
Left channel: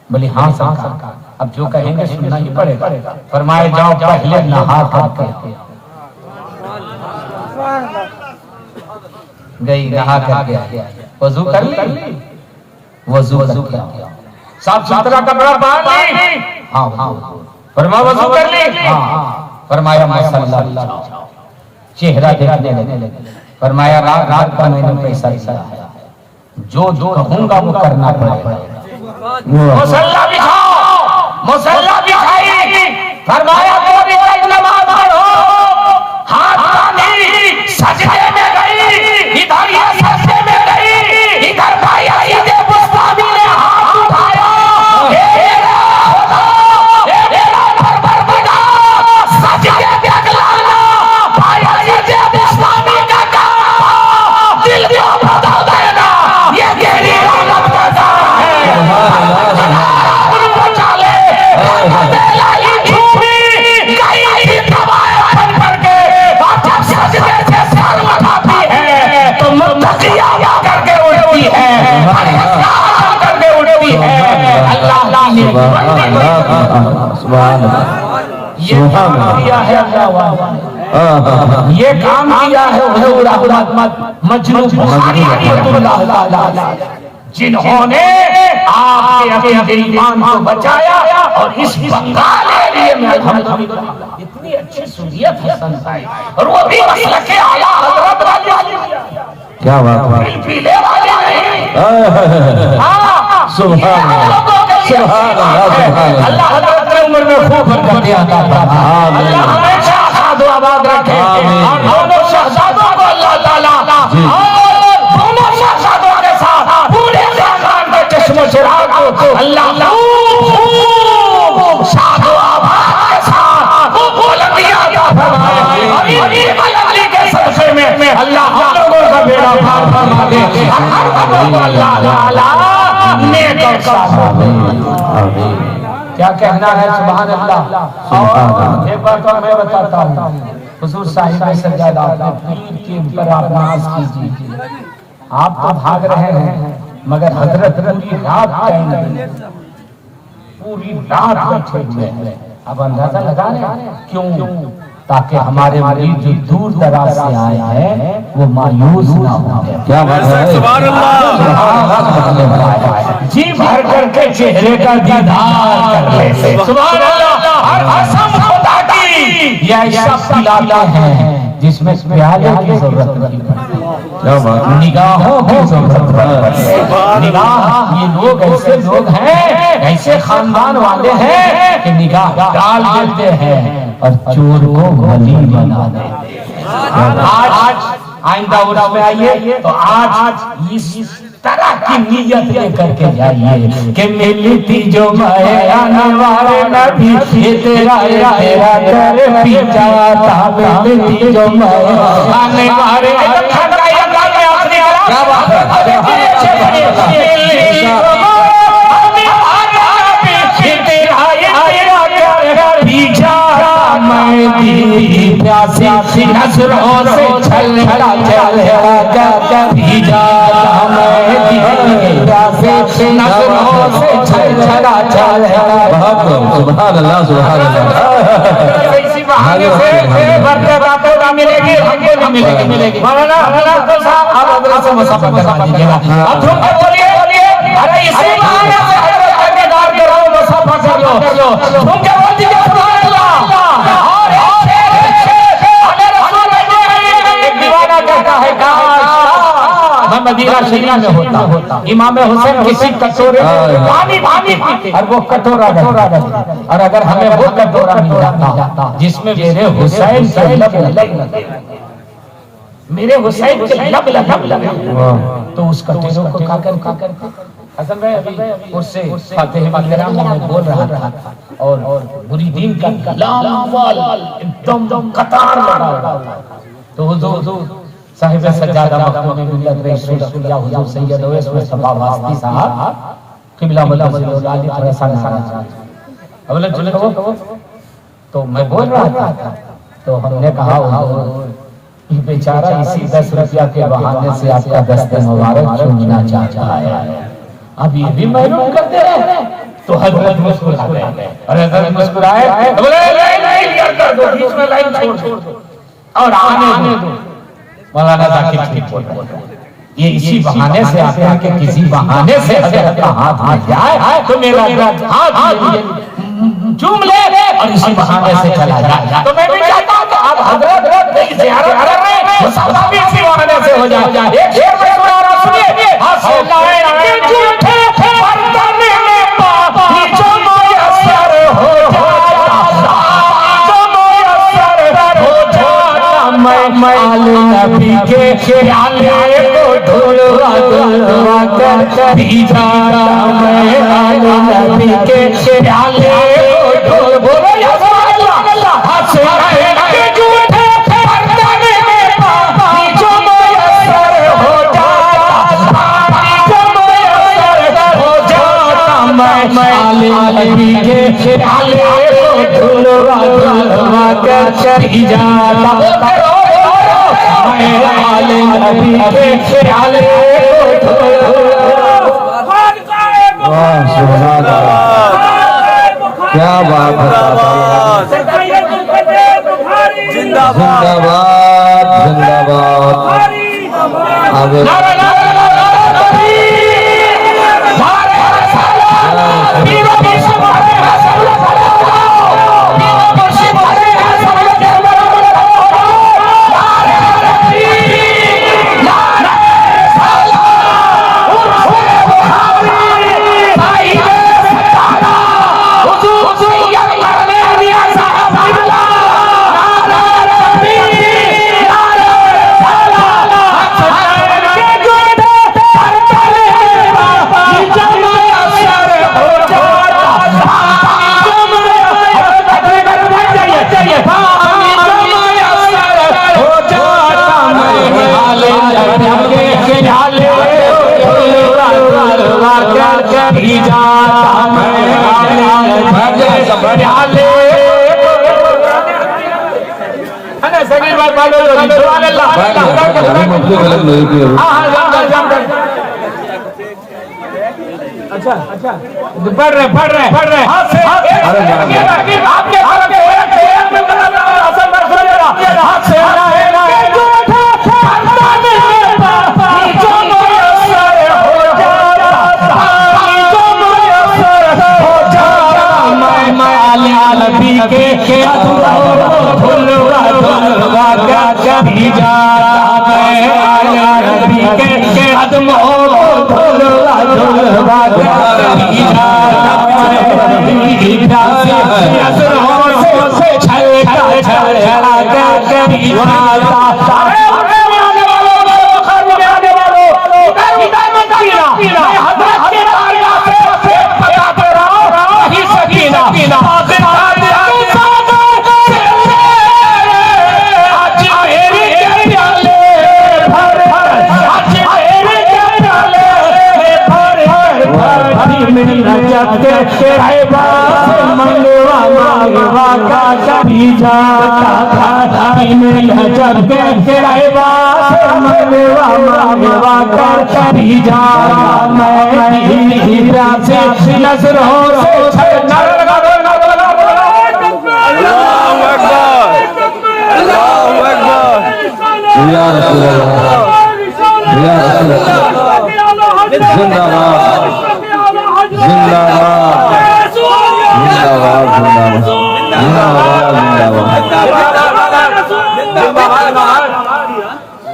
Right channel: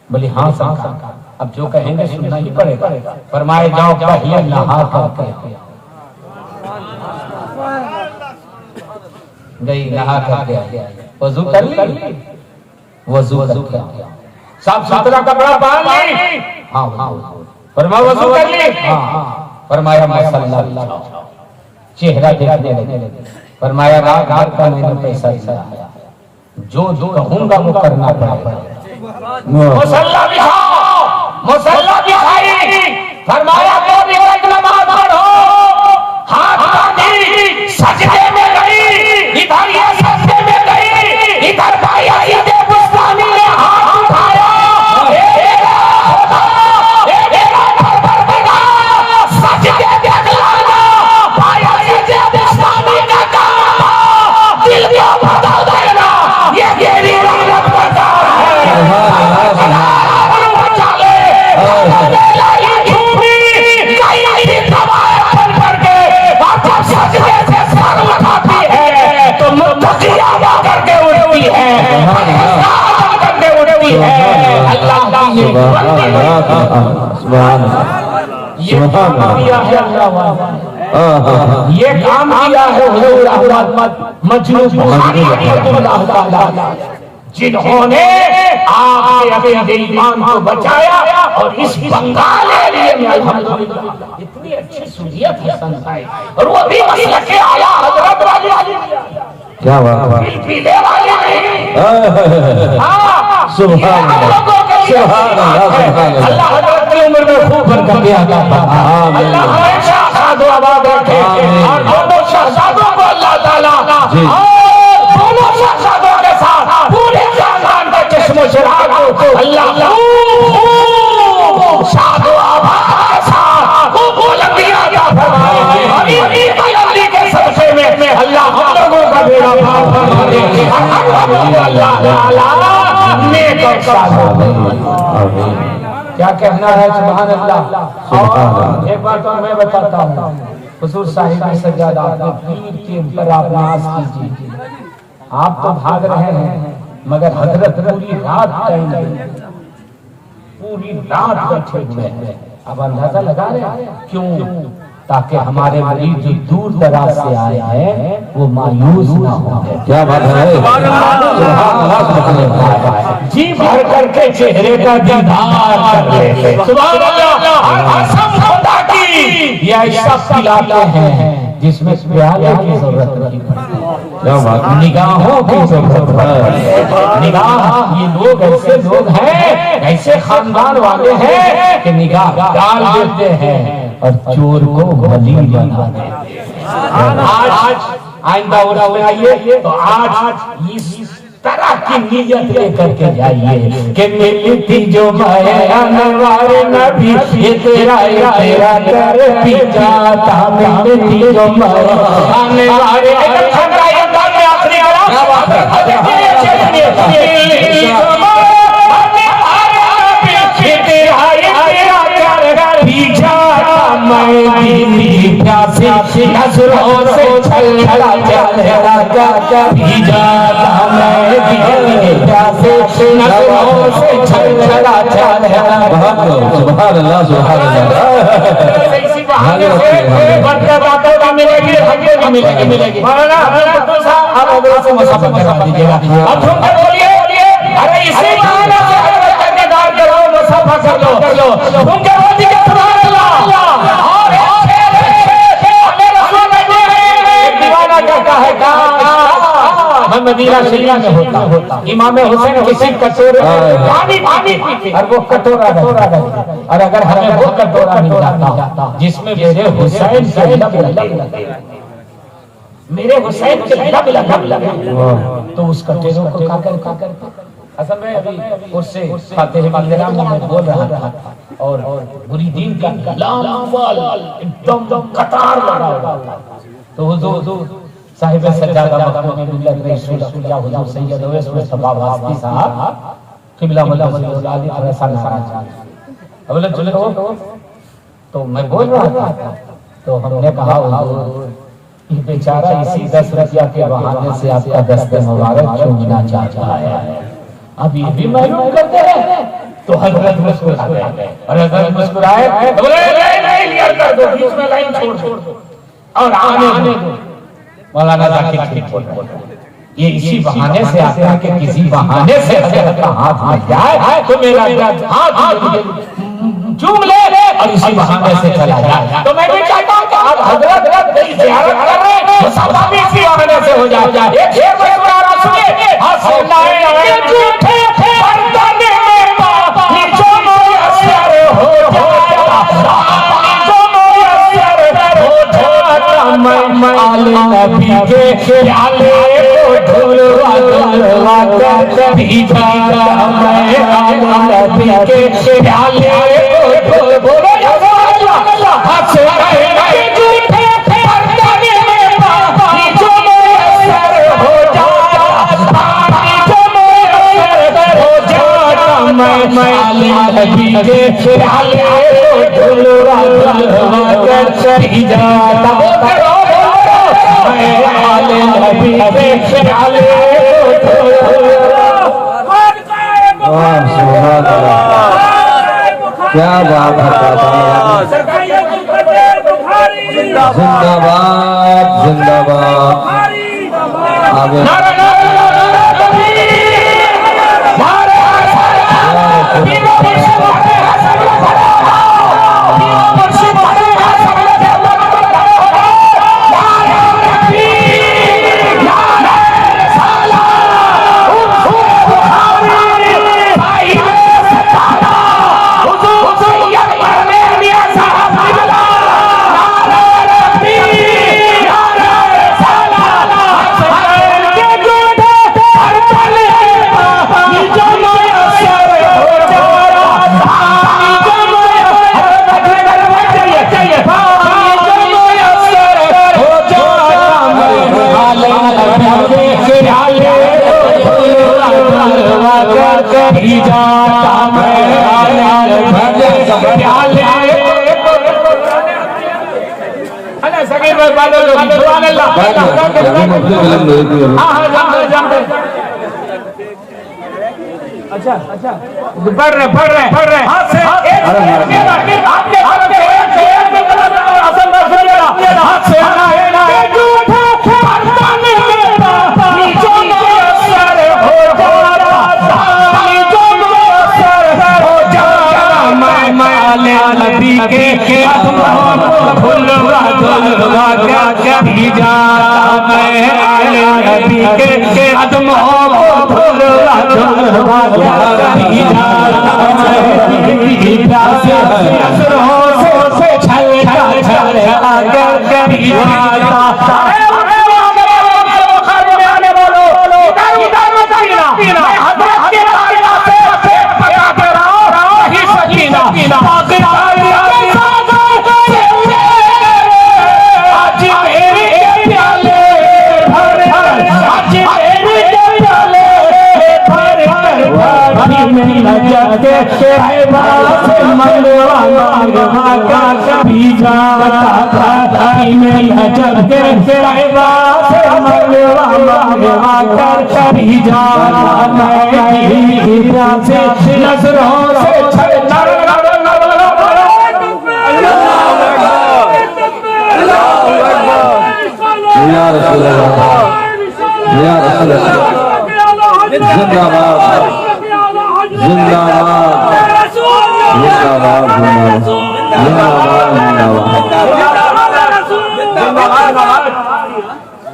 बोली हाँ सरकार, अब जो कहेंगे सुनना ही पड़ेगा। फरमाए जाओ पहले नहा करके गई, नहा करके वजू कर ली, वजू करके साफ सुथरा कपड़ा पहन ली। हाँ हाँ फरमाया वजू कर ली। हाँ फरमाया मसल्ला चेहरा देखने लगे। फरमाया रात का मैंने पैसा दिया है, जो कहूंगा वो करना पड़ेगा। मुसल्ला बिछाओ, मुसल्ला बिछाई। फरमाया तो भी नमाज पढ़ो, हाथ बांधी सजदे में गई, इधर ये सजदे में गई, इधर भाई यजीद बुस्तामी ने हाथ उठाया, सजदे देख लाना भाई यजीद बुस्तामी का काम दिल को बता देना, ये तेरी रहमत बता है। ये काम किया है जिन्होंने आपके अपने ईमान को बचाया और इस बंगाल एरिया में अल्हम्दुलिल्लाह इतनी अच्छी सुन्नियत है संसाई, और वो भी मसलक के आला हजरत वाली। क्या बात पीले वाले नहीं। सुभान अल्लाह, सुभान अल्लाह, सुभान अल्लाह। अल्लाह हजरत की उम्र में खूब बरकत दे अता फरमाए। अल्लाह हमेशा सादो आबाद रखे और दोनों शहजादों को अल्लाह ताला और दोनों शहजादों के साथ पूरे खानदान के चश्मे चिराग को अल्लाह सादो आबाद के साथ बुलंदियां अता फरमाए। हबीबी बुलंदी के सदक़े में अल्लाह हम लोगों का बेड़ा पार फरमा दे। अल्लाह ताला नेक और सालिह। क्या कहना है? सुभान अल्लाह। एक बार तो मैं बताता हूँ, हुजूर साहिब सज्जादा अपने पीर के ऊपर आप नाज कीजिए। आप तो भाग रहे हैं मगर हजरत पूरी रात पूरी रात बैठे हुए हैं। अब अंदाजा लगा रहे हैं क्यों? ताकि हमारे मरीज जो दूर दराज से आए हैं वो मायूस ना हो। क्या बात है? जी भर करके चेहरे का दीदार कर ले। सुभान अल्लाह। ये ऐसा इलाका है जिसमें प्याले की जरूरत नहीं पड़ती। क्या बात है। निगाहों की जरूरत है। निगाह, ये लोग ऐसे लोग हैं, ऐसे खानदान वाले हैं कि निगाह डाल देते हैं और चोर को भली बना देते हैं। आज आइंदा उड़ा आइए तो आज इस तरह की नियत लेकर के जाइए कि मिली थी जो माया नवार नबी ये तेरा तेरा कर पी जाता, मिली थी जो माया नवार प्यासी नजरों से छल छला छला कर भी जाता मैं, प्यासी नजरों से छल छला छला। सुभान अल्लाह सुभान अल्लाह। इसी बहाने से बरकत का मिलेगी, हमको भी मिलेगी। मौलाना आप अगला से मसाफा करा दीजिएगा। अब तुम क्या बोलिए, अरे इसी बहाने से हजरत दीदार करो, मसाफा कर लो। तुम क्या बोलते हो? सुभान अल्लाह। कहता है मैं मदीना शरीफ में होता, इमाम हुसैन किसी कटोरे पानी पीते और वो कटोरा और अगर हमें वो कटोरा मिल जाता जिसमें मेरे हुसैन के लब लगे, मेरे हुसैन के लब लगे, तो उस कटोरे को खाकर असल में अभी उससे फातिह मंदिरा में बोल रहा था और मुरीदीन का एकदम कतार लगा हुआ। तो साहिब सज्जादा मखदूम मिल्लत रईस रसूलुल्लाह हुजूर सैयद ओवैस मुस्तफा वास्ती साहब किबला वल्लाह अली तरसा नाराज बोले चले तो मैं बोल रहा था, तो हमने कहा ये बेचारा इसी 10 रुपया के बहाने से आपका दस्ते मुबारक चूमना चाहता है, अब ये भी मालूम करते हैं। तो हजरत मुस्कुरा गए, अरे हजरत मुस्कुराए तो बोले नहीं लिया कर दो, बीच में लाइन छोड़ और आने दो। मौलाना जाकिर ठीक बोल रहे हैं, ये इसी बहाने से आता है कि किसी बहाने से हजरत का हाथ जाए तो मेरा हाथ चूम ले और इसी बहाने से चला जाए। तो मैं भी चाहता हूं कि आप हजरत की ज़ियारत कर रहे हैं, तो सब इसी बहाने से हो जाए। एक शेर मशहूर सुनिए, हसलाए के झूठे बर्तन में पानी जो मुयस्सर हो जाता, जो मुयस्सर हो जाता, मैं आले नबी के प्याले को ढूंढवा कर भी जाता, मैं आले नबी के प्याले को बोलो या सुभान अल्लाह। हसलाए के झूठे बर्तन में पानी जो मुयस्सर हो जाता, जो मुयस्सर हो जाता, मैं आले नबी के प्याले को ढूंढवा कर भी जाता, मैं आले नबी के प्याले को क्या बात है। जिंदाबाद जिंदाबाद। आगे अच्छा पढ़ रहे हाथ से कभी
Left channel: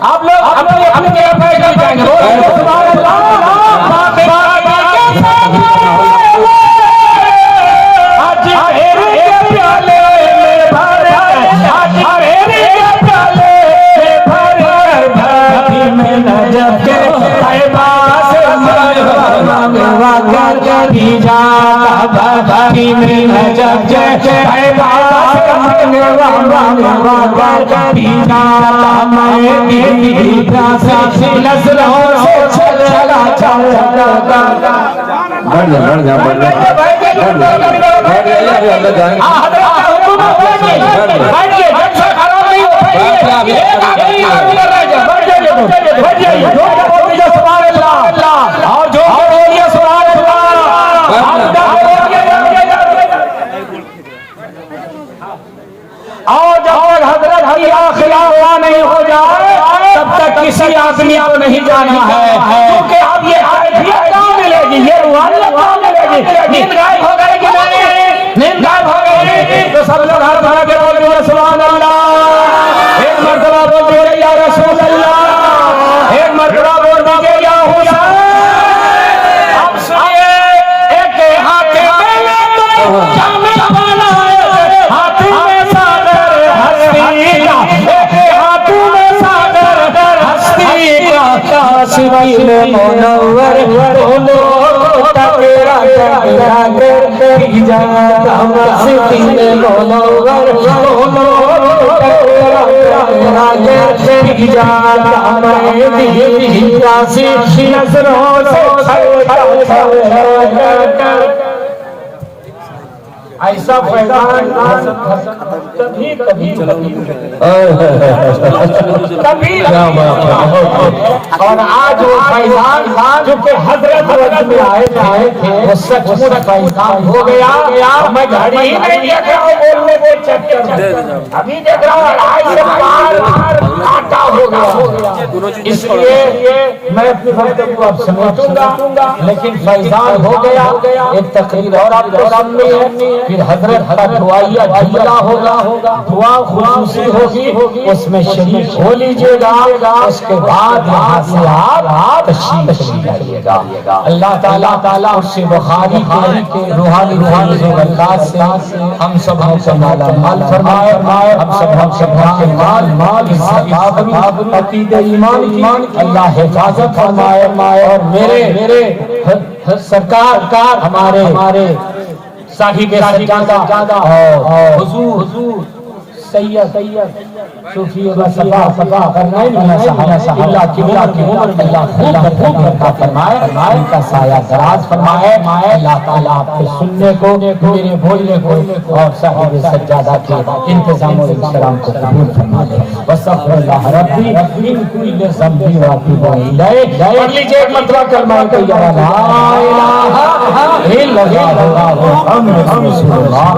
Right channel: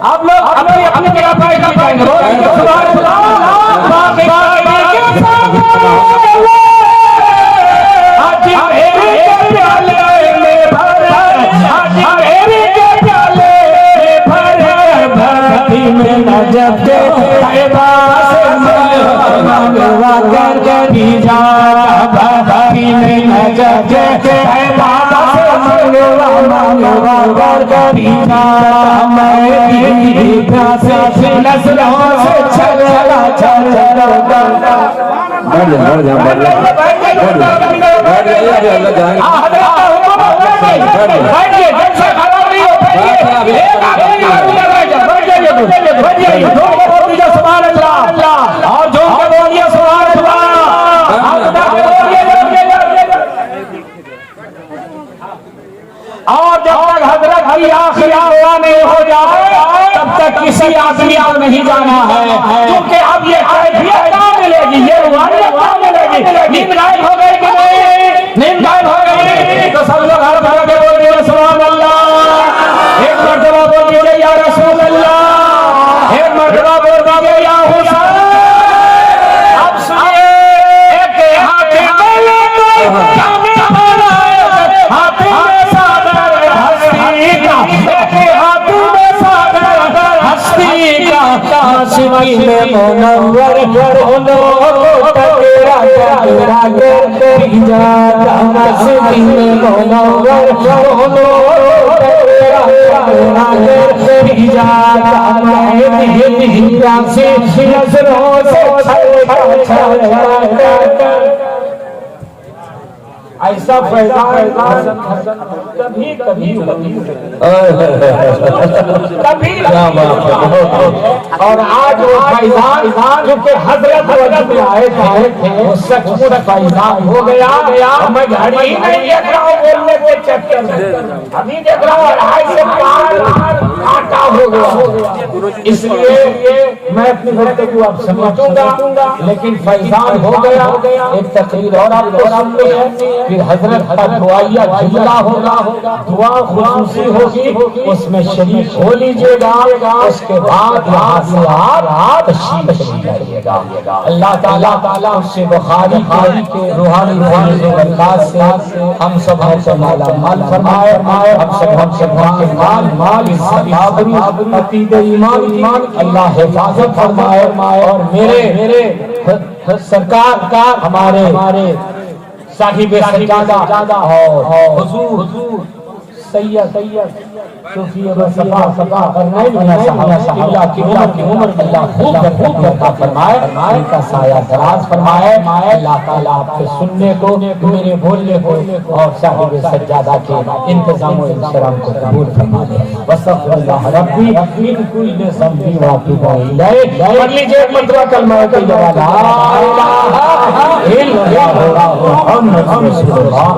आप लोग अपने अपने अपने कर जाएंगे आज मेरे प्याले में भरे आज मेरे प्याले में भरे भक्ति में नजर के पास मंगवा कर भी जा भक्ति में नजर के पास मंगवा कर भी जा नहीं हो जाए तब तक किसी आदमी को नहीं जाना है, क्योंकि अब ये कैफियत कहाँ मिलेगी, ये रुहानियत कहाँ मिलेगी। नींद गायब हो गई कि नहीं, नींद गायब हो गई तो सब लोग हाथ बना के बोल रहे सुभान अल्लाह। एक मर्तबा बोल दिए या रसूल अल्लाह, एक मर्तबा बोल दिए या हुसैन। अब सुनिए, एक हाथ में काशी में मुनव्वर बोलो टकरा टकरा कर जाता काशी में मुनव्वर बोलो टकरा टकरा कर जाता मैं दिया से नजरों से ऐसा फैजान कभी कभी कभी और आज वो फैजान जो हजरत वजह में आए थे वो सचमुच फैजान हो गया। मैं घड़ी ही नहीं देख रहा हूँ बोलने के चक्कर में, अभी देख रहा हूँ 2.5 से 4 आटा हो गया। इसलिए मैं अपनी गुफ्तगू अब समेटूंगा, लेकिन फैजान हो गया। एक तकरीर और आपको सामने है, फिर हजरत का दुआया जुमला होगा, दुआ खुसूसी होगी, उसमें शरीक हो लीजिएगा। उसके बाद यहाँ से आप तशरीफ लाइएगा। अल्लाह ताला उससे बुखारी के रूहानी बरकत से हम सब से माला माल फरमाए, हम सब के माल अकीदे ईमान अल्लाह हिफाजत फरमाए। और मेरे सरकार हमारे साहिब सज्जादा हुजूर सैयद सूफी सफा करने अल्लाह की उम्र अल्लाह खूब बरकत फरमाए, उनका साया दराज फरमाए। अल्लाह ताला आपके सुनने को, मेरे बोलने को और साहिब सज्जादा के इंतजाम और इंतजाम को कबूल फरमा ले। वसल्लल्लाहु रब्बी इन कुल्ल ज़म्बी व तुबा इलैह। पढ़ लीजिए एक मंत्र कलमा तैयबा ला इलाहा इल्लल्लाह मुहम्मदुर रसूलुल्लाह।